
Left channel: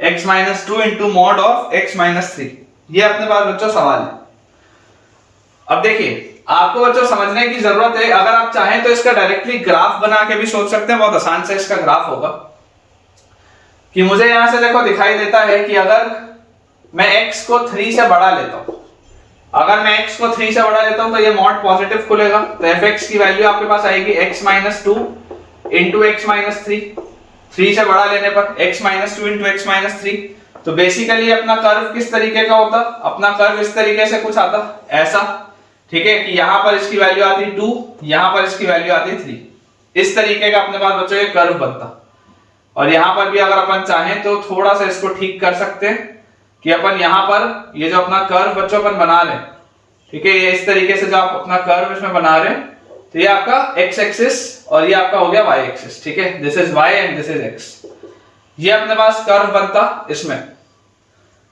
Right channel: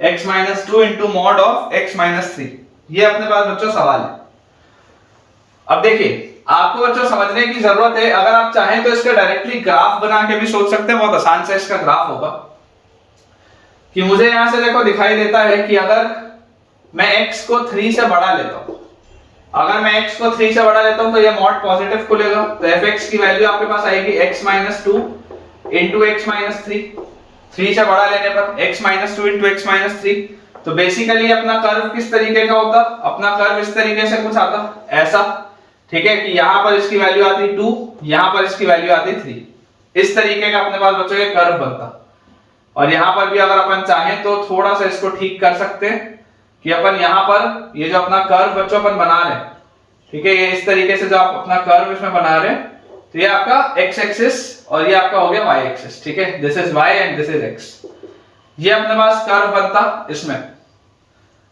x minus 2 into mod of x minus 3। ये अपने पास बच्चों सवाल है। अब देखिए आपको बच्चों समझने की जरूरत है, अगर आप चाहें तो इसका डायरेक्टली ग्राफ बना के भी सोच सकते हैं, बहुत आसान से इसका ग्राफ होगा कि मुझे यहां से देखो दिखाई देता है कि अगर मैं x को 3 से बढ़ा लेता हूं, अगर मैं x को 3 से बढ़ा लेता हूं तो ये मॉड पॉजिटिव खुलेगा, तो fx की वैल्यू आपके पास आएगी x minus 2 into x minus 3 से बढ़ा लेने पर x minus 2 into x minus 3। तो बेसिकली अपना कर्व किस तरीके का होता, अपना कर्व इस तरीके से कुछ आता ऐसा, ठीक है, कि यहां पर इसकी वैल्यू आती 2, यहां पर इसकी वैल्यू आती 3, इस तरीके का अपने पास बच्चों ये कर्व बनता। और यहां पर भी अगर अपन चाहें तो थोड़ा सा इसको ठीक कर सकते हैं कि अपन यहां पर ये जो अपना कर्व बच्चों अपन बना रहे हैं, ठीक है, ये इस तरीके से जो आप अपना कर्व इसमें बना रहे हैं, तो ये आपका x एक्सिस और ये आपका हो गया y एक्सिस, ठीक है, this is y and this is x। ये अपने पास कर्व बनता इसमें,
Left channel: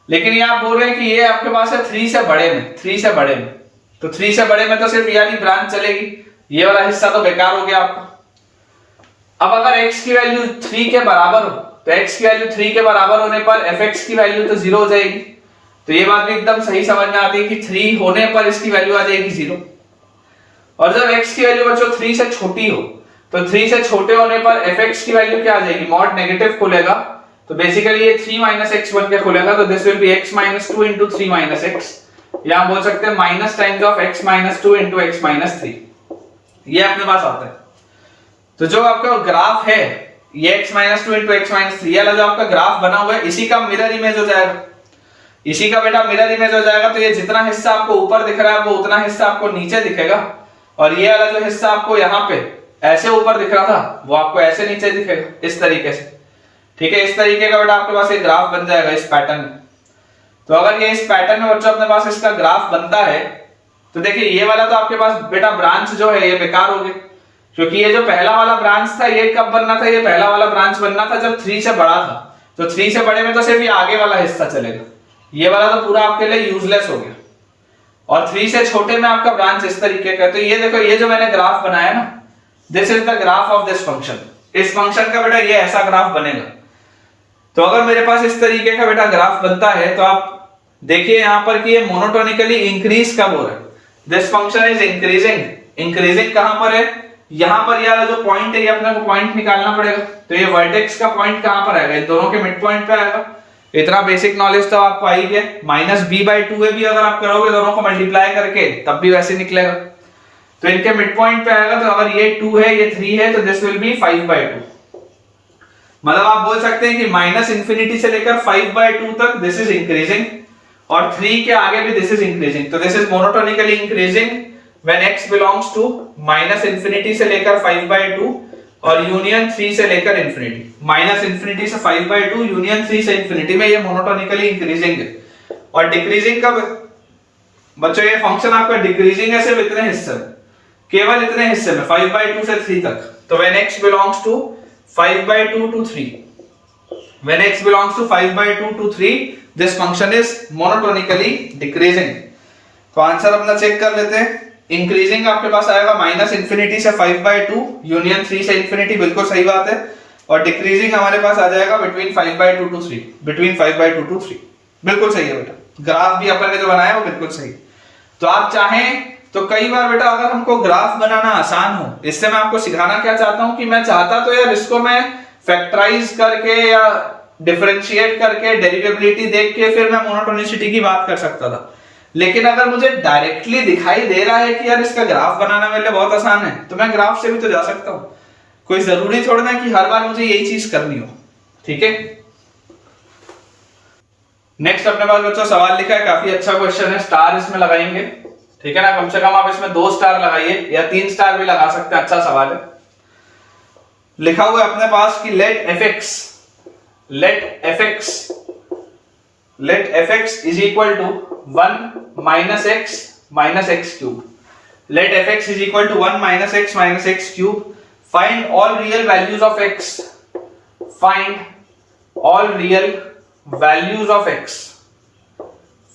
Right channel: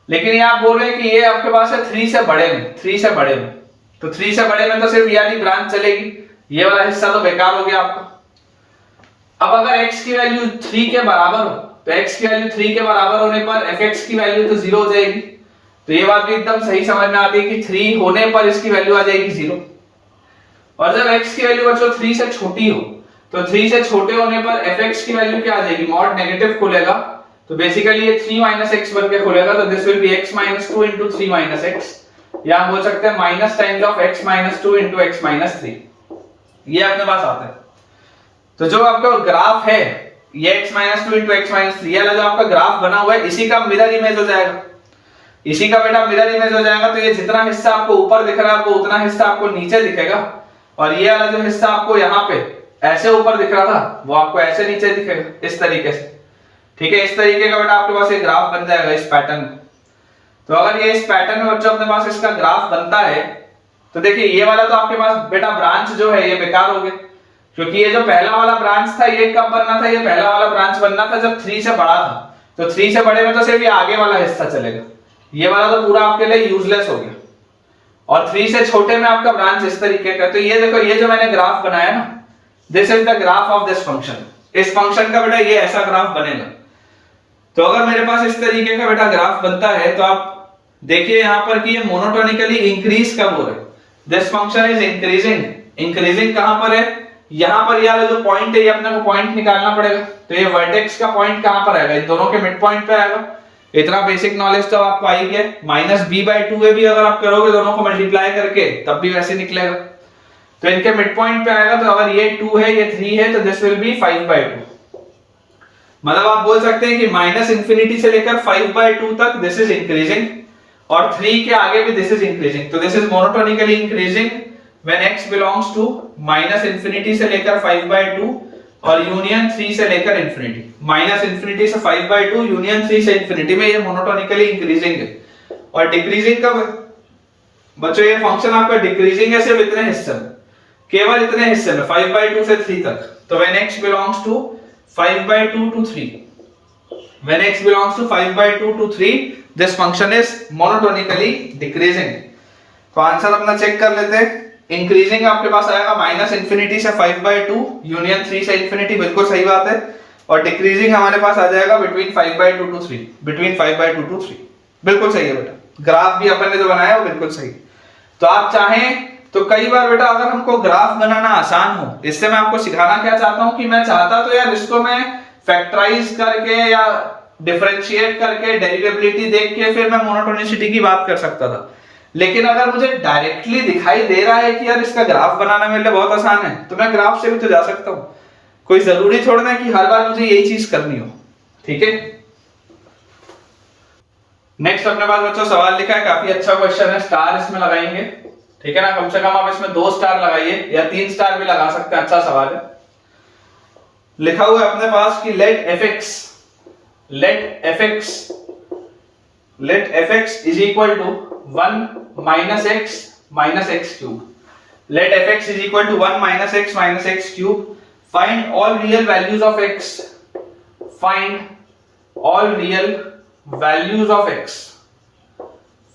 लेकिन ये आप बोल रहे हैं कि ये आपके पास है 3 से बड़े में, 3 से बड़े में, तो 3 से बड़े में तो सिर्फ ये वाली ब्रांच चलेगी, ये वाला हिस्सा तो बेकार हो गया आपका। अब अगर x की वैल्यू 3 के बराबर हो तो x की वैल्यू 3 के बराबर होने पर fx की वैल्यू तो 0 हो जाएगी, तो ये बात भी एकदम सही समझ में आती है कि 3 होने पर इसकी वैल्यू आ जाएगी 0। और जब x की वैल्यू बच्चों 3 से छोटी हो तो 3 से छोटे होने पर fx की वैल्यू क्या आ जाएगी, मॉड नेगेटिव खुलेगा, तो बेसिकली ये 3 माइनस एक्स बन के खुलेगा, तो this will B x minus 2 into 3 minus x, या हम बोल सकते हैं minus times of x minus 2 into x minus 3, ये अपने पास आता है। तो जो आपका ग्राफ है ये x minus 2 into x minus 3 वाला जो आपका ग्राफ बना हुआ है, इसी का मिरर इमेज हो जाएगा, इसी का बेटा मिरर इमेज हो जाएगा। तो ये जितना हिस्सा आपको ऊपर दिख रहा है वो उतना हिस्सा आपको नीचे दिखेगा, और ये वाला जो हिस्सा आपको यहाँ पे ऐसे ऊपर दिख रहा था वो आपको ऐसे नीचे दिखेगा, इस तरीके से, ठीक है, इस तरीके का बेटा आपके पास एक ग्राफ बन जाएगा इस पैटर्न में। तो अगर ये इस पैटर्न में बच्चों अपने पास इसका ग्राफ बनता है तो देखिए ये वाला तो आपके पास बेटा ब्रांच जो है ये बेकार हो गया, क्योंकि ये जो पहला वाला ब्रांच था ये कब बनना था, ये पहला वाला ब्रांच बनना था जब 3 से बड़ा था, तो 3 से बड़े में तो सिर्फ ये आगे वाला हिस्सा चलेगा, ये वाला तो पूरा आपके लिए यूजलेस हो गया। और 3 से छोटे में आपका ब्रांच इस तरीके का, तो ये देखो ये जो मैंने ग्राफ बनाया ना, this is the graph of this function, इस फंक्शन का बेटा ये ऐसा ग्राफ बनेगा। तो अगर मेरे पास इस तरीके का बेटा ग्राफ बनता है तो आप देखिए यहां पर कि ये मोनोटोनिकली इंक्रीज कब हो रहा है, this function is increasing, increasing कहां पर है, यहां पर ये वाला जो पॉइंट है ये अपने को पॉइंट निकालना पड़ेगा, तो ये वर्टेक्स का पॉइंट कहां पर आएगा, इन दोनों के मिड पॉइंट पे आएगा। इतना बेसिक नॉलेज तो आपको आई गया, माइनस b/2 भी अगर आप करोगे दोनों को मल्टीप्लाई करके तब भी वैसे निकलेगा, तो इनके मिड पॉइंट पे आएगा। तो अगर ये 2 है ये 3 है तो दिस विल बी 5/2, मतलब आप बोल सकते हैं कि माइनस इंफिनिटी से लेकर 5/2 तक दिस इज इंक्रीजिंग, और 3 के आगे भी दिस इज इंक्रीजिंग, तो this is monotonically increasing when x belongs to minus infinity से लेकर 5/2 और यूनियन 3 से लेकर इंफिनिटी, माइनस इंफिनिटी से 5/2 यूनियन 3 से इंफिनिटी में ये मोनोटोनिकली इंक्रीजिंग है। और डिक्रीजिंग कब बच्चों, ये फंक्शन आपका डिक्रीजिंग है सिर्फ इतने हिस्से में, केवल इतने हिस्से में 5/2 से 3 तक, तो when x belongs to 5/2 to 3, when x belongs to 5/2 to 3 this function is monotonically decreasing। तो आंसर अपना चेक कर लेते हैं, इंक्रीजिंग आपके पास आएगा माइनस इन्फिनिटी से 5/2 यूनियन 3 से इन्फिनिटी, बिल्कुल सही बात है। और डिक्रीजिंग हमारे पास आ जाएगा बिटवीन 5/2 to 3, बिटवीन 5/2 to 3, बिल्कुल सही है बेटा। ग्राफ भी अपन ने जो बनाया वो बिल्कुल सही। तो आप चाहें तो कई बार बेटा अगर हमको ग्राफ बनाना आसान हो, इससे मैं आपको सिखाना क्या चाहता हूं कि मैं चाहता तो यार इसको मैं फैक्टराइज करके या डिफरेंशिएट करके डेरिवेबिलिटी देख के फिर मैं मोनोटोनिसिटी की बात कर सकता था, लेकिन अगर मुझे डायरेक्टली दिखाई दे रहा है कि यार इसका ग्राफ बनाना मेरे लिए बहुत आसान है, तो मैं ग्राफ से भी तो जा सकता हूं। कोई जरूरी थोड़ा ना कि हर बार मुझे यही चीज करनी हो, ठीक है। नेक्स्ट अपने पास बच्चों सवाल लिखा है, काफी अच्छा क्वेश्चन है, स्टार इसमें लगाएंगे, ठीक है ना। कम से कम आप इसमें 2 स्टार लगाइए या 3 स्टार भी लगा सकते हैं, अच्छा सवाल है। लिखा हुआ है अपने पास कि let f x is equal to 1 minus x minus x cube. Let f x is equal to 1 minus x minus x cube. Find all real values of x. Find all real values of x.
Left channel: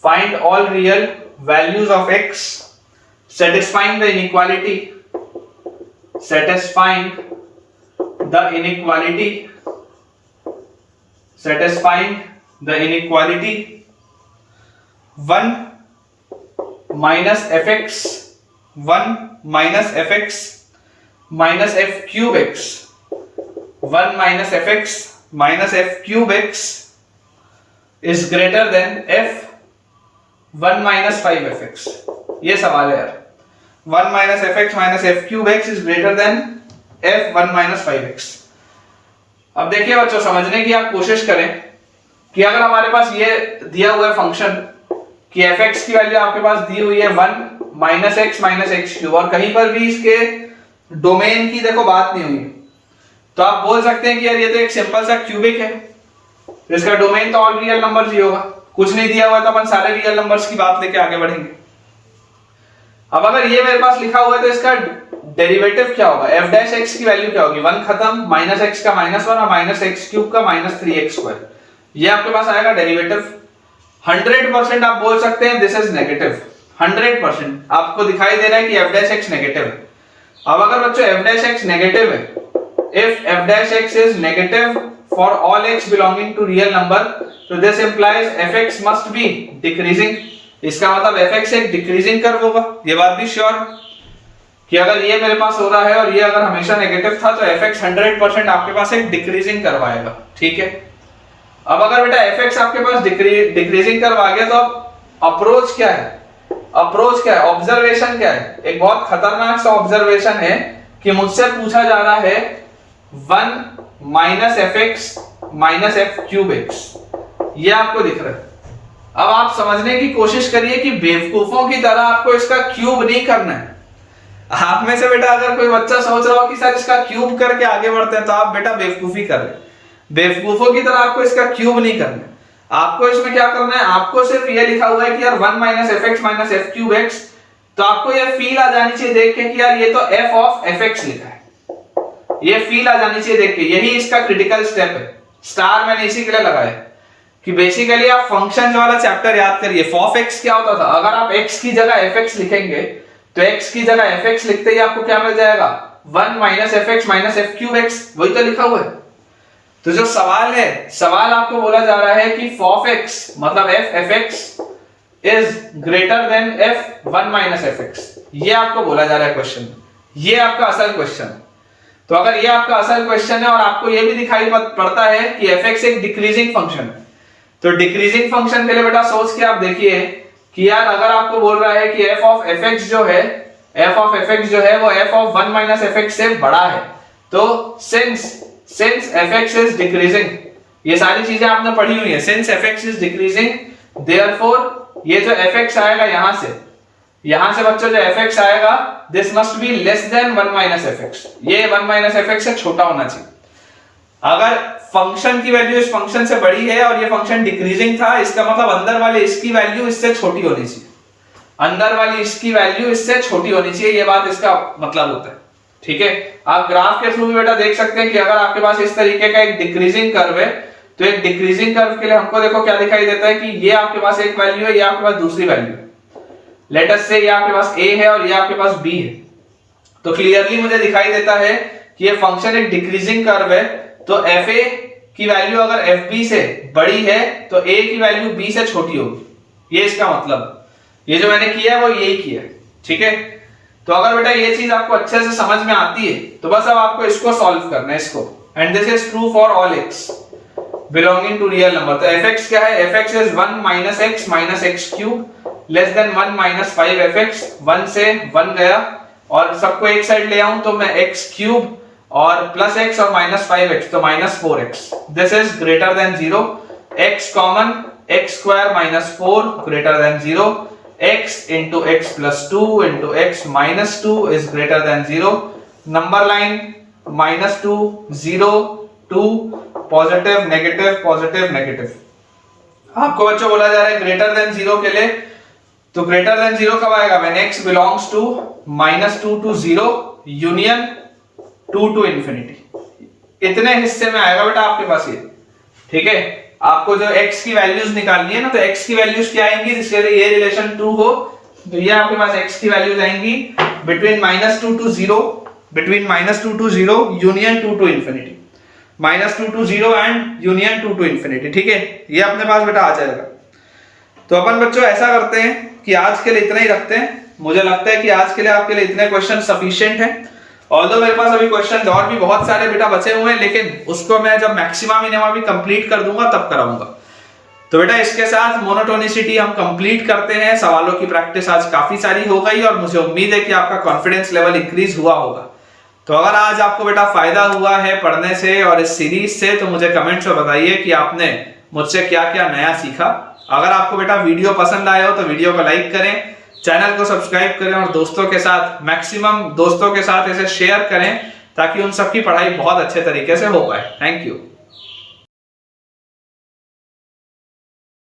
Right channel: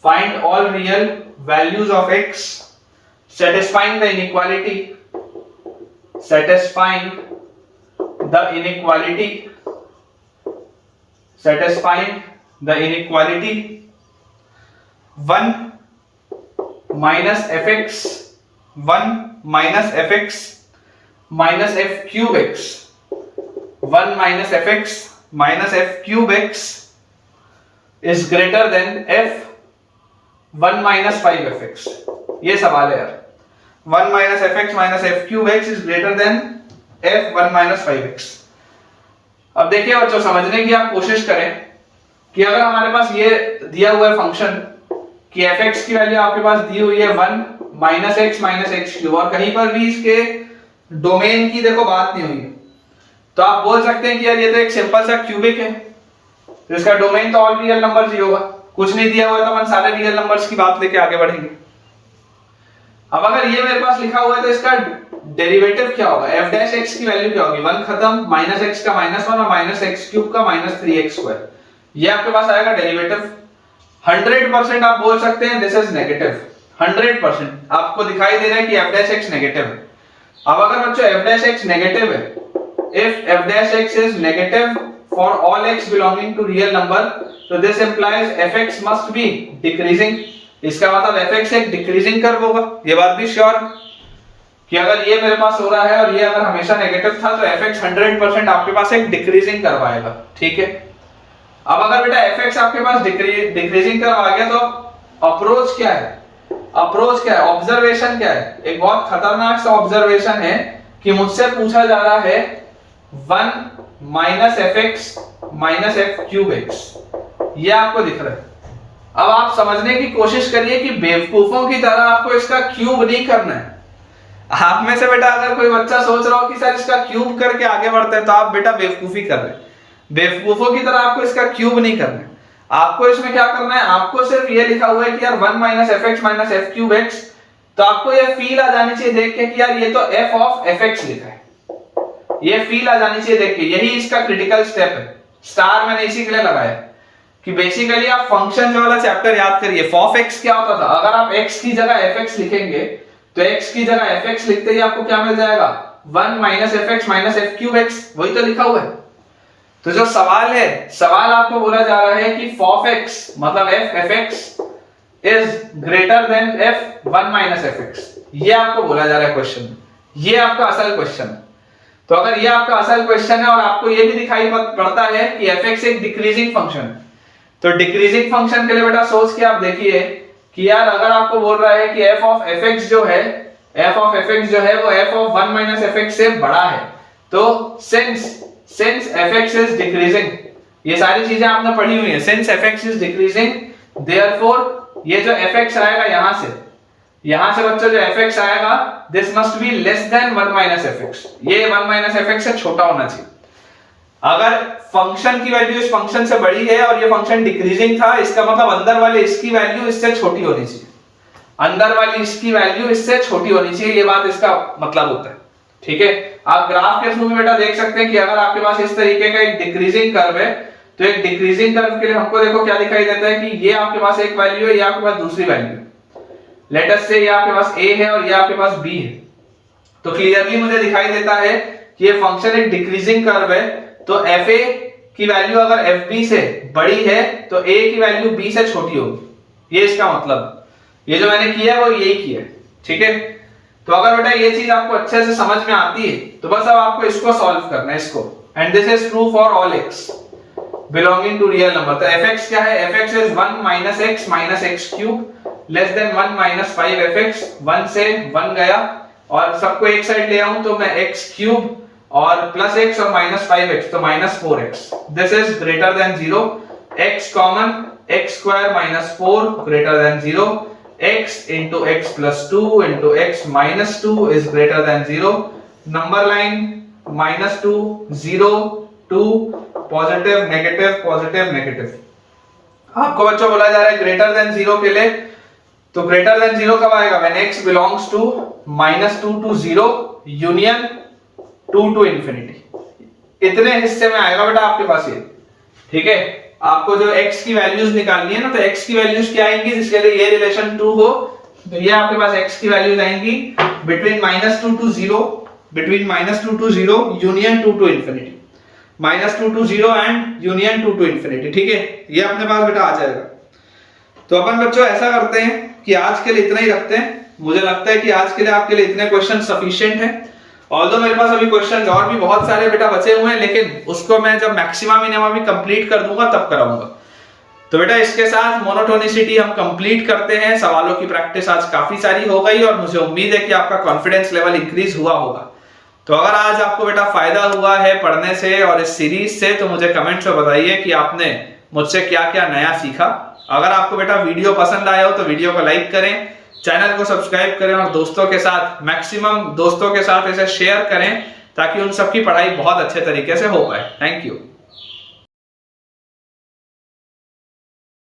Find all real values of x satisfying the inequality. Satisfying the inequality. Satisfying the inequality. 1 minus fx 1 minus fx minus f cube x. 1 minus fx minus f cube x is greater than f 1 minus 5fx। ये सवाल है यार, 1 minus fx minus f cube x is greater than f 1 minus 5x। अब देखिए बच्चों, समझने की आप कोशिश करें कि अगर हमारे पास ये दिया हुआ है फंक्शन कि fx की वैल्यू आपके पास दी हुई है 1 minus x minus x cube, और कहीं पर भी इसके डोमेन की देखो बात नहीं हुई, तो आप बोल सकते हैं कि यार ये तो एक सिंपल सा क्यूबिक है, तो इसका डोमेन तो ऑल रियल नंबर्स ही होगा। कुछ नहीं दिया हुआ तो अपन सारे रियल नंबर्स की बात लेके आगे बढ़ेंगे। अब अगर ये मेरे पास लिखा हुआ है तो इसका डेरिवेटिव क्या होगा, f डैश x की वैल्यू क्या होगी, 1 खत्म, माइनस x का -1 और माइनस एक्स क्यूब का माइनस 3x स्क्वायर, ये आपके पास आएगा डेरिवेटिव। 100% आप बोल सकते हैं दिस इज नेगेटिव, 100% आपको दिखाई दे रहा है कि f डैश x नेगेटिव है। अब अगर बच्चों f डैश x नेगेटिव है, if f dash x is negative for all x belonging to real number, so this implies fx must be decreasing। इसका मतलब fx एक डिक्रीजिंग कर्व होगा, ये बात भी श्योर कि अगर ये मेरे पास हो रहा है और ये अगर हमेशा नेगेटिव था तो fx 100% आपके पास एक डिक्रीजिंग कर्व आएगा, ठीक है। अब अगर बेटा fx आपके पास डिक्रीजिंग कर्व आ गया तो अब अप्रोच क्या है, अप्रोच क्या है, ऑब्जर्वेशन क्या है। एक बहुत खतरनाक सा ऑब्जर्वेशन है कि मुझसे पूछा जा रहा है 1 minus F x minus F cube x, ये आपको दिख रहा है। अब आप समझने की कोशिश करिए कि बेवकूफों की तरह आपको इसका क्यूब नहीं करना है। आप में से बेटा अगर कोई बच्चा सोच रहा हो कि सर इसका क्यूब करके आगे बढ़ते हैं, तो आप बेटा बेवकूफी कर रहे हैं। बेवकूफों की तरह आपको इसका क्यूब नहीं करना है। आपको इसमें क्या करना है, आपको सिर्फ ये लिखा हुआ है कि यार 1 minus F x minus F cube x, तो आपको ये फील आ जानी चाहिए देख के कि यार ये तो f ऑफ एफ एक्स लिखा है, ये फील आ जानी चाहिए देख के। यही इसका क्रिटिकल स्टेप है, स्टार मैंने इसी के लिए लगाया कि बेसिकली आप फंक्शन वाला चैप्टर याद करिए। फॉफ एक्स क्या होता था, अगर आप x की जगह fx लिखेंगे तो x की जगह fx लिखते ही आपको क्या मिल जाएगा, 1 minus F x minus F cube x, वही तो लिखा हुआ है। तो जो सवाल है, सवाल आपको बोला जा रहा है कि फॉफ एक्स मतलब f F x is greater then f 1 minus F x, ये आपको बोला जा रहा है क्वेश्चन में, ये आपका असल क्वेश्चन। तो अगर ये आपका असल क्वेश्चन है और आपको ये भी दिखाई पड़ता है कि fx एक डिक्रीजिंग फंक्शन, तो डिक्रीजिंग फंक्शन के लिए बेटा सोच के आप देखिए कि यार अगर आपको बोल रहा है कि f ऑफ fx जो है, f ऑफ fx जो है वो f ऑफ 1 माइनस fx से बड़ा है, तो सिंस fx इज डिक्रीजिंग, ये सारी चीजें आपने पढ़ी हुई है, since fx is decreasing therefore ये जो fx आएगा यहां से बच्चों जो fx आएगा this must be less than 1 minus fx, ये 1 माइनस fx से छोटा होना चाहिए। अगर फंक्शन की वैल्यू इस फंक्शन से बड़ी है और ये फंक्शन डिक्रीजिंग था, इसका मतलब अंदर वाले इसकी वैल्यू इससे छोटी होनी चाहिए, अंदर वाली इसकी वैल्यू इससे छोटी होनी चाहिए, ये बात इसका मतलब होता है, ठीक है। आप ग्राफ के थ्रू भी बेटा देख सकते हैं कि अगर आपके पास इस तरीके का एक डिक्रीजिंग कर्व है, तो एक डिक्रीजिंग कर्व के लिए हमको देखो क्या दिखाई देता है कि ये आपके पास एक वैल्यू है, ये आपके पास दूसरी वैल्यू है। लेट अस से ये आपके पास a है और ये आपके पास b है, तो क्लियरली मुझे दिखाई देता है कि ये फंक्शन एक डिक्रीजिंग कर्व है। तो fa की वैल्यू अगर fb से बड़ी है तो a की वैल्यू b से छोटी होगी, ये इसका मतलब, ये जो मैंने किया है वो यही किया है, ठीक है। तो अगर बेटा ये चीज आपको अच्छे से समझ में आती है तो बस अब आपको इसको सॉल्व करना है इसको, and this is true for all x belonging to real number. तो fx क्या है, fx is 1 minus x minus x cube less than 1 minus 5fx, 1 से 1 गया और सबको एक साइड ले आऊं तो मैं x क्यूब और प्लस x और माइनस 5x तो minus 4x, this is greater than 0, x common x square minus 4 greater than 0, x into x plus 2 into x minus 2 is greater than 0, number line minus 2 0 2 positive negative। आपको बच्चों बोला जा रहा है ग्रेटर देन 0 के लिए, तो ग्रेटर देन 0 कब आएगा, when x belongs to minus 2 to 0 union 2 to infinity, इतने हिस्से में आएगा बेटा आपके पास ये, ठीक है। आपको जो x की वैल्यूज निकालनी है ना, तो x की वैल्यूज क्या आएंगी, जिसके लिए ये रिलेशन 2 हो, तो ये आपके पास x की वैल्यूज आएंगी between -2 to 0, between -2 to 0 union 2 to infinity, -2 to 0 and union 2 to infinity, ठीक है। ये अपने पास बेटा आ जाएगा। तो अपन बच्चों ऐसा करते हैं कि आज के लिए इतना ही रखते हैं, मुझे लगता है कि आज के लिए आपके लिए इतने क्वेश्चन सफिशिएंट है। ऑल्दो मेरे पास अभी क्वेश्चन और भी बहुत सारे बेटा बचे हुए हैं, लेकिन उसको मैं जब मैक्सिमा मिनिमा भी कंप्लीट कर दूंगा तब कराऊंगा। तो बेटा इसके साथ मोनोटोनिसिटी हम कंप्लीट करते हैं। सवालों की प्रैक्टिस आज काफी सारी हो गई और मुझे उम्मीद है कि आपका कॉन्फिडेंस लेवल इंक्रीज हुआ होगा। तो अगर आज आपको बेटा फायदा हुआ है पढ़ने से और इस सीरीज से, तो मुझे कमेंट्स में बताइए कि आपने मुझसे क्या क्या नया सीखा। अगर आपको बेटा वीडियो पसंद आया हो तो वीडियो को लाइक करें, चैनल को सब्सक्राइब करें और दोस्तों के साथ, मैक्सिमम दोस्तों के साथ इसे शेयर करें ताकि उन सबकी पढ़ाई बहुत अच्छे तरीके से हो पाए। Thank you.